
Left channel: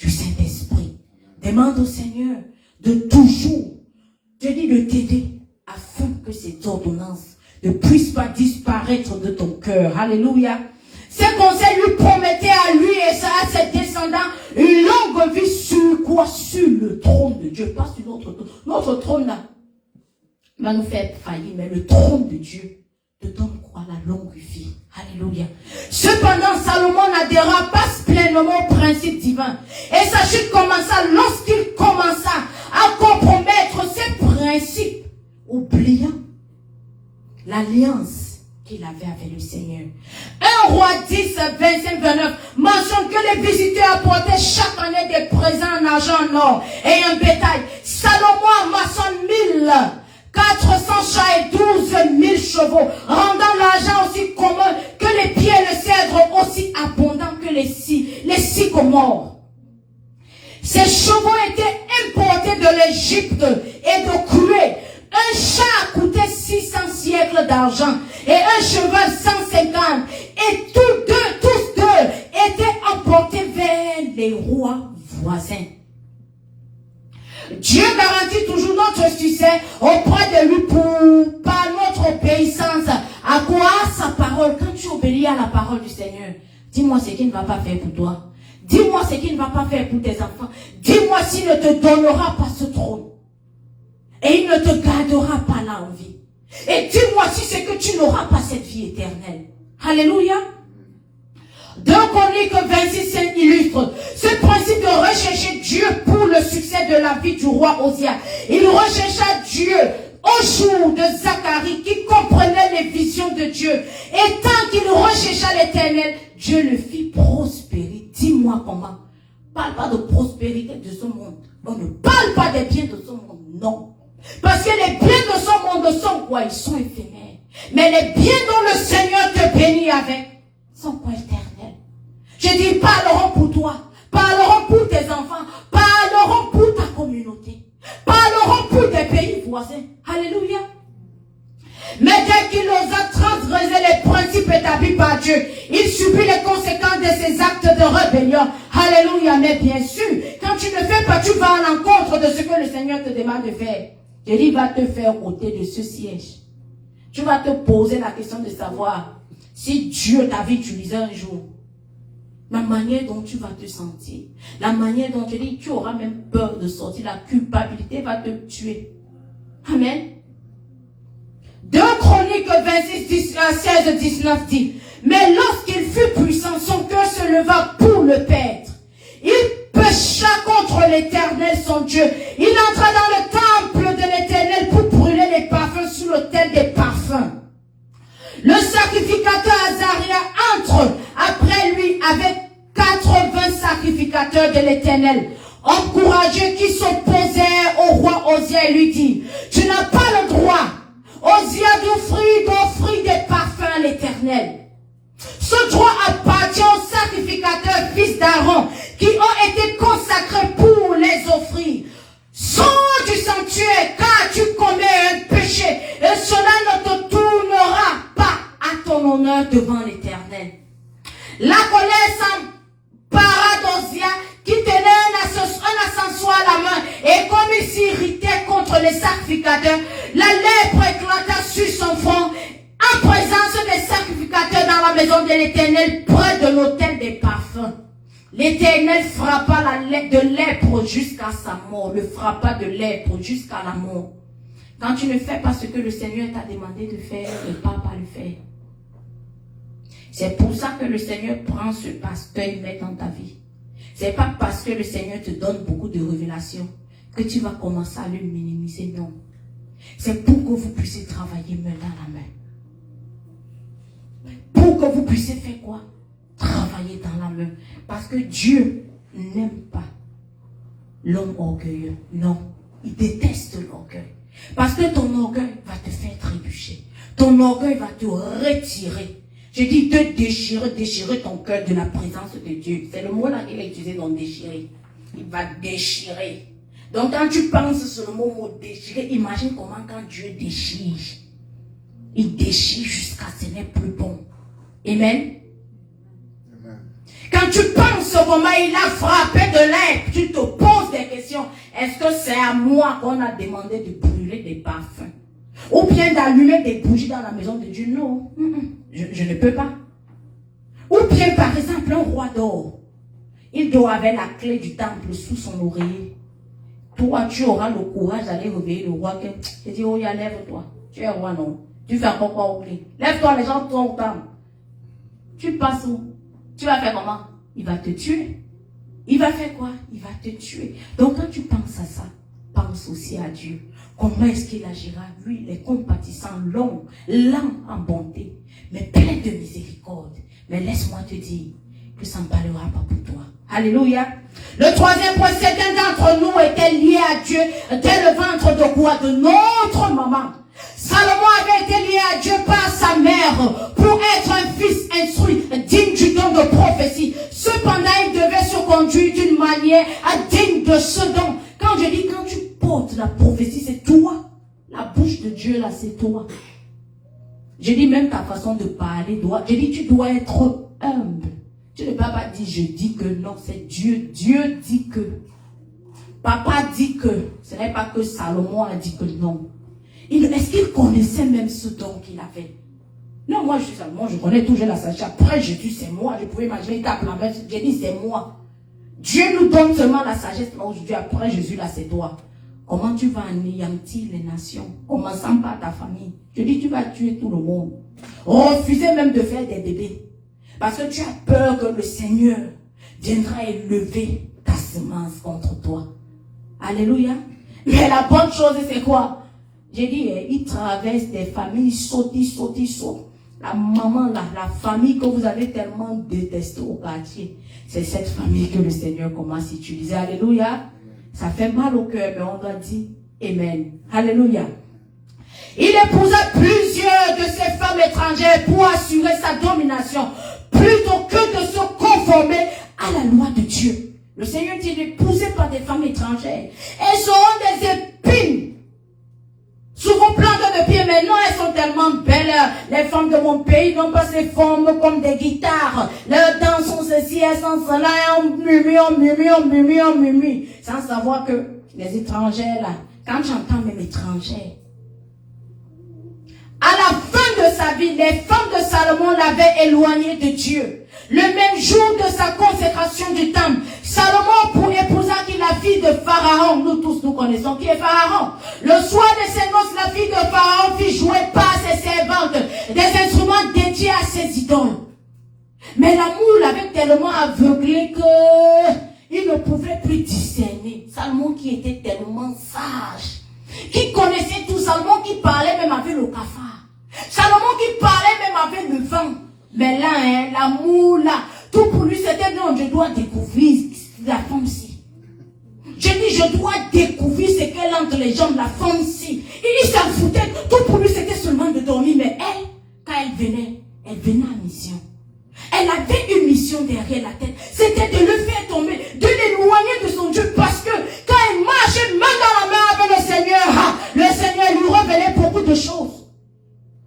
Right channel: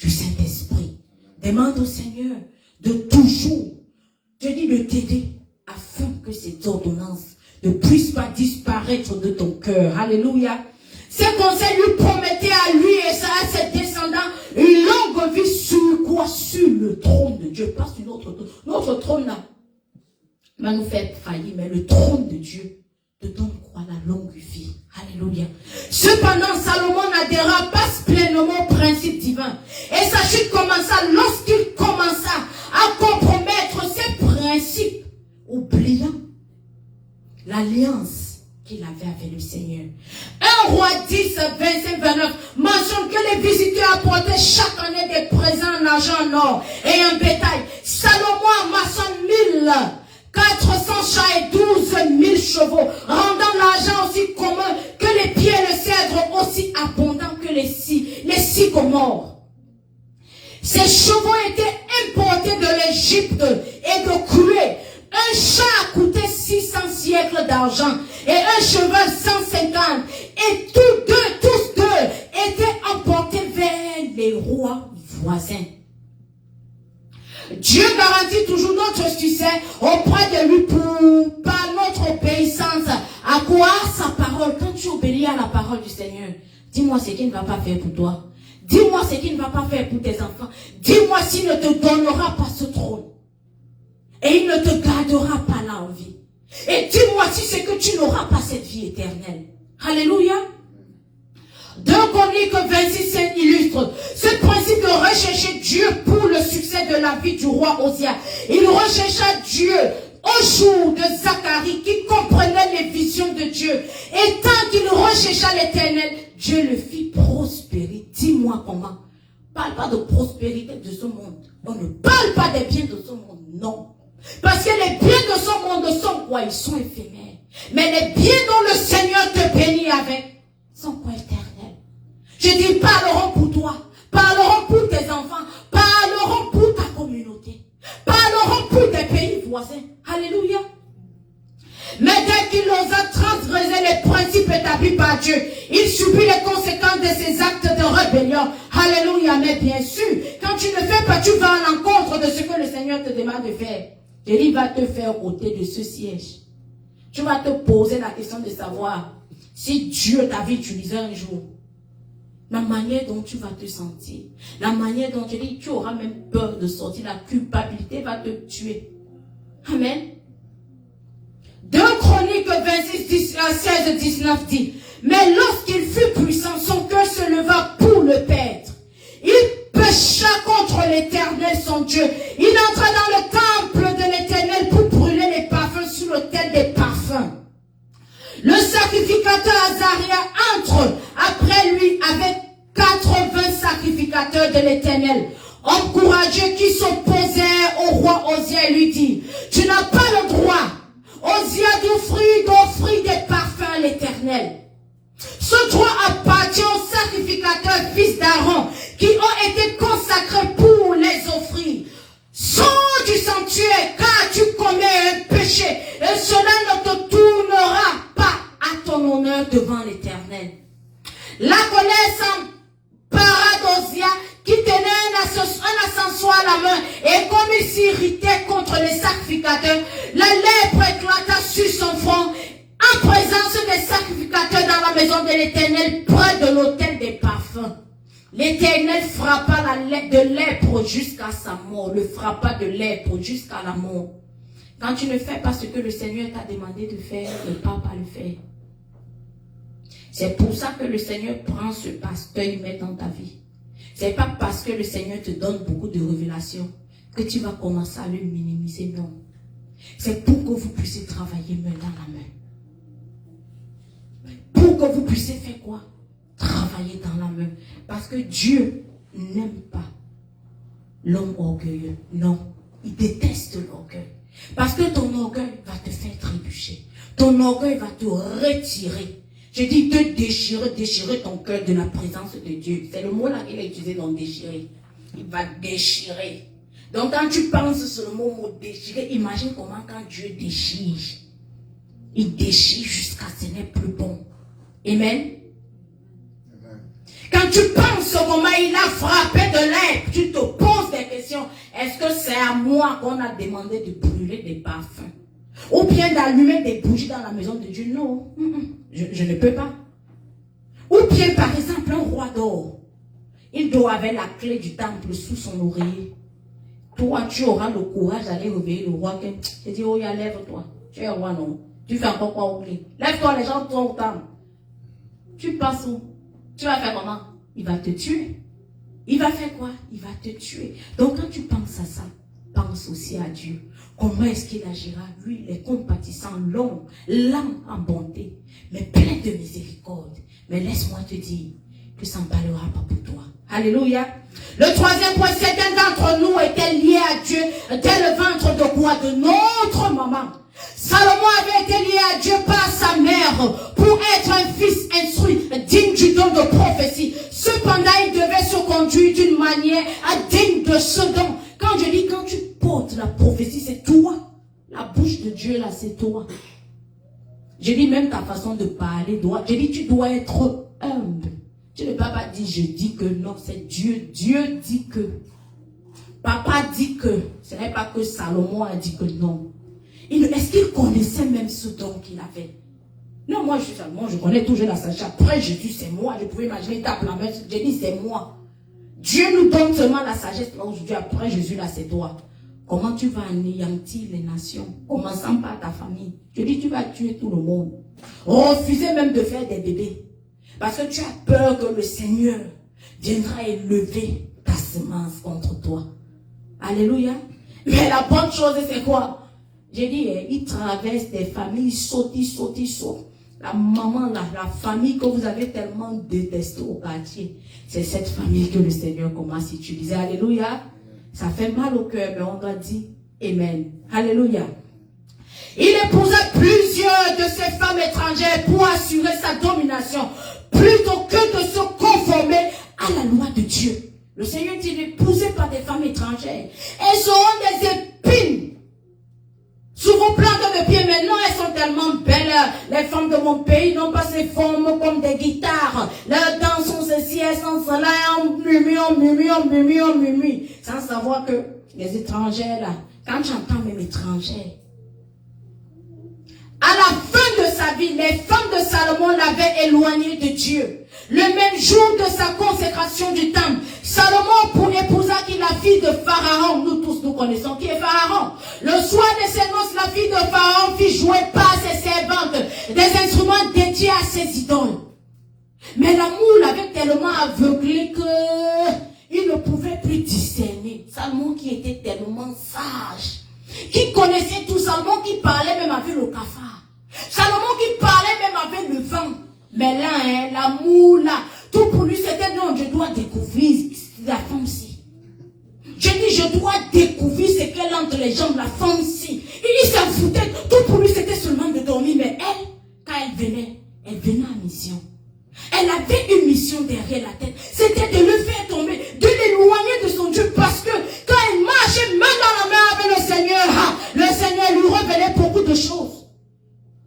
du Saint-Esprit. Demande au Seigneur de toujours, je dis de t'aider, afin que cette ordonnance ne puisse pas disparaître de ton cœur. Alléluia. Ce conseil lui promettait à lui et à ses descendants une longue vie sur quoi? Sur le trône de Dieu, pas sur notre trône. Notre trône là va nous faire faillir, mais le trône de Dieu te donne quoi? La longue vie. Alléluia. Cependant, Salomon n'adhéra pas pleinement au principe divin. Et sa chute commença lorsqu'il commença à compromettre ses principes, oubliant l'alliance qu'il avait avec le Seigneur. 1 Roi 10, 25-29 mentionne que les visiteurs apportaient chaque année des présents en argent, en or et en bétail. Salomon amassant 1400 chats et 12 000 chevaux, rendant l'argent aussi commun que les pieds et le cèdre, aussi abondant que les sycomores. Ces chevaux étaient importés de l'Égypte et de Chloé. Un chat coûtait 600 siècles d'argent et un cheval 150. Et tous deux étaient emportés vers les rois voisins. Dieu garantit toujours notre succès auprès de lui par notre obéissance. À quoi? Sa parole. Quand tu obéis à la parole du Seigneur, dis-moi ce qu'il ne va pas faire pour toi. Dis-moi ce qu'il ne va pas faire pour tes enfants. Dis-moi s'il ne te donnera pas ce trône. Et il ne te gardera pas là en vie. Et dis-moi si c'est que tu n'auras pas cette vie éternelle. Alléluia. 2 Chroniques 26 illustre ce principe de rechercher Dieu pour le succès de la vie du roi Osia. Il rechercha Dieu au jour de Zacharie qui comprenait les visions de Dieu. Et tant qu'il rechercha l'Éternel, Dieu le fit prospérer. Dis-moi comment. Parle pas de prospérité de ce monde. On ne parle pas des biens de ce monde. Non. Parce que les biens de ce monde sont quoi? Ils sont éphémères. Mais les biens dont le Seigneur te bénit avec sont quoi? Éternels. Je dis, parleront pour toi, parleront pour tes enfants, parleront pour ta communauté, parleront pour tes pays voisins. Alléluia. Mais dès qu'il osa transgresser les principes établis par Dieu, il subit les conséquences de ses actes de rébellion. Alléluia. Mais bien sûr, quand tu ne fais pas, tu vas à l'encontre de ce que le Seigneur te demande de faire. Et il va te faire ôter de ce siège. Tu vas te poser la question de savoir si Dieu t'avait utilisé un jour. La manière dont tu vas te sentir, la manière dont tu auras même peur de sortir, la culpabilité va te tuer. Amen. 2 Chroniques 26, 16, 19 dit, mais lorsqu'il fut puissant, son cœur se leva pour le perdre. Il pécha contre l'Éternel son Dieu. Il entra dans le temple de l'Éternel pour brûler les parfums sur l'autel des parfums. Le sacrificateur Azaria entre après lui avec 80 sacrificateurs de l'Éternel, encouragés qui s'opposaient au roi Osia et lui dit, tu n'as pas le droit, Osia, d'offrir des parfums à l'Éternel. Ce droit appartient aux sacrificateurs fils d'Aaron qui ont été consacrés pour les offrir. Sors du sanctuaire car tu commets un péché et cela ne te tournera pas à ton honneur devant l'Éternel. La colère s'empara d'Osia qui tenait un ascensoir à la main et comme il s'irritait contre les sacrificateurs, la lèpre éclata sur son front en présence des sacrificateurs dans la maison de l'Éternel près de l'autel des parfums. L'Éternel frappa de lèpre jusqu'à sa mort, le frappa de lèpre jusqu'à la mort. Quand tu ne fais pas ce que le Seigneur t'a demandé de faire, ne pas le faire. C'est pour ça que le Seigneur prend ce pasteur et met dans ta vie. C'est pas parce que le Seigneur te donne beaucoup de révélations que tu vas commencer à le minimiser, non. C'est pour que vous puissiez travailler main dans la main. Pour que vous puissiez faire quoi? Travailler dans la main. Parce que Dieu n'aime pas l'homme orgueilleux. Non, il déteste l'orgueil. Parce que ton orgueil va te faire trébucher. Ton orgueil va te retirer. J'ai dit de déchirer ton cœur de la présence de Dieu. C'est le mot là qu'il a utilisé dans déchirer. Il va déchirer. Donc quand tu penses sur le mot déchirer, imagine comment quand Dieu déchire. Il déchire jusqu'à ce n'est plus bon. Amen. Quand tu penses au moment où il a frappé de roi qu'on a demandé de brûler des parfums. Ou bien d'allumer des bougies dans la maison de Dieu. Non, je ne peux pas. Ou bien, par exemple, un roi d'or. Il doit avoir la clé du temple sous son oreiller. Toi, tu auras le courage d'aller réveiller le roi. Tu dis, oh, lève-toi. Tu es roi, non. Tu fais encore quoi au clé? Lève-toi, les gens sont au temple. Tu passes où? Tu vas faire comment? Il va te tuer. Il va faire quoi? Il va te tuer. Donc, quand tu penses à ça, pense aussi à Dieu. Comment est-ce qu'il agira? Lui, il est compatissant, long en bonté, mais plein de miséricorde. Mais laisse-moi te dire que ça ne parlera pas pour toi. Alléluia. Le troisième point, c'est qu'un d'entre nous était lié à Dieu dès le ventre de quoi? De notre maman. Salomon avait été lié à Dieu par sa mère pour être un fils instruit, digne du don de prophétie. Cependant, il devait se conduire d'une manière digne de ce don. Quand je dis, quand tu portes la prophétie, c'est toi. La bouche de Dieu, là, c'est toi. Je dis même ta façon de parler. Je dis, tu dois être humble. Tu ne peux pas dire, je dis que non, c'est Dieu. Dieu dit que. Papa dit que. Ce n'est pas que Salomon a dit que non. Est-ce qu'il connaissait même ce don qu'il avait? Non, moi, je connais toujours la sagesse. Après Jésus, c'est moi. Je pouvais imaginer, il tape la main. J'ai dit, c'est moi. Dieu nous donne seulement la sagesse. Aujourd'hui, après Jésus, là, c'est toi. Comment tu vas anéantir les nations? Commençant par ta famille. Je dis, tu vas tuer tout le monde. Refuser même de faire des bébés. Parce que tu as peur que le Seigneur viendra élever ta semence contre toi. Alléluia. Mais la bonne chose, c'est quoi? J'ai dit, il traverse des familles, il saute. La maman, la famille que vous avez tellement détestée au quartier, c'est cette famille que le Seigneur commence à utiliser. Alléluia. Ça fait mal au cœur, mais on doit dire Amen. Alléluia. Il épousa plusieurs de ces femmes étrangères pour assurer sa domination, plutôt que de se conformer à la loi de Dieu. Le Seigneur dit d'épouser par des femmes étrangères. Elles auront des épines sur vos plantes de pied. Maintenant, elles sont tellement belles. Les femmes de mon pays n'ont pas ces formes comme des guitares. Leurs dents sont ceci, elles sont cela. On murmure. Sans savoir que les étrangères, là, quand j'entends même étrangères, à la fin de sa vie, les femmes de Salomon l'avaient éloigné de Dieu. Le même jour de sa consécration du temple, Salomon épousa qui la fille de Pharaon. Nous tous, nous connaissons qui est Pharaon. Le soir de ses noces, la fille de Pharaon fit jouer par ses servantes des instruments dédiés à ses idoles. Mais l'amour l'avait tellement aveuglé qu'il ne pouvait plus discerner. Salomon qui était tellement sage, qui connaissait tout, Salomon qui parlait même avec le cafard. Salomon qui parlait même avec le vent. Mais là, l'amour là, tout pour lui c'était non, je dois découvrir la femme-ci. Je dis, je dois découvrir ce qu'elle a entre les jambes, la femme-ci. Il s'en foutait, tout pour lui c'était seulement de dormir. Mais elle, quand elle venait en mission. Elle avait une mission derrière la tête. C'était de le faire tomber, de l'éloigner de son Dieu. Parce que quand elle marchait main dans la main avec le Seigneur lui révélait beaucoup de choses.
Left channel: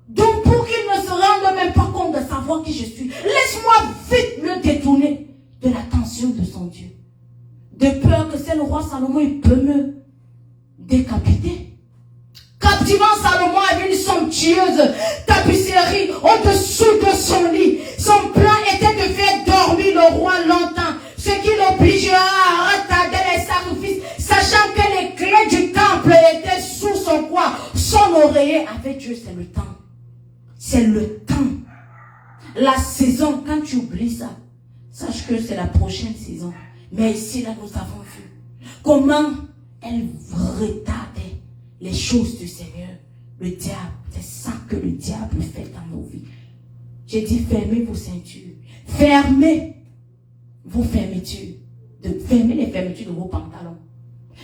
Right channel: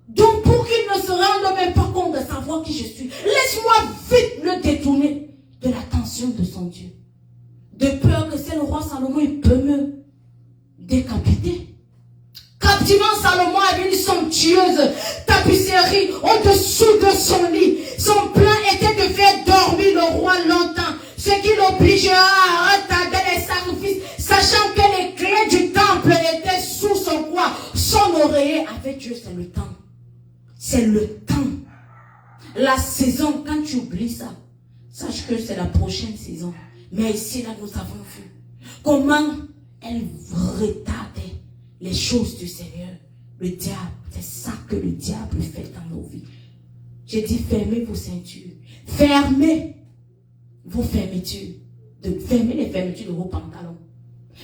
Donc pour qu'il ne se rende même pas compte de savoir qui je suis, laisse-moi vite le détourner de l'attention de son Dieu. De peur que c'est le roi Salomon, il peut me décapiter. Captivant Salomon avait une somptueuse tapisserie au-dessous de son lit. Son plan était de faire dormir le roi longtemps, ce qui l'obligera à retarder les sacrifices, sachant que les clés du temple étaient sous son quoi, son oreiller. Avec Dieu, c'est le temps. C'est le temps. La saison, quand tu oublies ça, sache que c'est la prochaine saison. Mais ici, là, nous avons vu comment elle retardait les choses du Seigneur. Le diable, c'est ça que le diable fait dans nos vies. J'ai dit, fermez vos ceintures. Fermez vos fermetures. Fermez les fermetures de vos pantalons.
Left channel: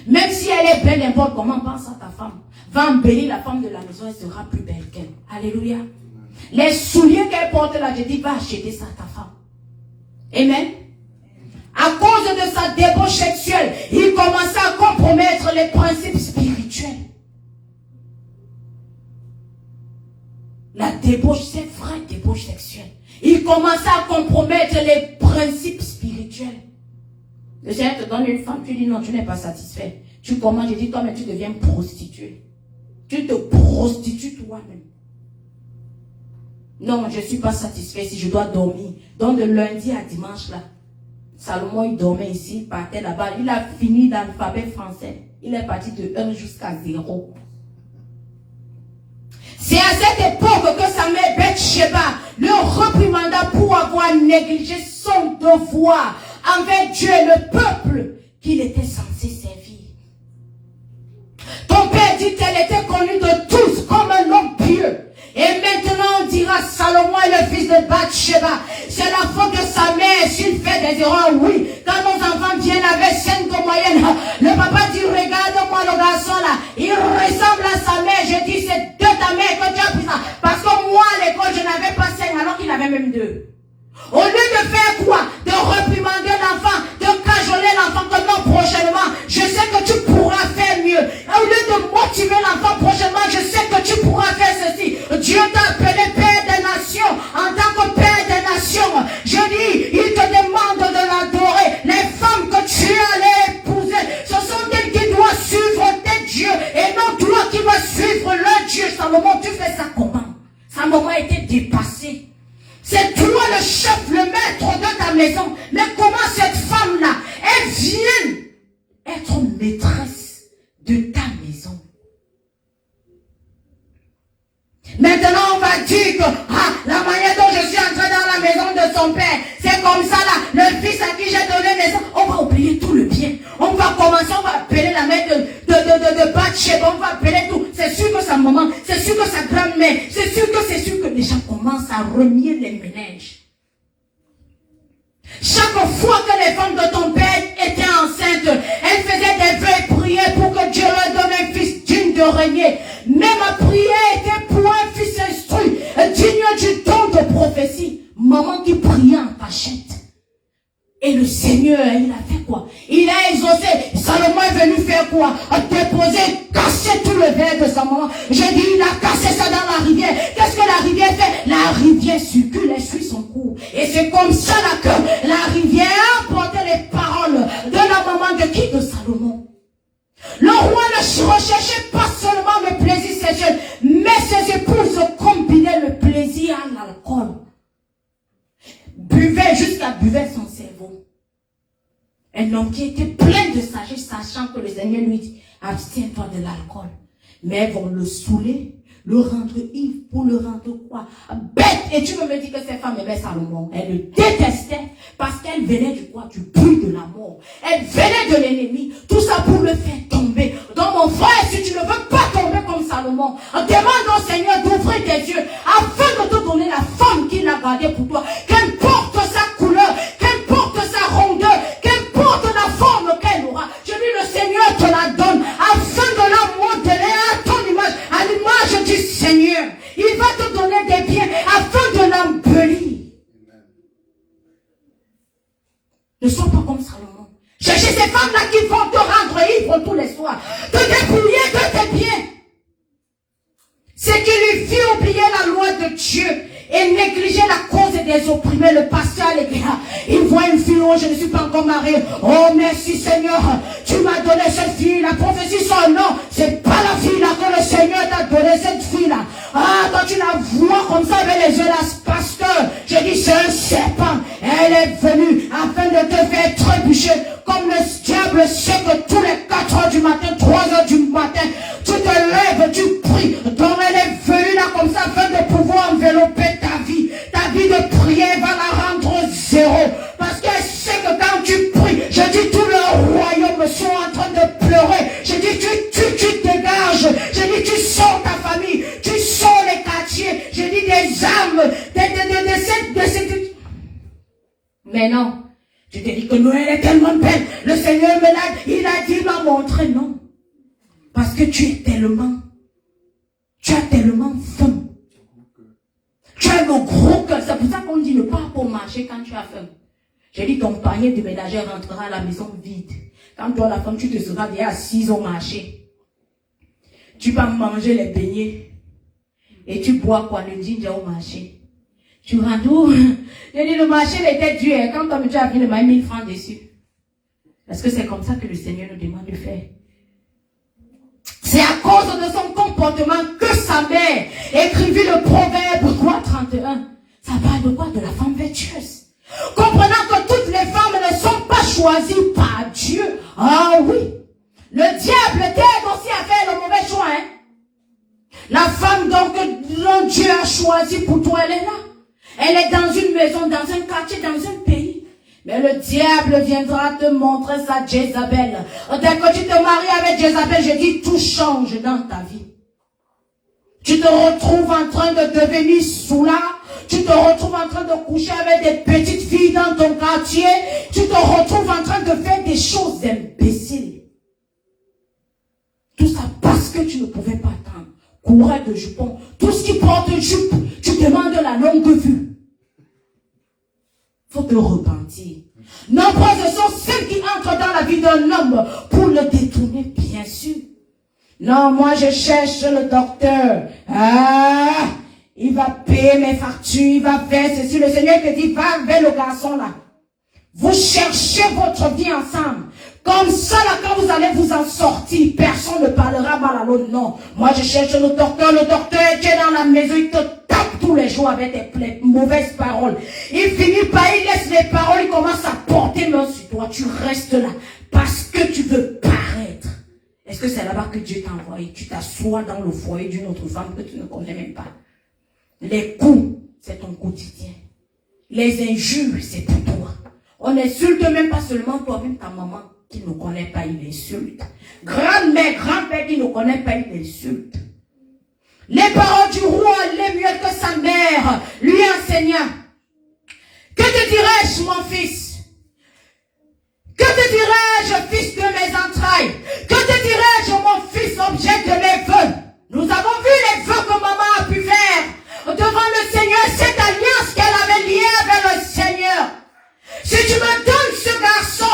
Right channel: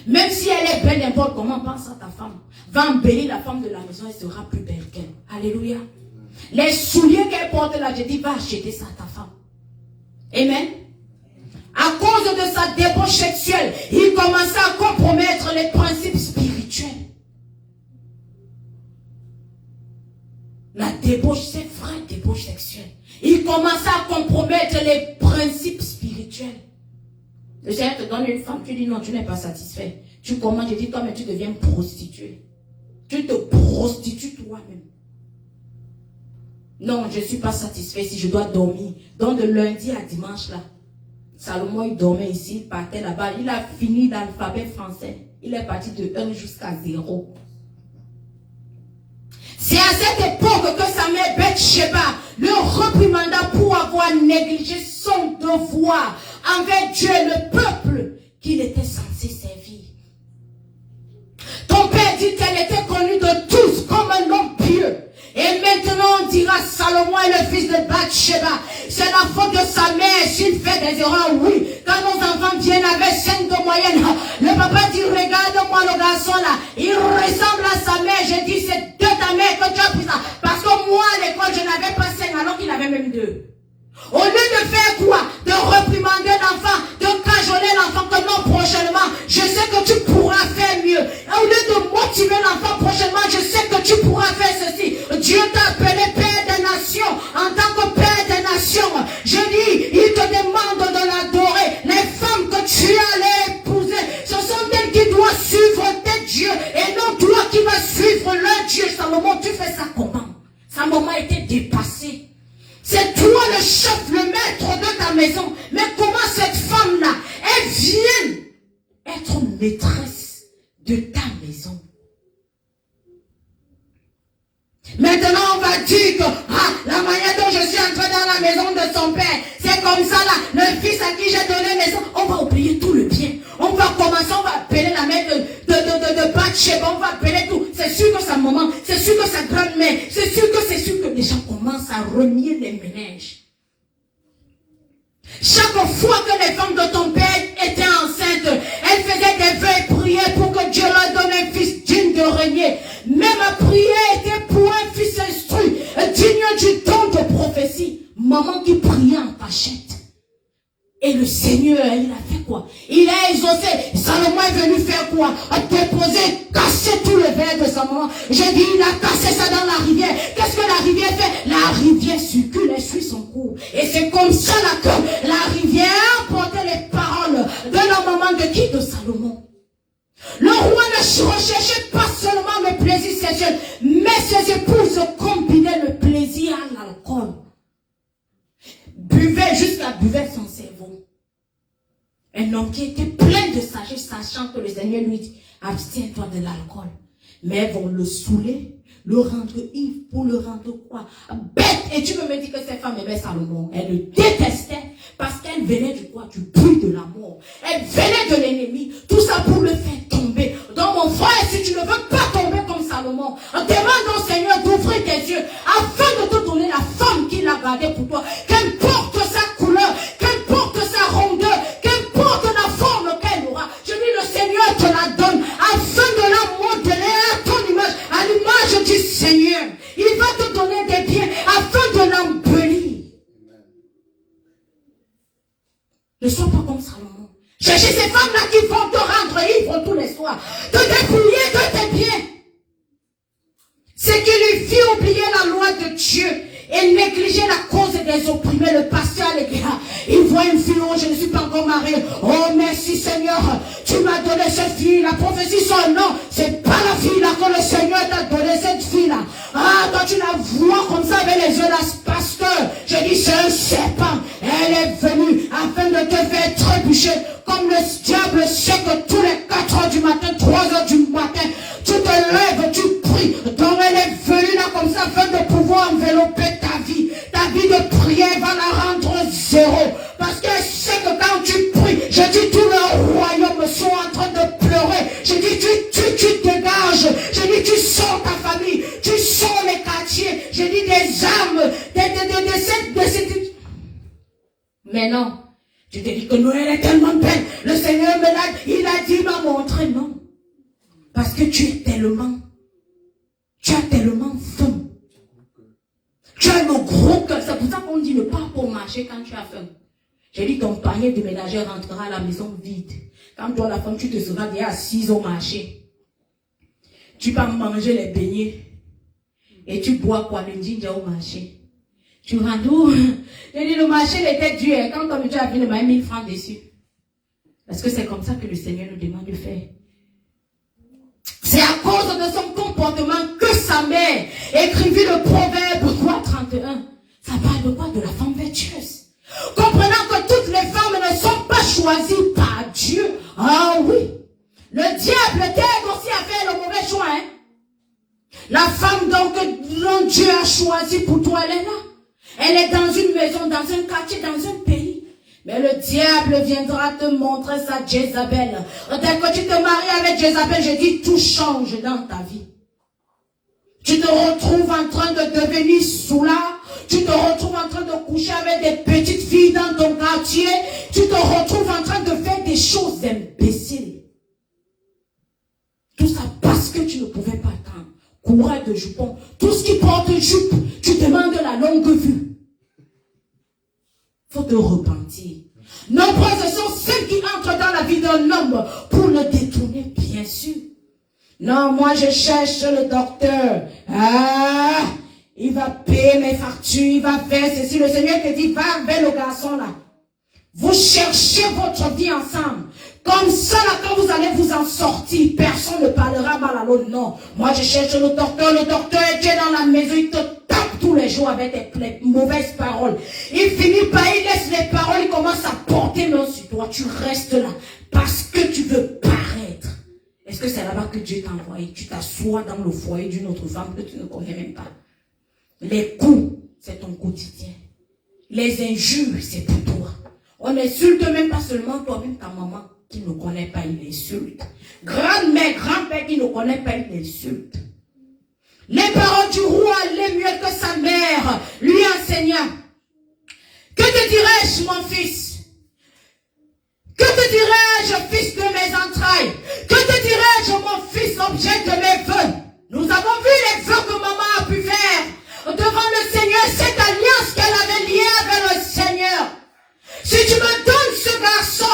Même si elle est belle, n'importe comment, pense à ta femme. Va embellir la femme de la maison, elle sera plus belle qu'elle. Alléluia. Les souliers qu'elle porte là, je dis, va acheter ça à ta femme. Amen. À cause de sa débauche sexuelle, il commença à compromettre les principes spirituels. La débauche, c'est vrai, débauche sexuelle. Il commença à compromettre les principes spirituels. Le Seigneur te donne une femme, tu dis non, tu n'es pas satisfait. Tu commandes, je dis toi, mais tu deviens prostituée. Tu te prostitues toi-même. Non, je ne suis pas satisfait si je dois dormir. Donc de lundi à dimanche, là, Salomon, il dormait ici, il partait là-bas. Il a fini l'alphabet français. Il est parti de 1 jusqu'à 0. C'est à cette époque que sa mère Bathsheba le reprimanda pour avoir négligé son devoir envers Dieu et le peuple qu'il était censé servir. Ton père dit qu'elle était connue de tous comme un homme pieux. Et maintenant on dira Salomon est le fils de Bathsheba. C'est la faute de sa mère s'il fait des erreurs, oui. Quand nos enfants viennent avec 5 de moyenne, le papa dit regarde-moi le garçon là, il ressemble à sa mère. Je dis c'est de ta mère que tu as pris ça. Parce que moi à l'école je n'avais pas 5 alors qu'il avait même 2. Au lieu de faire quoi? De réprimander l'enfant, de cajoler l'enfant comme non prochainement, je sais que tu pourras faire mieux. Au lieu de motiver l'enfant prochainement, je sais que tu pourras faire ceci. Dieu t'a appelé Père des Nations. En tant que Père des Nations, je dis, il te demande de l'adorer. Les femmes que tu allais épouser, ce sont elles qui doivent suivre tes dieux et non toi qui vas suivre leur Dieu. Salomon, tu fais ça comment? Sa maman était dépassée. C'est toi le chef, le maître de ta maison. Mais comment cette femme-là, elle vient être maîtresse de ta maison? Maintenant, on va dire que la manière dont je suis entré dans la maison de son père, c'est comme ça là. Le fils à qui j'ai donné maison, on va oublier tout le bien. On va commencer, on va appeler la mère de Bathsheba, on va appeler tout. C'est sûr que sa maman, c'est sûr que sa grand-mère, c'est sûr que les gens commencent à renier les ménages. Chaque fois que les femmes de ton père étaient enceintes, elles faisaient des vœux et prières pour que Dieu leur donne un fils digne de régner. Mais ma prière était pour un fils instruit, digne du don de prophétie. Maman qui priait en cachette. Et le Seigneur, il a fait quoi? Il a exaucé. Salomon est venu faire quoi? Déposer, casser tout le verre de sa maman. J'ai dit, il a cassé ça dans la rivière. Qu'est-ce que la rivière fait? La rivière circule et suit son cours. Et c'est comme ça là que la rivière a porté les paroles de la maman de qui? De Salomon. Le roi ne recherchait pas seulement le plaisir sexuel, mais ses épouses combinaient le plaisir à l'alcool. Buvait jusqu'à buvait son cerveau. Un homme qui était plein de sagesse, sachant que le Seigneur lui dit, abstiens-toi de l'alcool. Mais elles vont le saouler, le rendre ivre, pour le rendre quoi? Bête! Et tu me dis que ces femmes aimaient Salomon. Elles le détestaient parce qu'elles venaient du quoi? Du bruit de la mort. Elles venaient de l'ennemi. Tout ça pour le faire tomber. Donc mon frère, si tu ne veux pas tomber comme Salomon, demande au Seigneur d'ouvrir tes yeux afin de te donner la femme qu'il a gardée pour toi. Qu'importe sa couleur, qu'importe sa rondeur, qu'importe la forme qu'elle aura. Je dis le Seigneur te la donne afin de la modeler à ton image, à l'image du Seigneur. Il va te donner des biens afin de l'embellir. Ne sois pas comme Salomon. Cherchez ces femmes-là qui vont te rendre ivre tous les soirs, te dépouiller de tes biens. C'est qui lui fit oublier la loi de Dieu et négliger la cause des opprimés, le pasteur à l'égard. Il voit une fille, oh je ne suis pas encore mariée. Oh merci Seigneur, tu m'as donné cette fille. La prophétie son nom, c'est pas la fille là que le Seigneur t'a donné, cette fille là. Ah, quand tu la vois comme ça avec les yeux là, parce que je dis c'est un serpent. Elle est venue afin de te faire trébucher. Comme le diable sait que tous les 4 heures du matin, 3 heures du matin, tu te lèves, tu pries. Donc elle est venue là comme ça afin de pouvoir envelopper ta vie. Ta vie de prière va la rendre zéro. Parce qu'elle sait que quand tu pries, je dis tout le royaume sont en train de pleurer. Je dis tu dégages. Je dis tu sors ta famille. Tu sors les quartiers. Je dis des âmes. Mais non. Je te dis que Noël est tellement belle. Le Seigneur me l'a dit. Il a dit, il m'a montré. Non. Parce que tu as tellement faim. Tu as le gros cœur. C'est pour ça qu'on dit ne pas pour marcher quand tu as faim. J'ai dit ton panier de ménagère rentrera à la maison vide. Quand toi la femme, tu te seras déjà assise au marché. Tu vas manger les beignets. Et tu bois quoi? Le ginger au marché. Tu rentres où? J'ai dit le marché était dur. Quand tu as vu, il m'a mis 1000 francs dessus. Est-ce que c'est comme ça que le Seigneur nous demande de faire? C'est à cause de son comportement que sa mère écrivit le proverbe quoi 31. Ça parle de quoi? De la femme vertueuse. Comprenant que toutes les femmes ne sont pas choisies par Dieu. Ah oui. Le diable t'aide aussi à faire le mauvais choix. Hein? La femme donc dont Dieu a choisi pour toi, elle est là. Elle est dans une maison, dans un quartier, dans un pays. Mais le diable viendra te montrer sa Jézabel. Dès que tu te maries avec Jézabel, je dis tout change dans ta vie. Tu te retrouves en train de devenir soulard. Tu te retrouves en train de coucher avec des petites filles dans ton quartier. Tu te retrouves en train de faire des choses imbéciles. Tout ça parce que tu ne pouvais pas attendre. Coureur de jupon. Tout ce qui porte jupe, tu demandes la longue vue. Il faut te repentir. Nombreuses sont celles qui entrent dans la vie d'un homme pour le détourner, bien sûr. Non, moi je cherche le docteur. Ah, il va payer mes factures, il va faire ceci. Le Seigneur te dit, va vers le garçon là. Vous cherchez votre vie ensemble. Comme ça, là, quand vous allez vous en sortir, personne ne parlera mal à l'autre. Non. Moi, je cherche le docteur est dans la maison, il te tape tous les jours avec des mauvaises paroles. Il finit par, il laisse les paroles, il commence à porter main sur toi. Tu restes là parce que tu veux paraître. Est-ce que c'est là-bas que Dieu t'a envoyé? Tu t'assois dans le foyer d'une autre femme que tu ne connais même pas. Les coups, c'est ton quotidien. Les injures, c'est pour toi. On n'insulte même pas seulement toi-même, ta maman qui ne connaît pas, il insulte. Grand-mère, grand-père qui ne connaît pas, il insulte. Les paroles du roi, les mieux que sa mère lui enseigna. Que te dirais-je, mon fils? Que te dirais-je, fils de mes entrailles? Que te dirais-je, mon fils, objet de mes vœux? Nous avons vu les vœux que maman a pu faire devant le Seigneur, cette alliance qu'elle avait liée avec le Seigneur. Si tu me donnes ce garçon,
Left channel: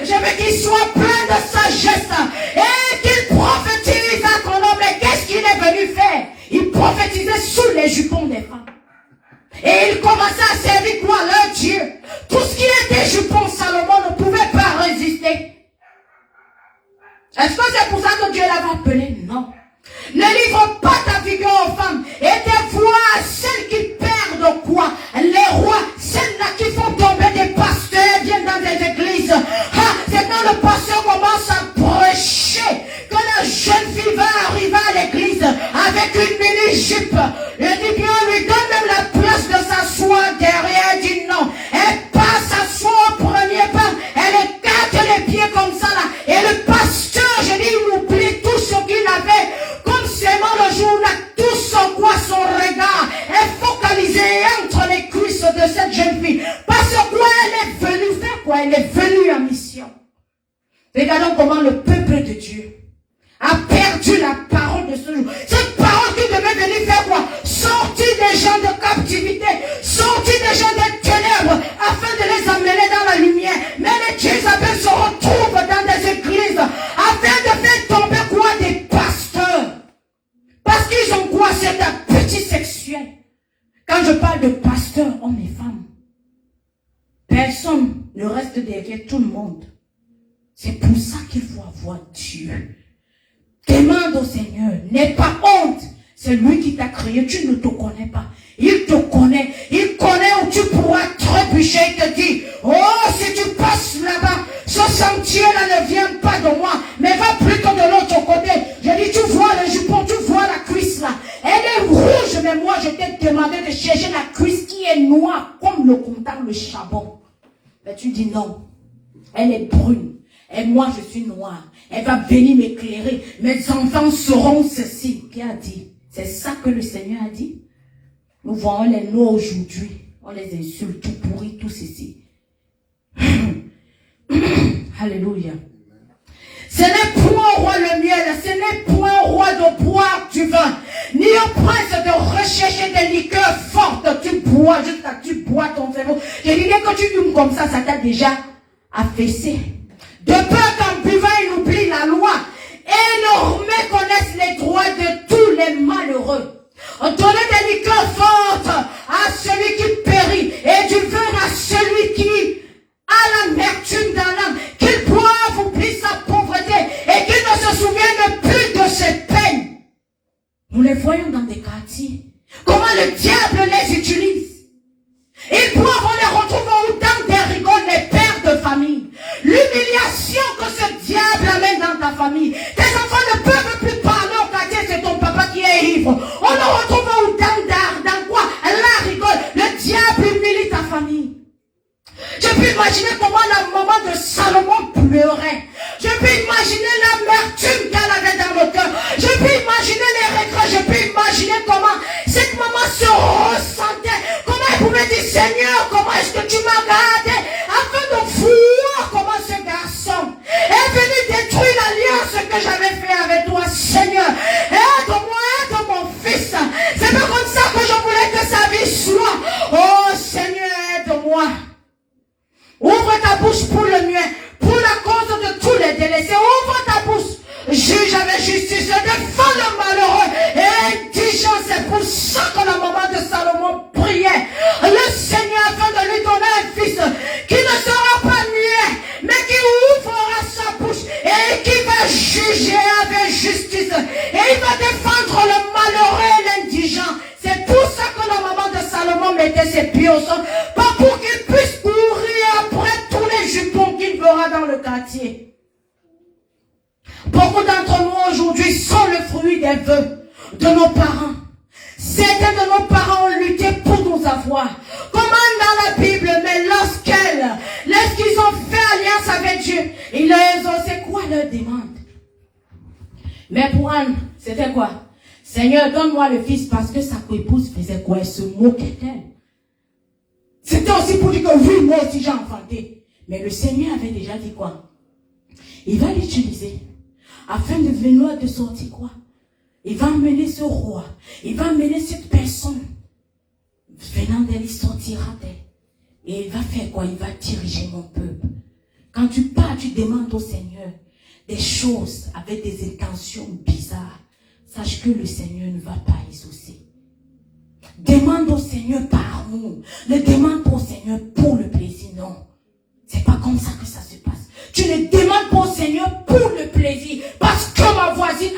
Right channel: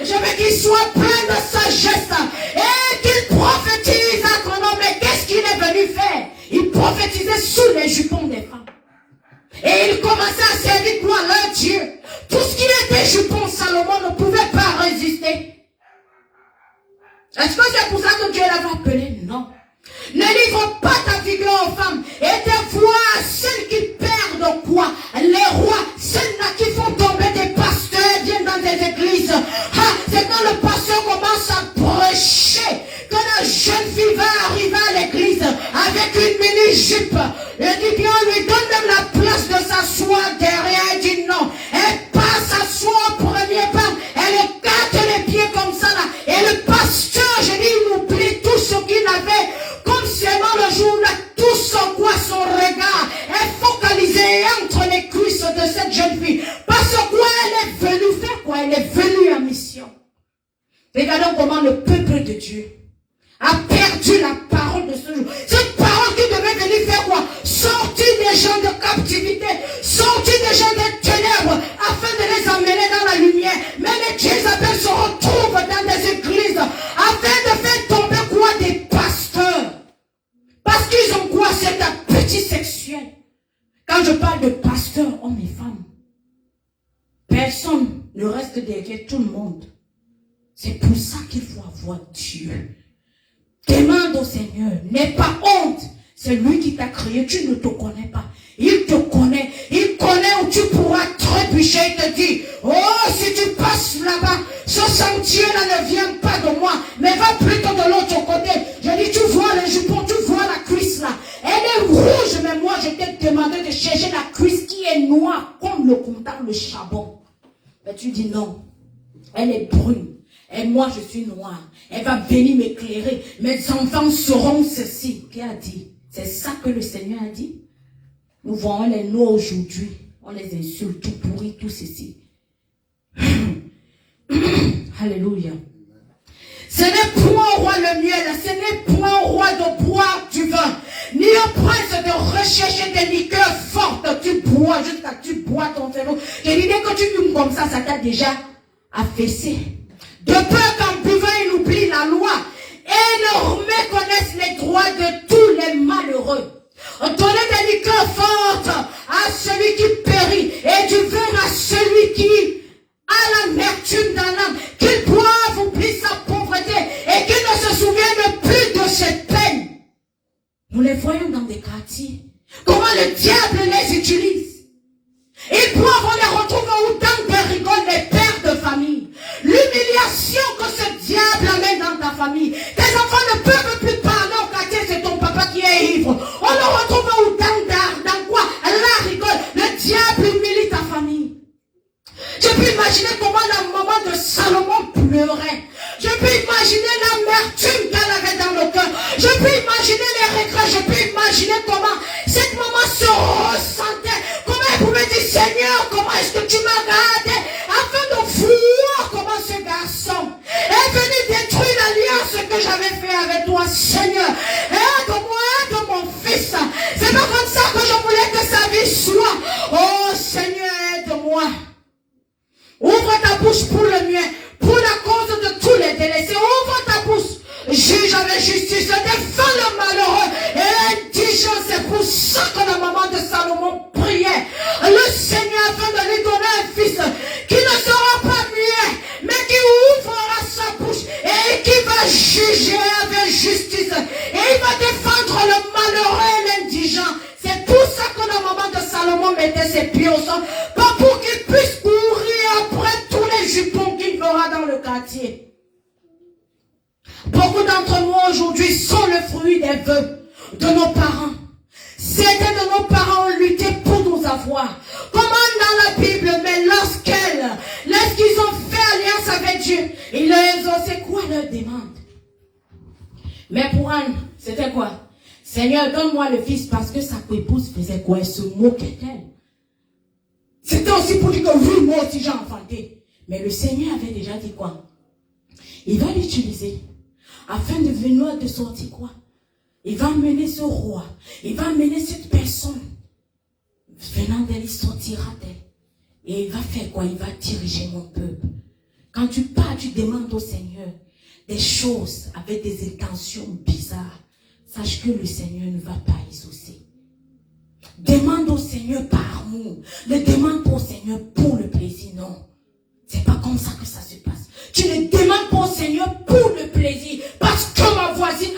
je veux qu'il soit plein de sagesse et qu'il prophétise à ton nom. Mais qu'est-ce qu'il est venu faire? Il prophétisait sous les jupons des femmes. Et il commençait à servir quoi? Leur Dieu. Tout ce qui était jupons, Salomon ne pouvait pas résister. Est-ce que c'est pour ça que Dieu l'avait appelé? Non. Ne livre pas ta vigueur aux femmes. Et des fois, celles qui perdent quoi? Les rois, celles-là qui font tomber des pasteurs, viennent dans des églises. Ah, c'est quand le pasteur commence à prêcher que la jeune fille va arriver à l'église avec une mini-jupe. Il dit bien, on lui donne même la place de s'asseoir derrière. Elle dit non. Elle passe s'asseoir au premier banc. Elle écarte les pieds comme ça là. Et le pasteur, je dis, il oublie tout ce qu'il avait. Comme seulement le jour là, tout son quoi, son regard est focalisé entre les cuisses de cette jeune fille. Parce que quoi, elle est venue faire quoi? Elle est venue en mission. Regardons comment le peuple de Dieu a perdu la parole de ce jour. Cette parole qui devait venir faire quoi? Sortir des gens de captivité, sortir des gens des ténèbres, afin de les emmener dans la lumière. Mais les Jézabel se retrouvent dans des églises, afin de faire tomber quoi? Des pasteurs. Parce qu'ils ont quoi? C'est appétit sexuel. Quand je parle de pasteurs, hommes et femmes, personne ne reste derrière tout le monde. C'est pour ça qu'il faut avoir Dieu. Demande au Seigneur, n'aie pas honte. C'est lui qui t'a créé, tu ne te connais pas. Il te connaît, il connaît où tu pourras trébucher. Il te dit, oh, si tu passes là-bas, ce sentier-là ne vient pas de moi, mais va plutôt de l'autre côté. Je dis, tu vois le jupon, tu vois la cuisse là. Elle est rouge, mais moi je t'ai demandé de chercher la cuisse qui est noire, comme le comptable, le charbon. Mais tu dis non, elle est brune. Et moi, je suis noire. Elle va venir m'éclairer. Mes enfants seront ceci. Qui a dit? C'est ça que le Seigneur a dit. Nous voyons les noirs aujourd'hui. On les insulte, tout pourri, tout ceci. Alléluia. Ce n'est point au roi le miel, ce n'est point au roi de boire du vin, ni au prince de rechercher des liqueurs fortes. Tu bois jusqu'à tu bois ton cerveau. Je dis que tu fumes comme ça t'a déjà affaissé. De peur qu'en buvant, il oublie la loi et ne reconnaisse les droits de tous les malheureux. Donnez des liqueurs fortes à celui qui périt et du vin à celui qui a l'amertume d'un âme, qu'il boive quartier. Comment le diable les utilise. Ils doivent les retrouver autant des rigoles, les pères de famille. L'humiliation que ce diable amène dans ta famille. Tes enfants ne peuvent plus parler au quartier, c'est ton papa qui est ivre. On le retrouve autant dans quoi? La rigole. Le diable humilie ta famille. Je peux imaginer comment le moment de Salomon pleurait. Je peux imaginer l'amertume qu'elle avait dans le cœur. Je peux imaginer les regrets. Je peux imaginer comment cette maman se ressentait. Comment elle pouvait dire, Seigneur, comment est-ce que tu m'as gardé afin de voir comment ce garçon est venu détruire l'alliance que j'avais fait avec toi, Seigneur. Aide-moi, aide mon fils. C'est pas comme ça que je voulais que sa vie soit. Oh Seigneur, aide-moi. Ouvre ta bouche pour le mien, pour la cause de tous les délaissés. Ouvre ta bouche. Juge avec justice, défends le malheureux et indigent. C'est pour ça que la maman de Salomon priait le Seigneur afin de lui donner un fils qui ne sera pas muet, mais qui ouvrira sa bouche et qui va juger avec justice. Et il va défendre le malheureux et l'indigent. C'est pour ça que la maman de Salomon mettait ses pieds au sol, pas pour qu'il puisse courir après tous les jupons qu'il verra dans le quartier. Beaucoup d'entre nous aujourd'hui sont le fruit des vœux de nos parents. Certains de nos parents ont lutté pour nous avoir. Comment dans la Bible, mais lorsqu'ils ont fait alliance avec Dieu, c'est quoi leur demande? Mais pour Anne, c'était quoi? Seigneur, donne-moi le fils, parce que sa coépouse faisait quoi? Elle se moquait d'elle. C'était aussi pour dire que oui, moi aussi j'ai enfanté. Mais le Seigneur avait déjà dit quoi? Il va l'utiliser afin de venir de sortir quoi? Il va emmener ce roi, il va emmener cette personne venant d'elle, il sortira d'elle. Et il va faire quoi? Il va diriger mon peuple. Quand tu pars, tu demandes au Seigneur des choses avec des intentions bizarres. Sache que le Seigneur ne va pas exaucer. Demande au Seigneur par amour. Ne demande pas au Seigneur pour le plaisir, non. C'est pas comme ça que ça se passe. Tu ne demandes pas au Seigneur pour le plaisir. Parce que ma voisine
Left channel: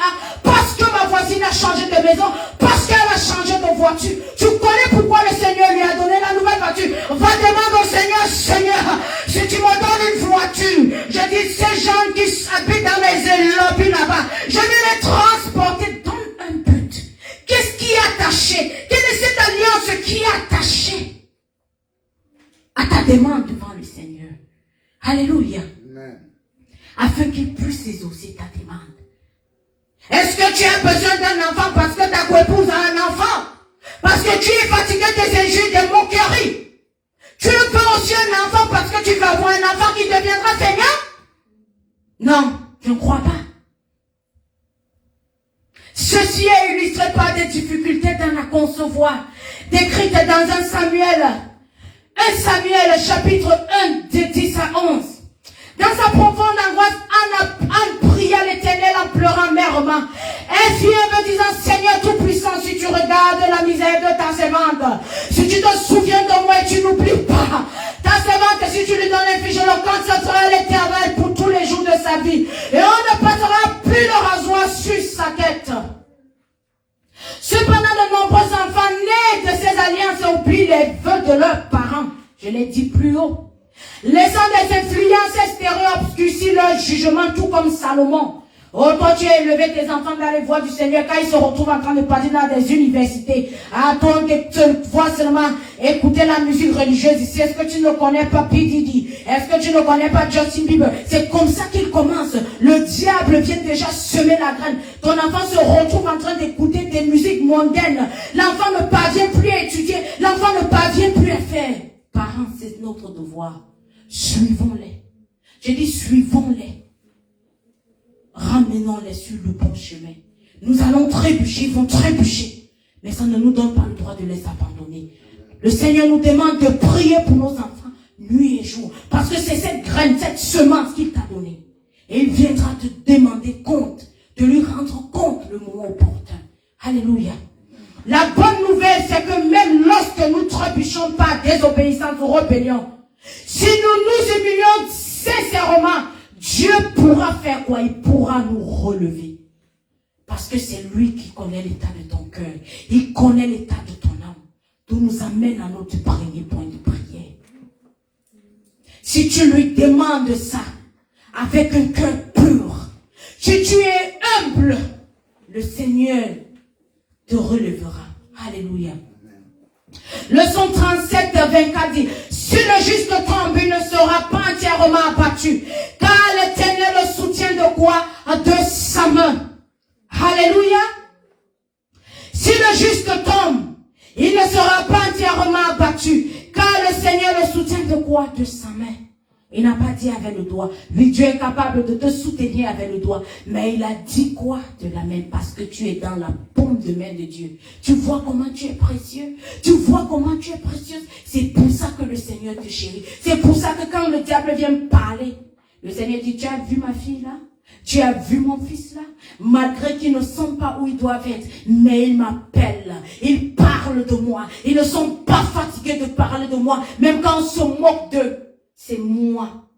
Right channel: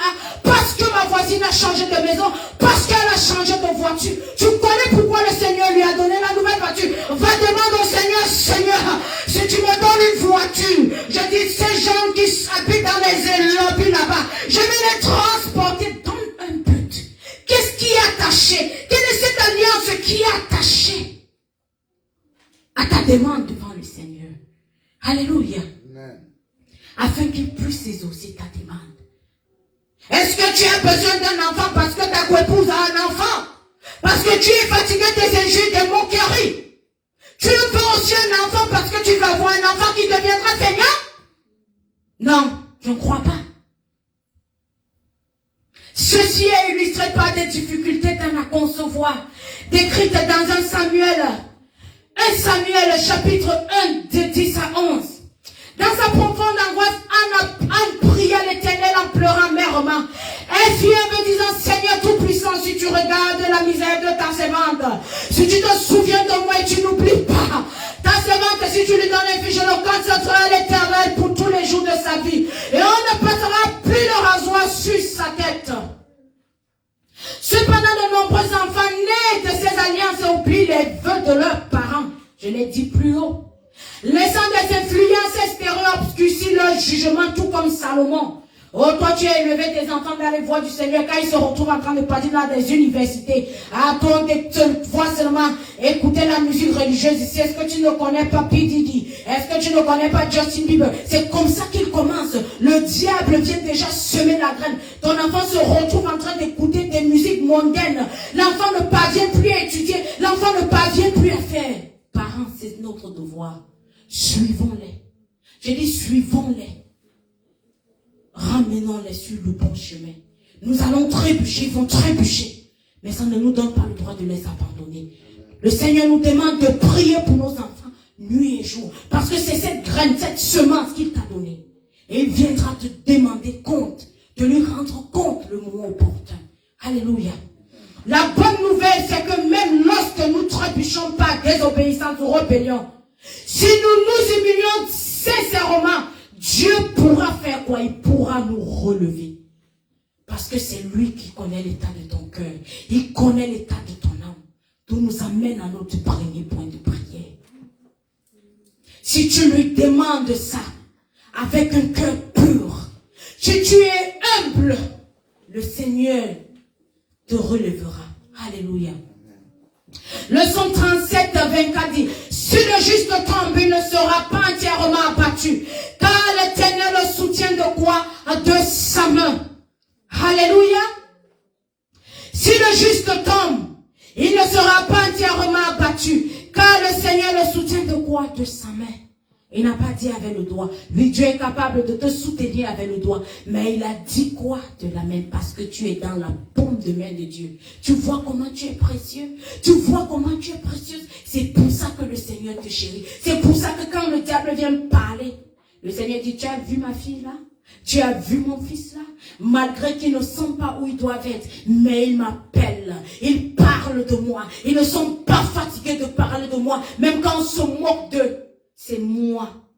a changé de maison. Parce qu'elle a changé de voiture. Tu connais pourquoi le Seigneur lui a donné la nouvelle voiture. Va demander au Seigneur, Seigneur, si tu me donnes une voiture, je dis ces gens qui habitent dans les lobbies là-bas, je vais les transporter dans un but. Qu'est-ce qui est attaché? Quelle est cette alliance qui est attachée à ta demande devant le Seigneur? Alléluia. Amen. Afin qu'il puisse exaucer ta demande. Est-ce que tu as besoin d'un enfant parce que ta coépouse a un enfant? Parce que tu es fatigué des injures, des moqueries? Tu veux aussi un enfant parce que tu vas avoir un enfant qui deviendra feignant? Non, je ne crois pas. Ceci est illustré par des difficultés dans la concevoir, décrites dans 1 Samuel chapitre 1 de 10 à 11. Dans sa profonde angoisse, Anne pria l'Éternel en pleurant amèrement. Elle fit me disant, Seigneur Tout-Puissant, si tu regardes la misère de ta servante, si tu te souviens de moi et tu n'oublies pas ta servante, si tu lui donnes un fils, je le consacrerai à l'Éternel pour tous les jours de sa vie. Et on ne passera plus le rasoir sur sa tête. Cependant, de nombreux enfants nés de ces alliances oublient les vœux de leurs parents. Je l'ai dit plus haut. Laissant des influences extérieures obscurcir leur jugement, tout comme Salomon. Oh, toi, tu as élevé tes enfants dans les voies du Seigneur quand ils se retrouvent en train de parler dans des universités. Ah, toi, tu vois seulement écouter la musique religieuse ici. Est-ce que tu ne connais pas P. Diddy? Est-ce que tu ne connais pas Justin Bieber? C'est comme ça qu'il commence. Le diable vient déjà semer la graine. Ton enfant se retrouve en train d'écouter des musiques mondaines. L'enfant ne parvient plus à étudier. L'enfant ne parvient plus à faire. Parents, c'est notre devoir. Suivons-les. Je dis suivons-les. Ramenons-les sur le bon chemin. Nous allons trébucher, ils vont trébucher. Mais ça ne nous donne pas le droit de les abandonner. Le Seigneur nous demande de prier pour nos enfants nuit et jour. Parce que c'est cette graine, cette semence qu'il t'a donnée. Et il viendra te demander compte, de lui rendre compte le moment opportun. Alléluia. La bonne nouvelle, c'est que même lorsque nous trébuchons par désobéissance ou rébellion, si nous nous humilions sincèrement, Dieu pourra faire quoi? Il pourra nous relever. Parce que c'est lui qui connaît l'état de ton cœur. Il connaît l'état de ton âme. Tout nous amène à notre premier point de prière. Si tu lui demandes ça, avec un cœur pur, si tu es humble, le Seigneur te relèvera. Alléluia. Le Psaume 37, 24 dit, si le juste tombe, il ne sera pas entièrement abattu, car l'Éternel le soutient de quoi? De sa main. Alléluia. Si le juste tombe, il ne sera pas entièrement abattu, car le Seigneur le soutient de quoi? De sa main. Il n'a pas dit avec le doigt. Oui, Dieu est capable de te soutenir avec le doigt. Mais il a dit quoi? De la main, parce que tu es dans la paume de main de Dieu. Tu vois comment tu es précieux? Tu vois comment tu es précieuse? C'est pour ça que le Seigneur te chérit. C'est pour ça que quand le diable vient me parler, le Seigneur dit, tu as vu ma fille là? Tu as vu mon fils là? Malgré qu'ils ne sont pas où ils doivent être, mais ils m'appellent, ils parlent de moi. Ils ne sont pas fatigués de parler de moi, même quand on se moque d'eux. C'est moi.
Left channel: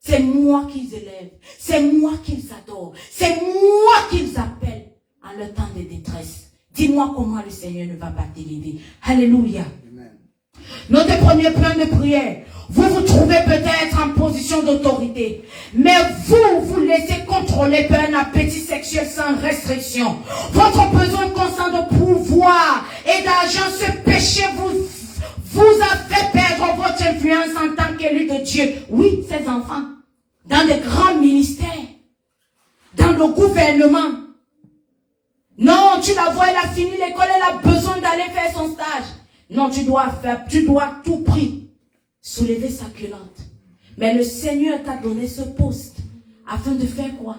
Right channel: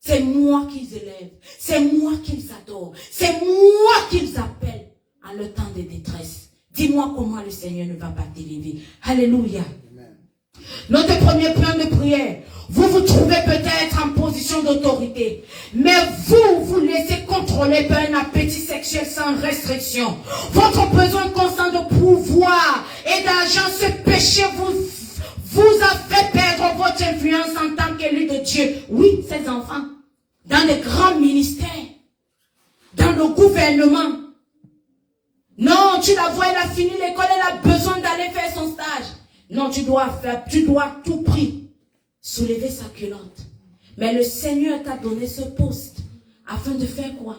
C'est moi qu'ils élèvent. C'est moi qu'ils adorent. C'est moi qu'ils appellent en leur temps de détresse. Dis-moi comment le Seigneur ne va pas t'élever. Alléluia. Amen. Notre premier plan de prière. Vous vous trouvez peut-être en position d'autorité. Mais vous laissez contrôler par un appétit sexuel sans restriction. Votre besoin constant de pouvoir et d'argent, ce péché vous a fait perdre votre influence en tant qu'élu de Dieu. Oui, ces enfants, dans des grands ministères, dans le gouvernement. Non, tu la vois, elle a fini l'école, elle a besoin d'aller faire son stage. Non, tu dois à tout prix soulever sa culotte. Mais le Seigneur t'a donné ce poste afin de faire quoi?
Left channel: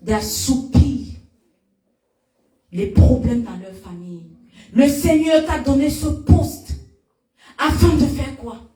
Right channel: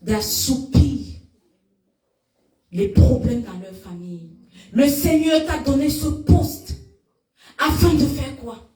D'assoupir les problèmes dans leur famille. Le Seigneur t'a donné ce poste afin de faire quoi?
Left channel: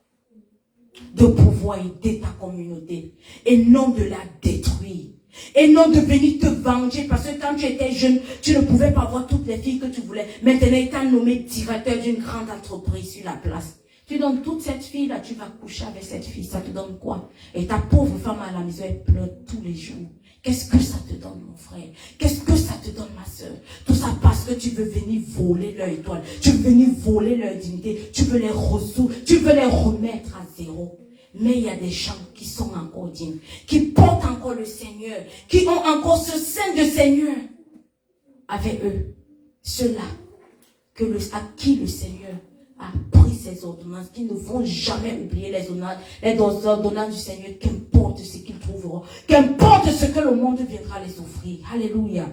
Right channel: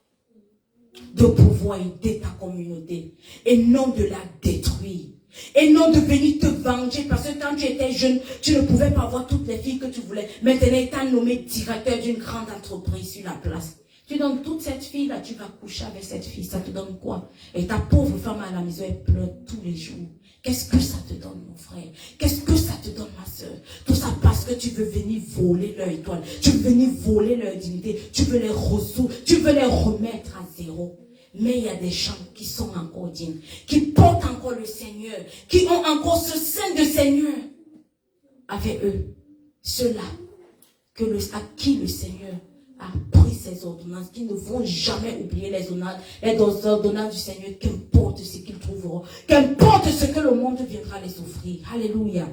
De pouvoir aider ta communauté et non de la détruire. Et non de venir te venger parce que quand tu étais jeune, tu ne pouvais pas avoir toutes les filles que tu voulais. Maintenant, il t'a nommé directeur d'une grande entreprise sur la place. Tu donnes toute cette fille-là, tu vas coucher avec cette fille, ça te donne quoi? Et ta pauvre femme à la maison, elle pleure tous les jours. Qu'est-ce que ça te donne, mon frère? Qu'est-ce que ça te donne, ma soeur? Tout ça parce que tu veux venir voler leur étoile. Tu veux venir voler leur dignité. Tu veux les ressources. Tu veux les remettre à zéro. Mais il y a des gens qui sont encore dignes, qui portent encore le Seigneur, qui ont encore ce sein de Seigneur avec eux. Ceux-là à qui le Seigneur a pris ses ordonnances, qui ne vont jamais oublier les ordonnances du Seigneur, qu'importe ce qu'ils trouveront, qu'importe ce que le monde viendra les offrir. Alléluia.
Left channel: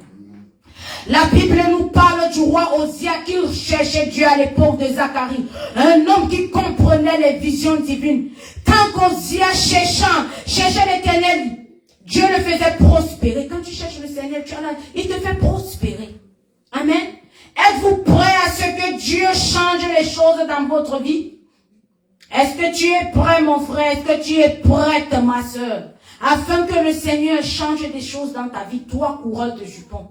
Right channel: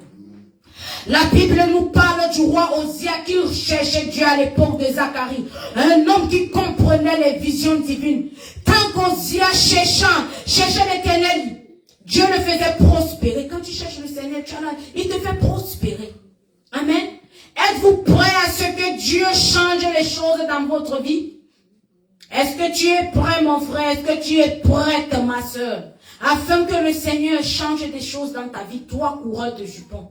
La Bible nous parle du roi Osia qui cherchait Dieu à l'époque de Zacharie. Un homme qui comprenait les visions divines. Tant qu'Osia cherchait l'Éternel, Dieu le faisait prospérer. Quand tu cherches le Seigneur, il te fait prospérer. Amen. Êtes-vous prêts à ce que Dieu change les choses dans votre vie? Est-ce que tu es prêt, mon frère? Est-ce que tu es prête, ma soeur? Afin que le Seigneur change des choses dans ta vie, toi, coureur de jupons.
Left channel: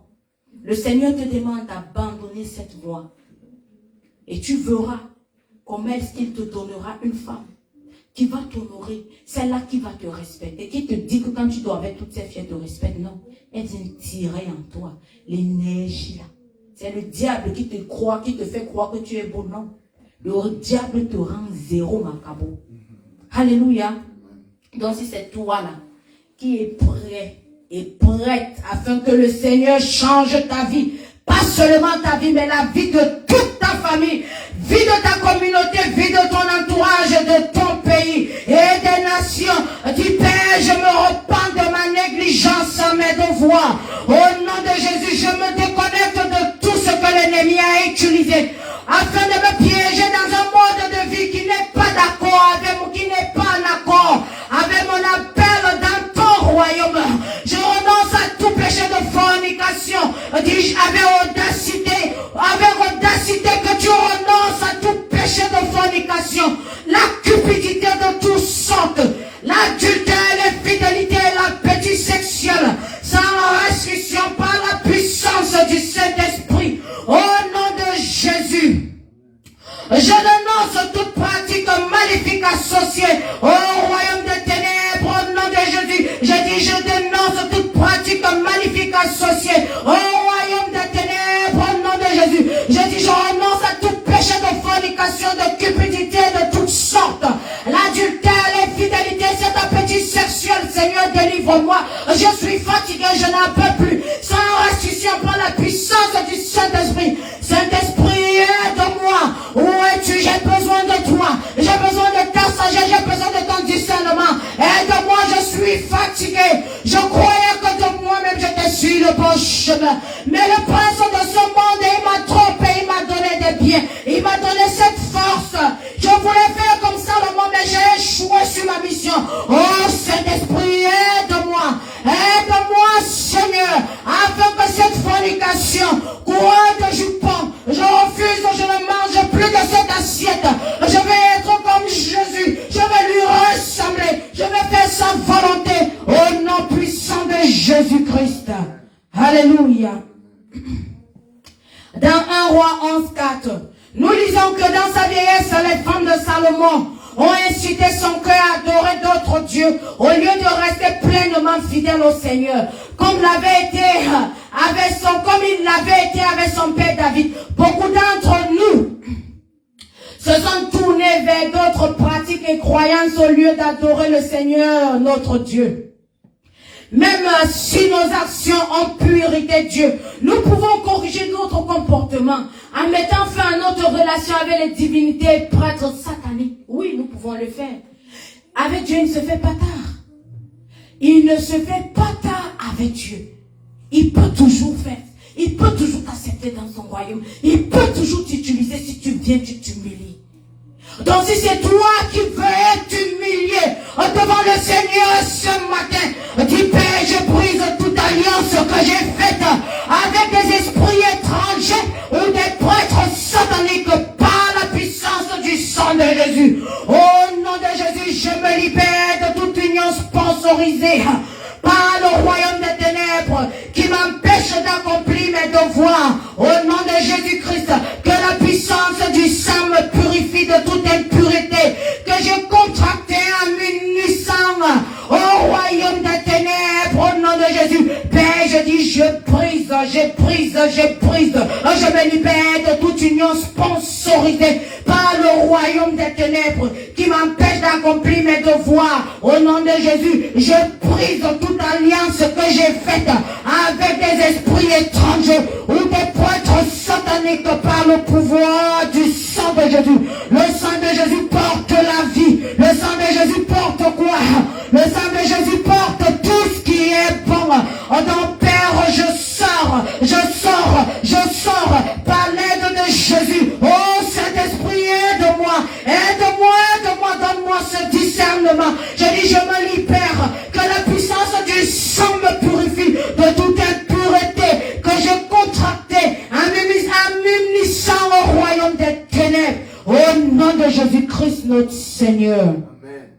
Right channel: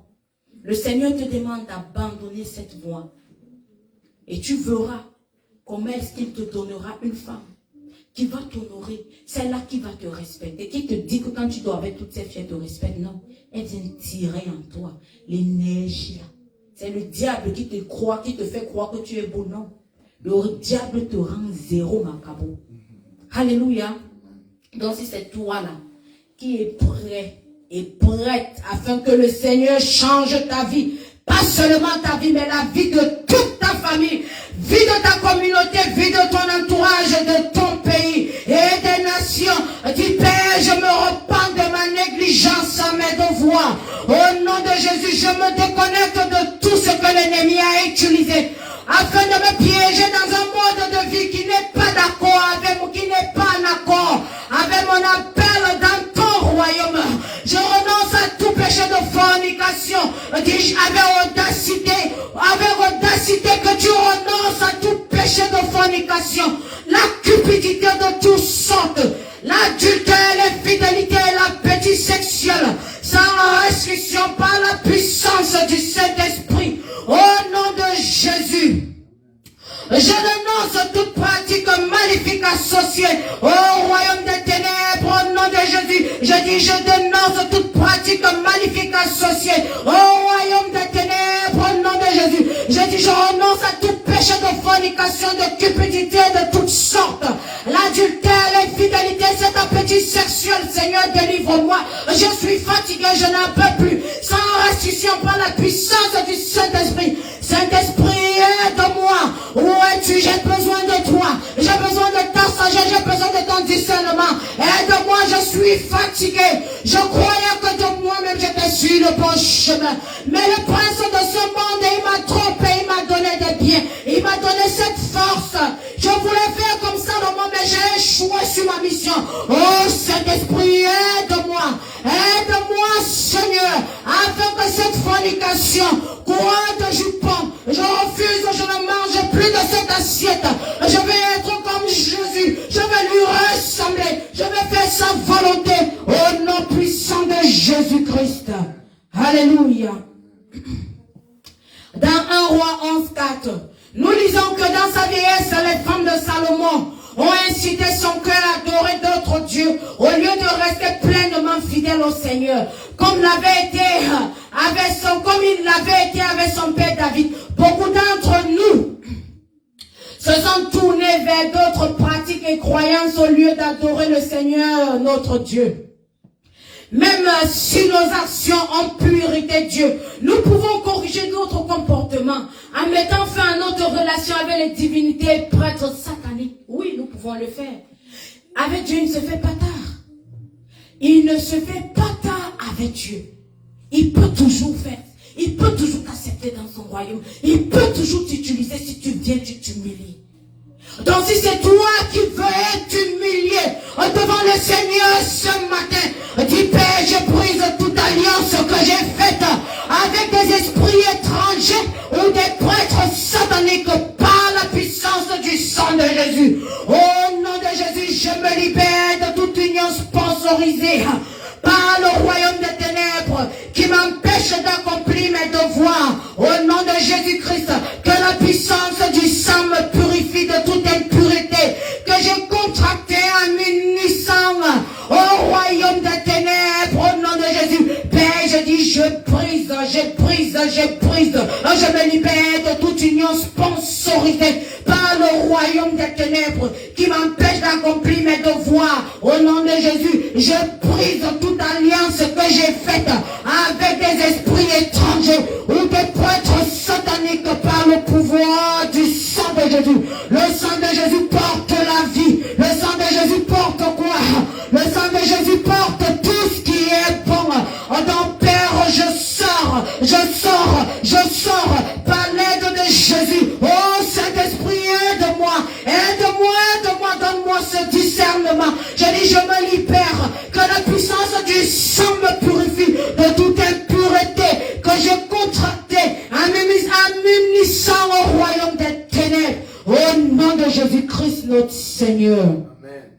Le Seigneur te demande d'abandonner cette voie. Et tu verras comment est-ce qu'il te donnera une femme qui va t'honorer, celle-là qui va te respecter, qui te dit que quand tu dois avec toutes ces filles, te respecte. Non, elle vient tirer en toi l'énergie là. C'est le diable qui te fait croire que tu es beau. Non. Le diable te rend zéro, macabo. Alléluia. Donc si c'est toi là qui est prêt et prête afin que le Seigneur change ta vie, pas seulement ta vie, mais la vie de toute ta famille, vie de ta communauté, vie de ton entourage, de ton pays et des nations. Dis Père, je me repens de ma négligence en mes devoirs. Au nom de Jésus, je me déconnecte de tout ce que l'ennemi a utilisé afin de me piéger dans un mode de vie qui n'est pas d'accord avec moi, qui n'est pas en accord avec mon appel dans ton royaume. Je renonce à tout péché de fornication. Dis-je avec audacité que tu renonces à tout péché de fornication, la cupidité de toutes sortes, l'adultère, l'infidélité et l'appétit sexuel, sans restriction par la puissance du Saint-Esprit. Au nom de Jésus, je renonce toute pratique maléfique associée au royaume des ténèbres. Au nom de Jésus, je dis, je dénonce toute pratique maléfique associée au royaume des ténèbres au nom de Jésus. Je dis, je renonce à tout péché de fornication, de cupidité, de toutes sortes. L'adultère, l'infidélité, cet appétit sexuel, Seigneur, délivre-moi. Je suis fatigué, je n'en peux plus. Sans restitution par la puissance du Saint-Esprit. Saint-Esprit, aide-moi. Où es-tu? J'ai besoin de toi. J'ai besoin de ta sagesse, j'ai besoin de ton discernement. Aide-moi, je suis fatigué. Je croyais que de moi-même j'étais sur le bon chemin. Mais le prince de ce monde, il m'a trompé, il m'a donné des biens. Il m'a donné cette force. Je voulais faire comme ça le monde, mais j'ai échoué sur ma mission. Oh Saint-Esprit, aide-moi. Aide-moi, Seigneur, afin que cette fornication, quoi de jupon, je refuse, je ne mange plus de cette assiette. Je vais être comme Jésus. Je vais lui ressembler. Je vais faire sa volonté au nom puissant de Jésus-Christ. Alléluia. Dans 1 Roi 11:4, nous lisons que dans sa vieillesse, les femmes de Salomon ont incité son cœur à adorer d'autres dieux au lieu de rester pleinement fidèle au Seigneur, comme il l'avait été avec son père David. Beaucoup d'entre nous se sont tournés vers d'autres pratiques et croyances au lieu d'adorer le Seigneur, notre Dieu. Même si nos actions ont pu irriter Dieu, nous pouvons corriger notre comportement en mettant fin à notre relation avec les divinités et prêtres sataniques. Oui, nous pouvons le faire. Avec Dieu, il ne se fait pas tard. Il ne se fait pas tard avec Dieu. Il peut toujours faire. Il peut toujours t'accepter dans son royaume. Il peut toujours t'utiliser si tu viens, tu t'humilies. Donc si c'est toi qui veux t'humilier devant le Seigneur ce matin, dis Père, j'ai prise toute alliance que j'ai faite avec des esprits étrangers ou des prêtres sataniques par la puissance du sang de Jésus. Au nom de Jésus, je me libère de toute union sponsorisée par le royaume des ténèbres qui m'empêche d'accomplir mes devoirs. Au nom de Jésus-Christ, que la puissance du sang me purifie de toute impureté que j'ai contracté en m'unissant au royaume des ténèbres. Au nom de Jésus, Père, je dis, je brise, je me libère de toute union sponsorisée par le royaume des ténèbres qui m'empêche d'accomplir mes devoirs. Au nom de Jésus, je brise toute alliance que j'ai faite avec des esprits étrangers ou des prêtres sataniques par le pouvoir du sang de Jésus. Le sang de Jésus porte la vie. Le sang de Jésus porte quoi? Le sang de Jésus porte tout ce qui est bon. Donc Père, je sors par l'aide de Jésus. Oh Saint-Esprit, aide-moi, donne-moi ce discernement. Je dis, je me libère, que la puissance du sang me purifie de toute impureté que j'ai contractée en m'unissant au royaume des ténèbres. Au nom de Jésus-Christ, notre Seigneur. Amen.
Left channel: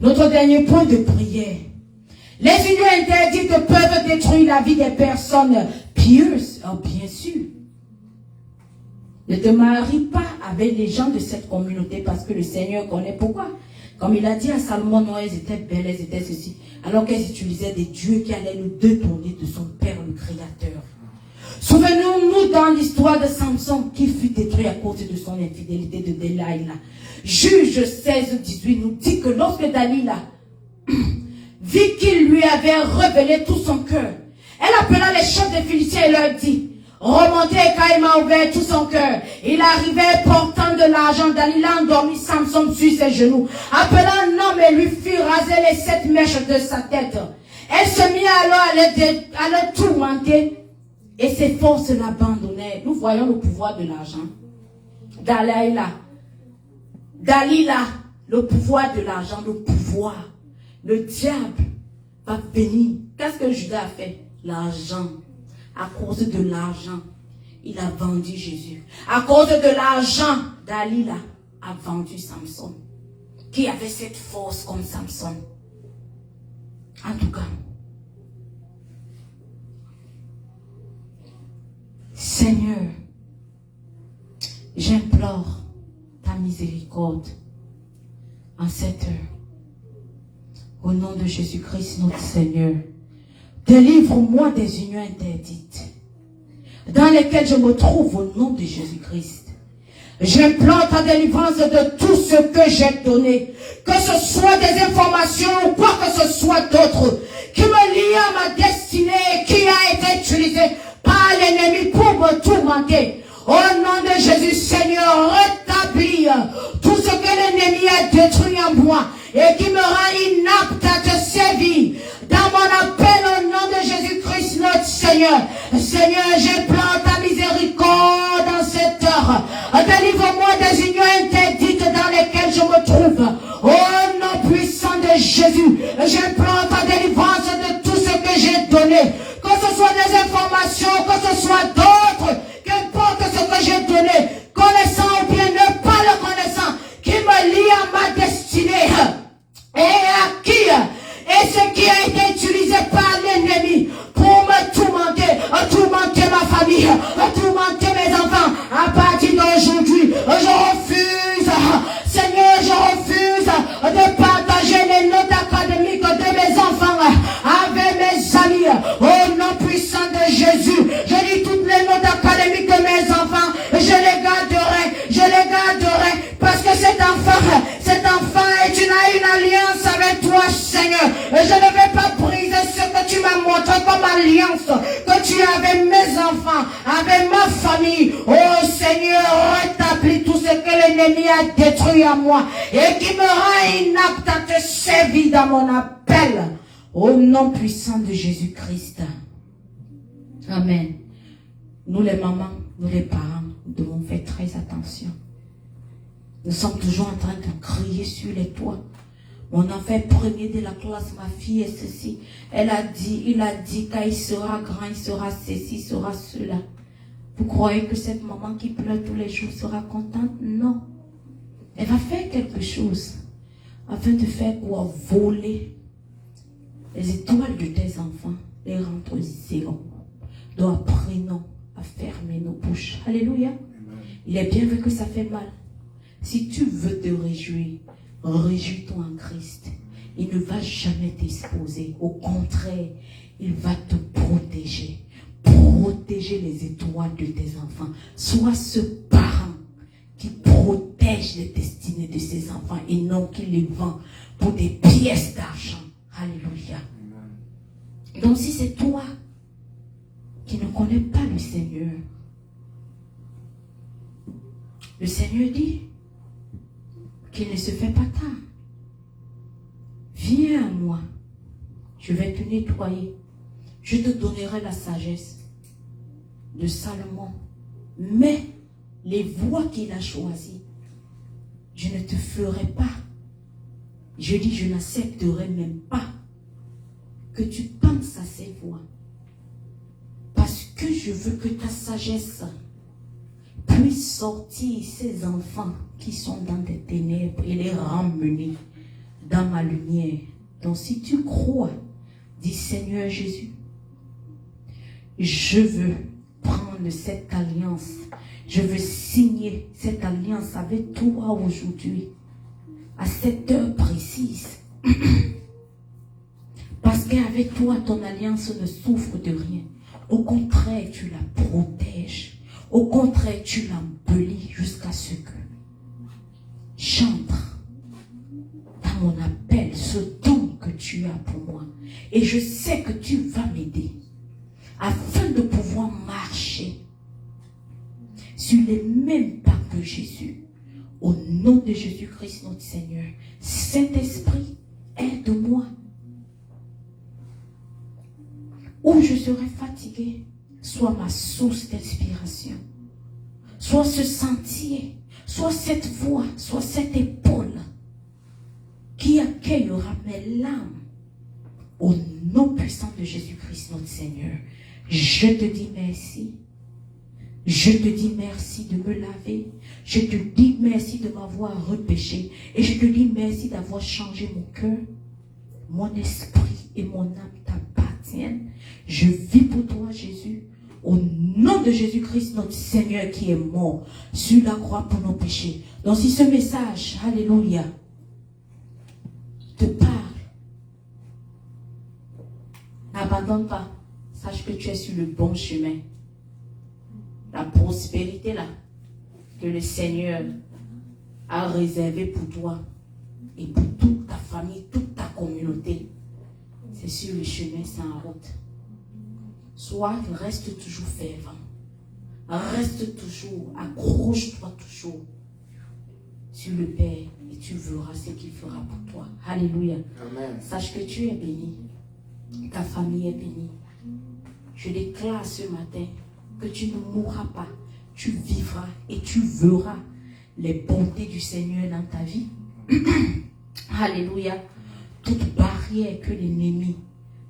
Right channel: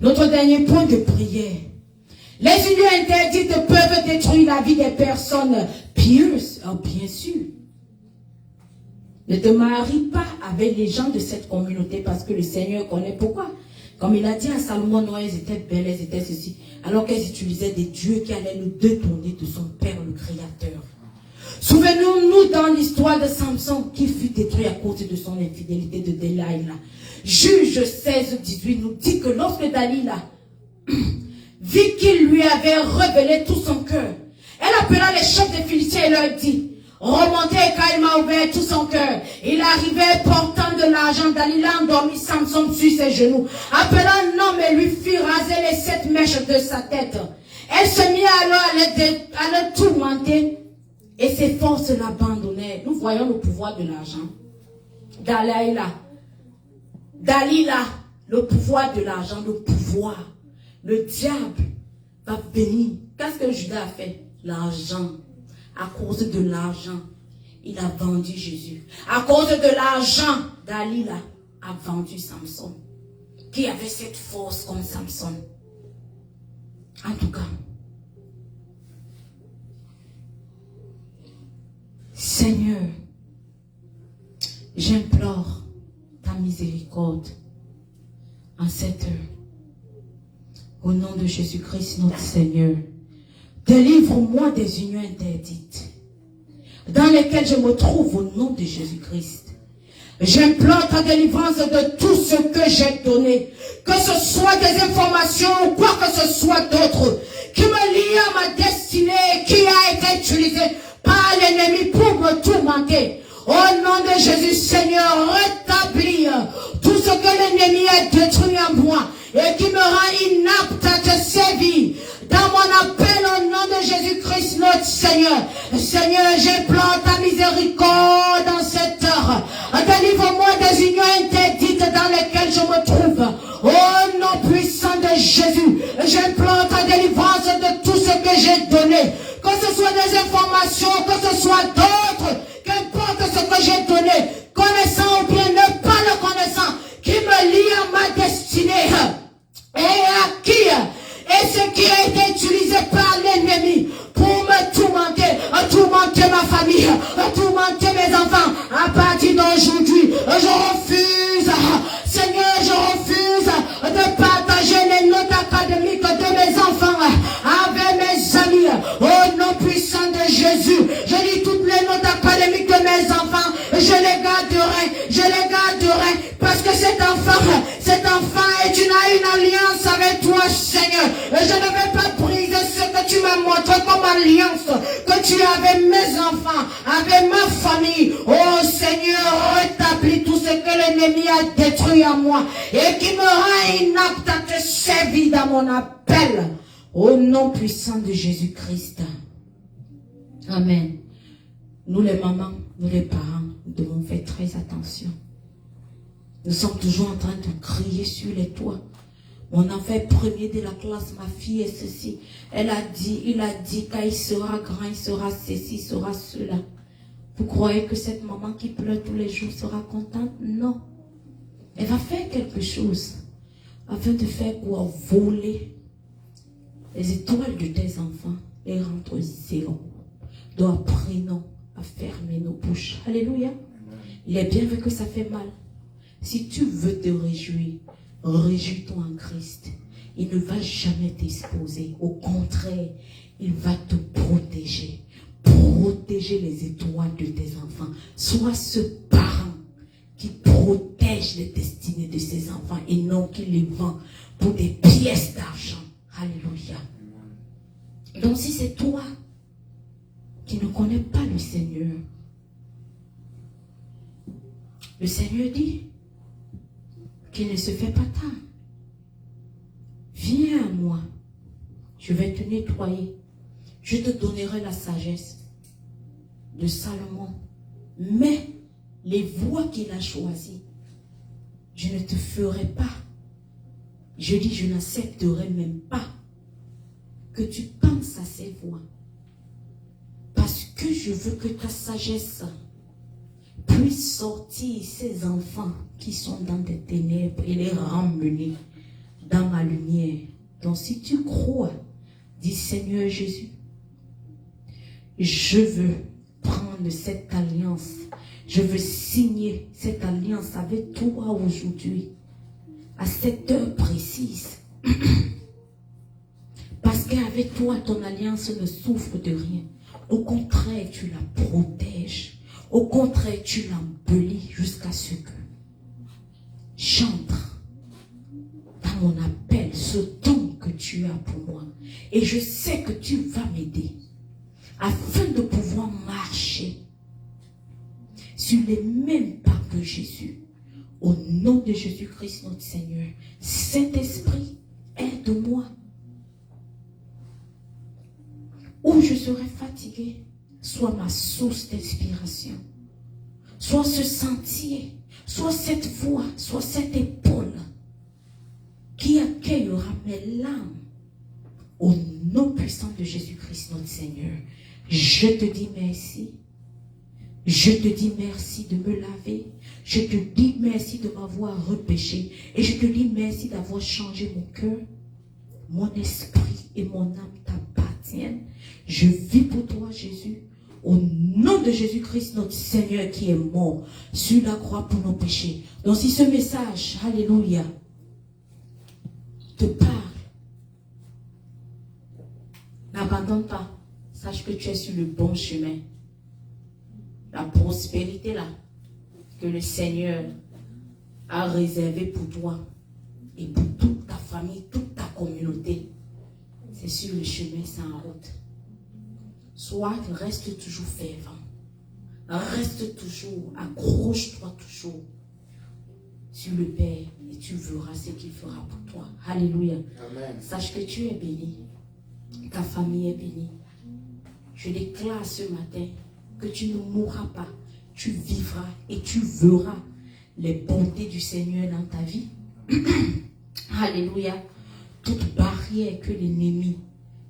Notre dernier point de prière. Les unions interdites peuvent détruire la vie des personnes pieuses. Oh, bien sûr. Ne te marie pas avec les gens de cette communauté parce que le Seigneur connaît pourquoi. Comme il a dit à Salomon, non, elles étaient belles, elles étaient ceci. Alors qu'elles utilisaient des dieux qui allaient nous détourner de son Père, le Créateur. Souvenons-nous dans l'histoire de Samson qui fut détruit à cause de son infidélité de Delilah. Juge 16-18 nous dit que lorsque Dalila vit qu'il lui avait révélé tout son cœur, elle appela les chefs des Philistins et leur dit, remontez car il m'a ouvert tout son cœur. Il arrivait portant de l'argent. Dalila endormit Samson sur ses genoux. Appelant un homme et lui fit raser les 7 mèches de sa tête. Elle se mit alors à le tourmenter et ses forces l'abandonnaient. Nous voyons le pouvoir de l'argent. Dalila, le pouvoir de l'argent, le pouvoir. Le diable va venir. Qu'est-ce que Judas a fait? L'argent. À cause de l'argent, il a vendu Jésus. À cause de l'argent, Dalila a vendu Samson. Qui avait cette force comme Samson. En tout cas, Seigneur, j'implore ta miséricorde en cette heure. Au nom de Jésus-Christ, notre Seigneur. Délivre-moi des unions interdites dans lesquelles je me trouve au nom de Jésus-Christ. J'implante ta délivrance de tout ce que j'ai donné, que ce soit des informations ou quoi que ce soit d'autre, qui me lie à ma destinée, qui a été utilisé par l'ennemi pour me tourmenter. Au nom de Jésus, Seigneur, rétablis tout ce que l'ennemi a détruit en moi et qui me rend inapte à te servir. Dans mon appel au nom de Jésus-Christ, notre Seigneur. Seigneur, j'implante ta miséricorde dans cette heure. Délivre-moi des unions interdites dans lesquelles je me trouve. Au nom puissant de Jésus, j'implante ta délivrance de tout ce que j'ai donné. Que ce soit des informations, que ce soit d'autres, qu'importe ce que j'ai donné, connaissant ou bien ne pas le connaissant, qui me lie à ma destinée. Et à qui? Et ce qui a été utilisé par l'ennemi pour me tourmenter ma famille, tourmenter mes enfants. À partir d'aujourd'hui, je refuse, Seigneur, je refuse de partager les notes académiques de mes enfants avec mes amis. Au nom puissant de Jésus, je dis toutes les notes académiques de mes enfants, je les garderai, parce que cet enfant est une alliance avec toi, Seigneur. Et je ne vais pas briser ce que tu m'as montré comme alliance que tu as avec mes enfants, avec ma famille. Oh Seigneur, rétablis tout ce que l'ennemi a détruit à moi et qui me rend inapte à te servir dans mon appel. Au nom puissant de Jésus-Christ. Amen. Nous les mamans, nous les parents, nous devons faire très attention. Nous sommes toujours en train de crier sur les toits. Mon enfant premier de la classe, ma fille est ceci. Il a dit quand il sera grand, il sera ceci, il sera cela. Vous croyez que cette maman qui pleure tous les jours sera contente? Non. Elle va faire quelque chose afin de faire quoi? Voler les étoiles de tes enfants, les rendre zéro. Donc apprenons à fermer nos bouches. Alléluia. Il est bien vrai que ça fait mal. Si tu veux te réjouir, réjouis-toi en Christ. Il ne va jamais t'exposer. Au contraire, il va te protéger. Protéger les étoiles de tes enfants. Sois ce parent qui protège les destinées de ses enfants et non qui les vend pour des pièces d'argent. Alléluia. Donc si c'est toi qui ne connais pas le Seigneur, le Seigneur dit qu'il ne se fait pas tard. Viens à moi, je vais te nettoyer, je te donnerai la sagesse de Salomon. Mais les voies qu'il a choisies, je ne te ferai pas. Je dis, je n'accepterai même pas que tu penses à ces voies. Parce que je veux que ta sagesse puisse sortir ces enfants qui sont dans des ténèbres et les ramener dans ma lumière. Donc si tu crois, dis Seigneur Jésus, je veux prendre cette alliance, je veux signer cette alliance avec toi aujourd'hui, à cette heure précise. Parce qu'avec toi, ton alliance ne souffre de rien. Au contraire, tu la protèges. Au contraire, tu l'embellis jusqu'à ce que j'entre dans mon appel, ce don que tu as pour moi. Et je sais que tu vas m'aider afin de pouvoir marcher sur les mêmes pas que Jésus. Au nom de Jésus-Christ notre Seigneur. Saint-Esprit, aide-moi. Où je serai fatigué, soit ma source d'inspiration, soit ce sentier, soit cette voix, soit cette épaule qui accueillera mes larmes. Au nom puissant de Jésus-Christ notre Seigneur, je te dis merci. Je te dis merci de me laver. Je te dis merci de m'avoir repêché. Et je te dis merci d'avoir changé mon cœur. Mon esprit et mon âme t'appartiennent. Je vis pour toi, Jésus. Au nom de Jésus-Christ, notre Seigneur qui est mort sur la croix pour nos péchés. Donc si ce message, alléluia, te parle, N'abandonne pas. Sache que tu es sur le bon chemin. La prospérité là, que le Seigneur a réservé pour toi et pour toute ta famille, toute ta communauté, c'est sur le chemin, c'est en route. Reste toujours fervent. Reste toujours, accroche-toi toujours sur le Père et tu verras ce qu'il fera pour toi. Alléluia. Amen. Sache que tu es béni. Ta famille est bénie. Je déclare ce matin que tu ne mourras pas. Tu vivras et tu verras les bontés du Seigneur dans ta vie. Alléluia. Toute barrière que l'ennemi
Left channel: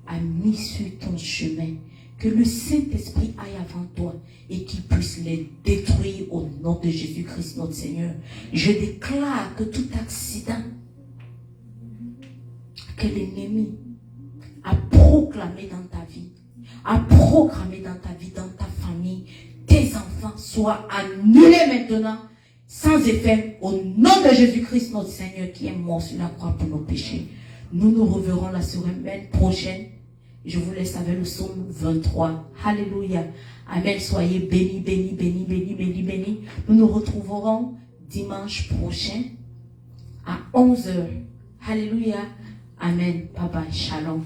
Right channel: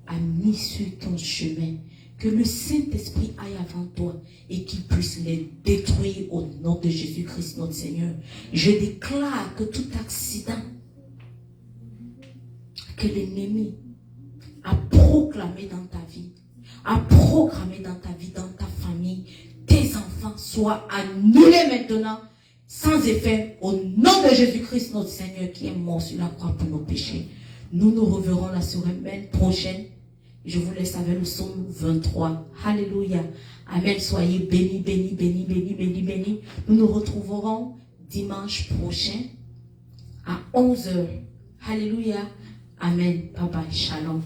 a mis sur ton chemin, que le Saint-Esprit aille avant toi et qu'il puisse les détruire au nom de Jésus-Christ notre Seigneur. Je déclare que tout accident que l'ennemi a proclamé dans ta vie, a programmé dans ta vie, dans ta famille, tes enfants soient annulés maintenant, sans effet, au nom de Jésus-Christ notre Seigneur qui est mort sur la croix pour nos péchés. Nous nous reverrons la semaine prochaine. Je vous laisse avec le psaume 23. Alléluia. Amen. Soyez bénis, bénis, bénis, bénis, bénis, bénis. Nous nous retrouverons dimanche prochain à 11h. Alléluia. Amen. Bye bye. Shalom.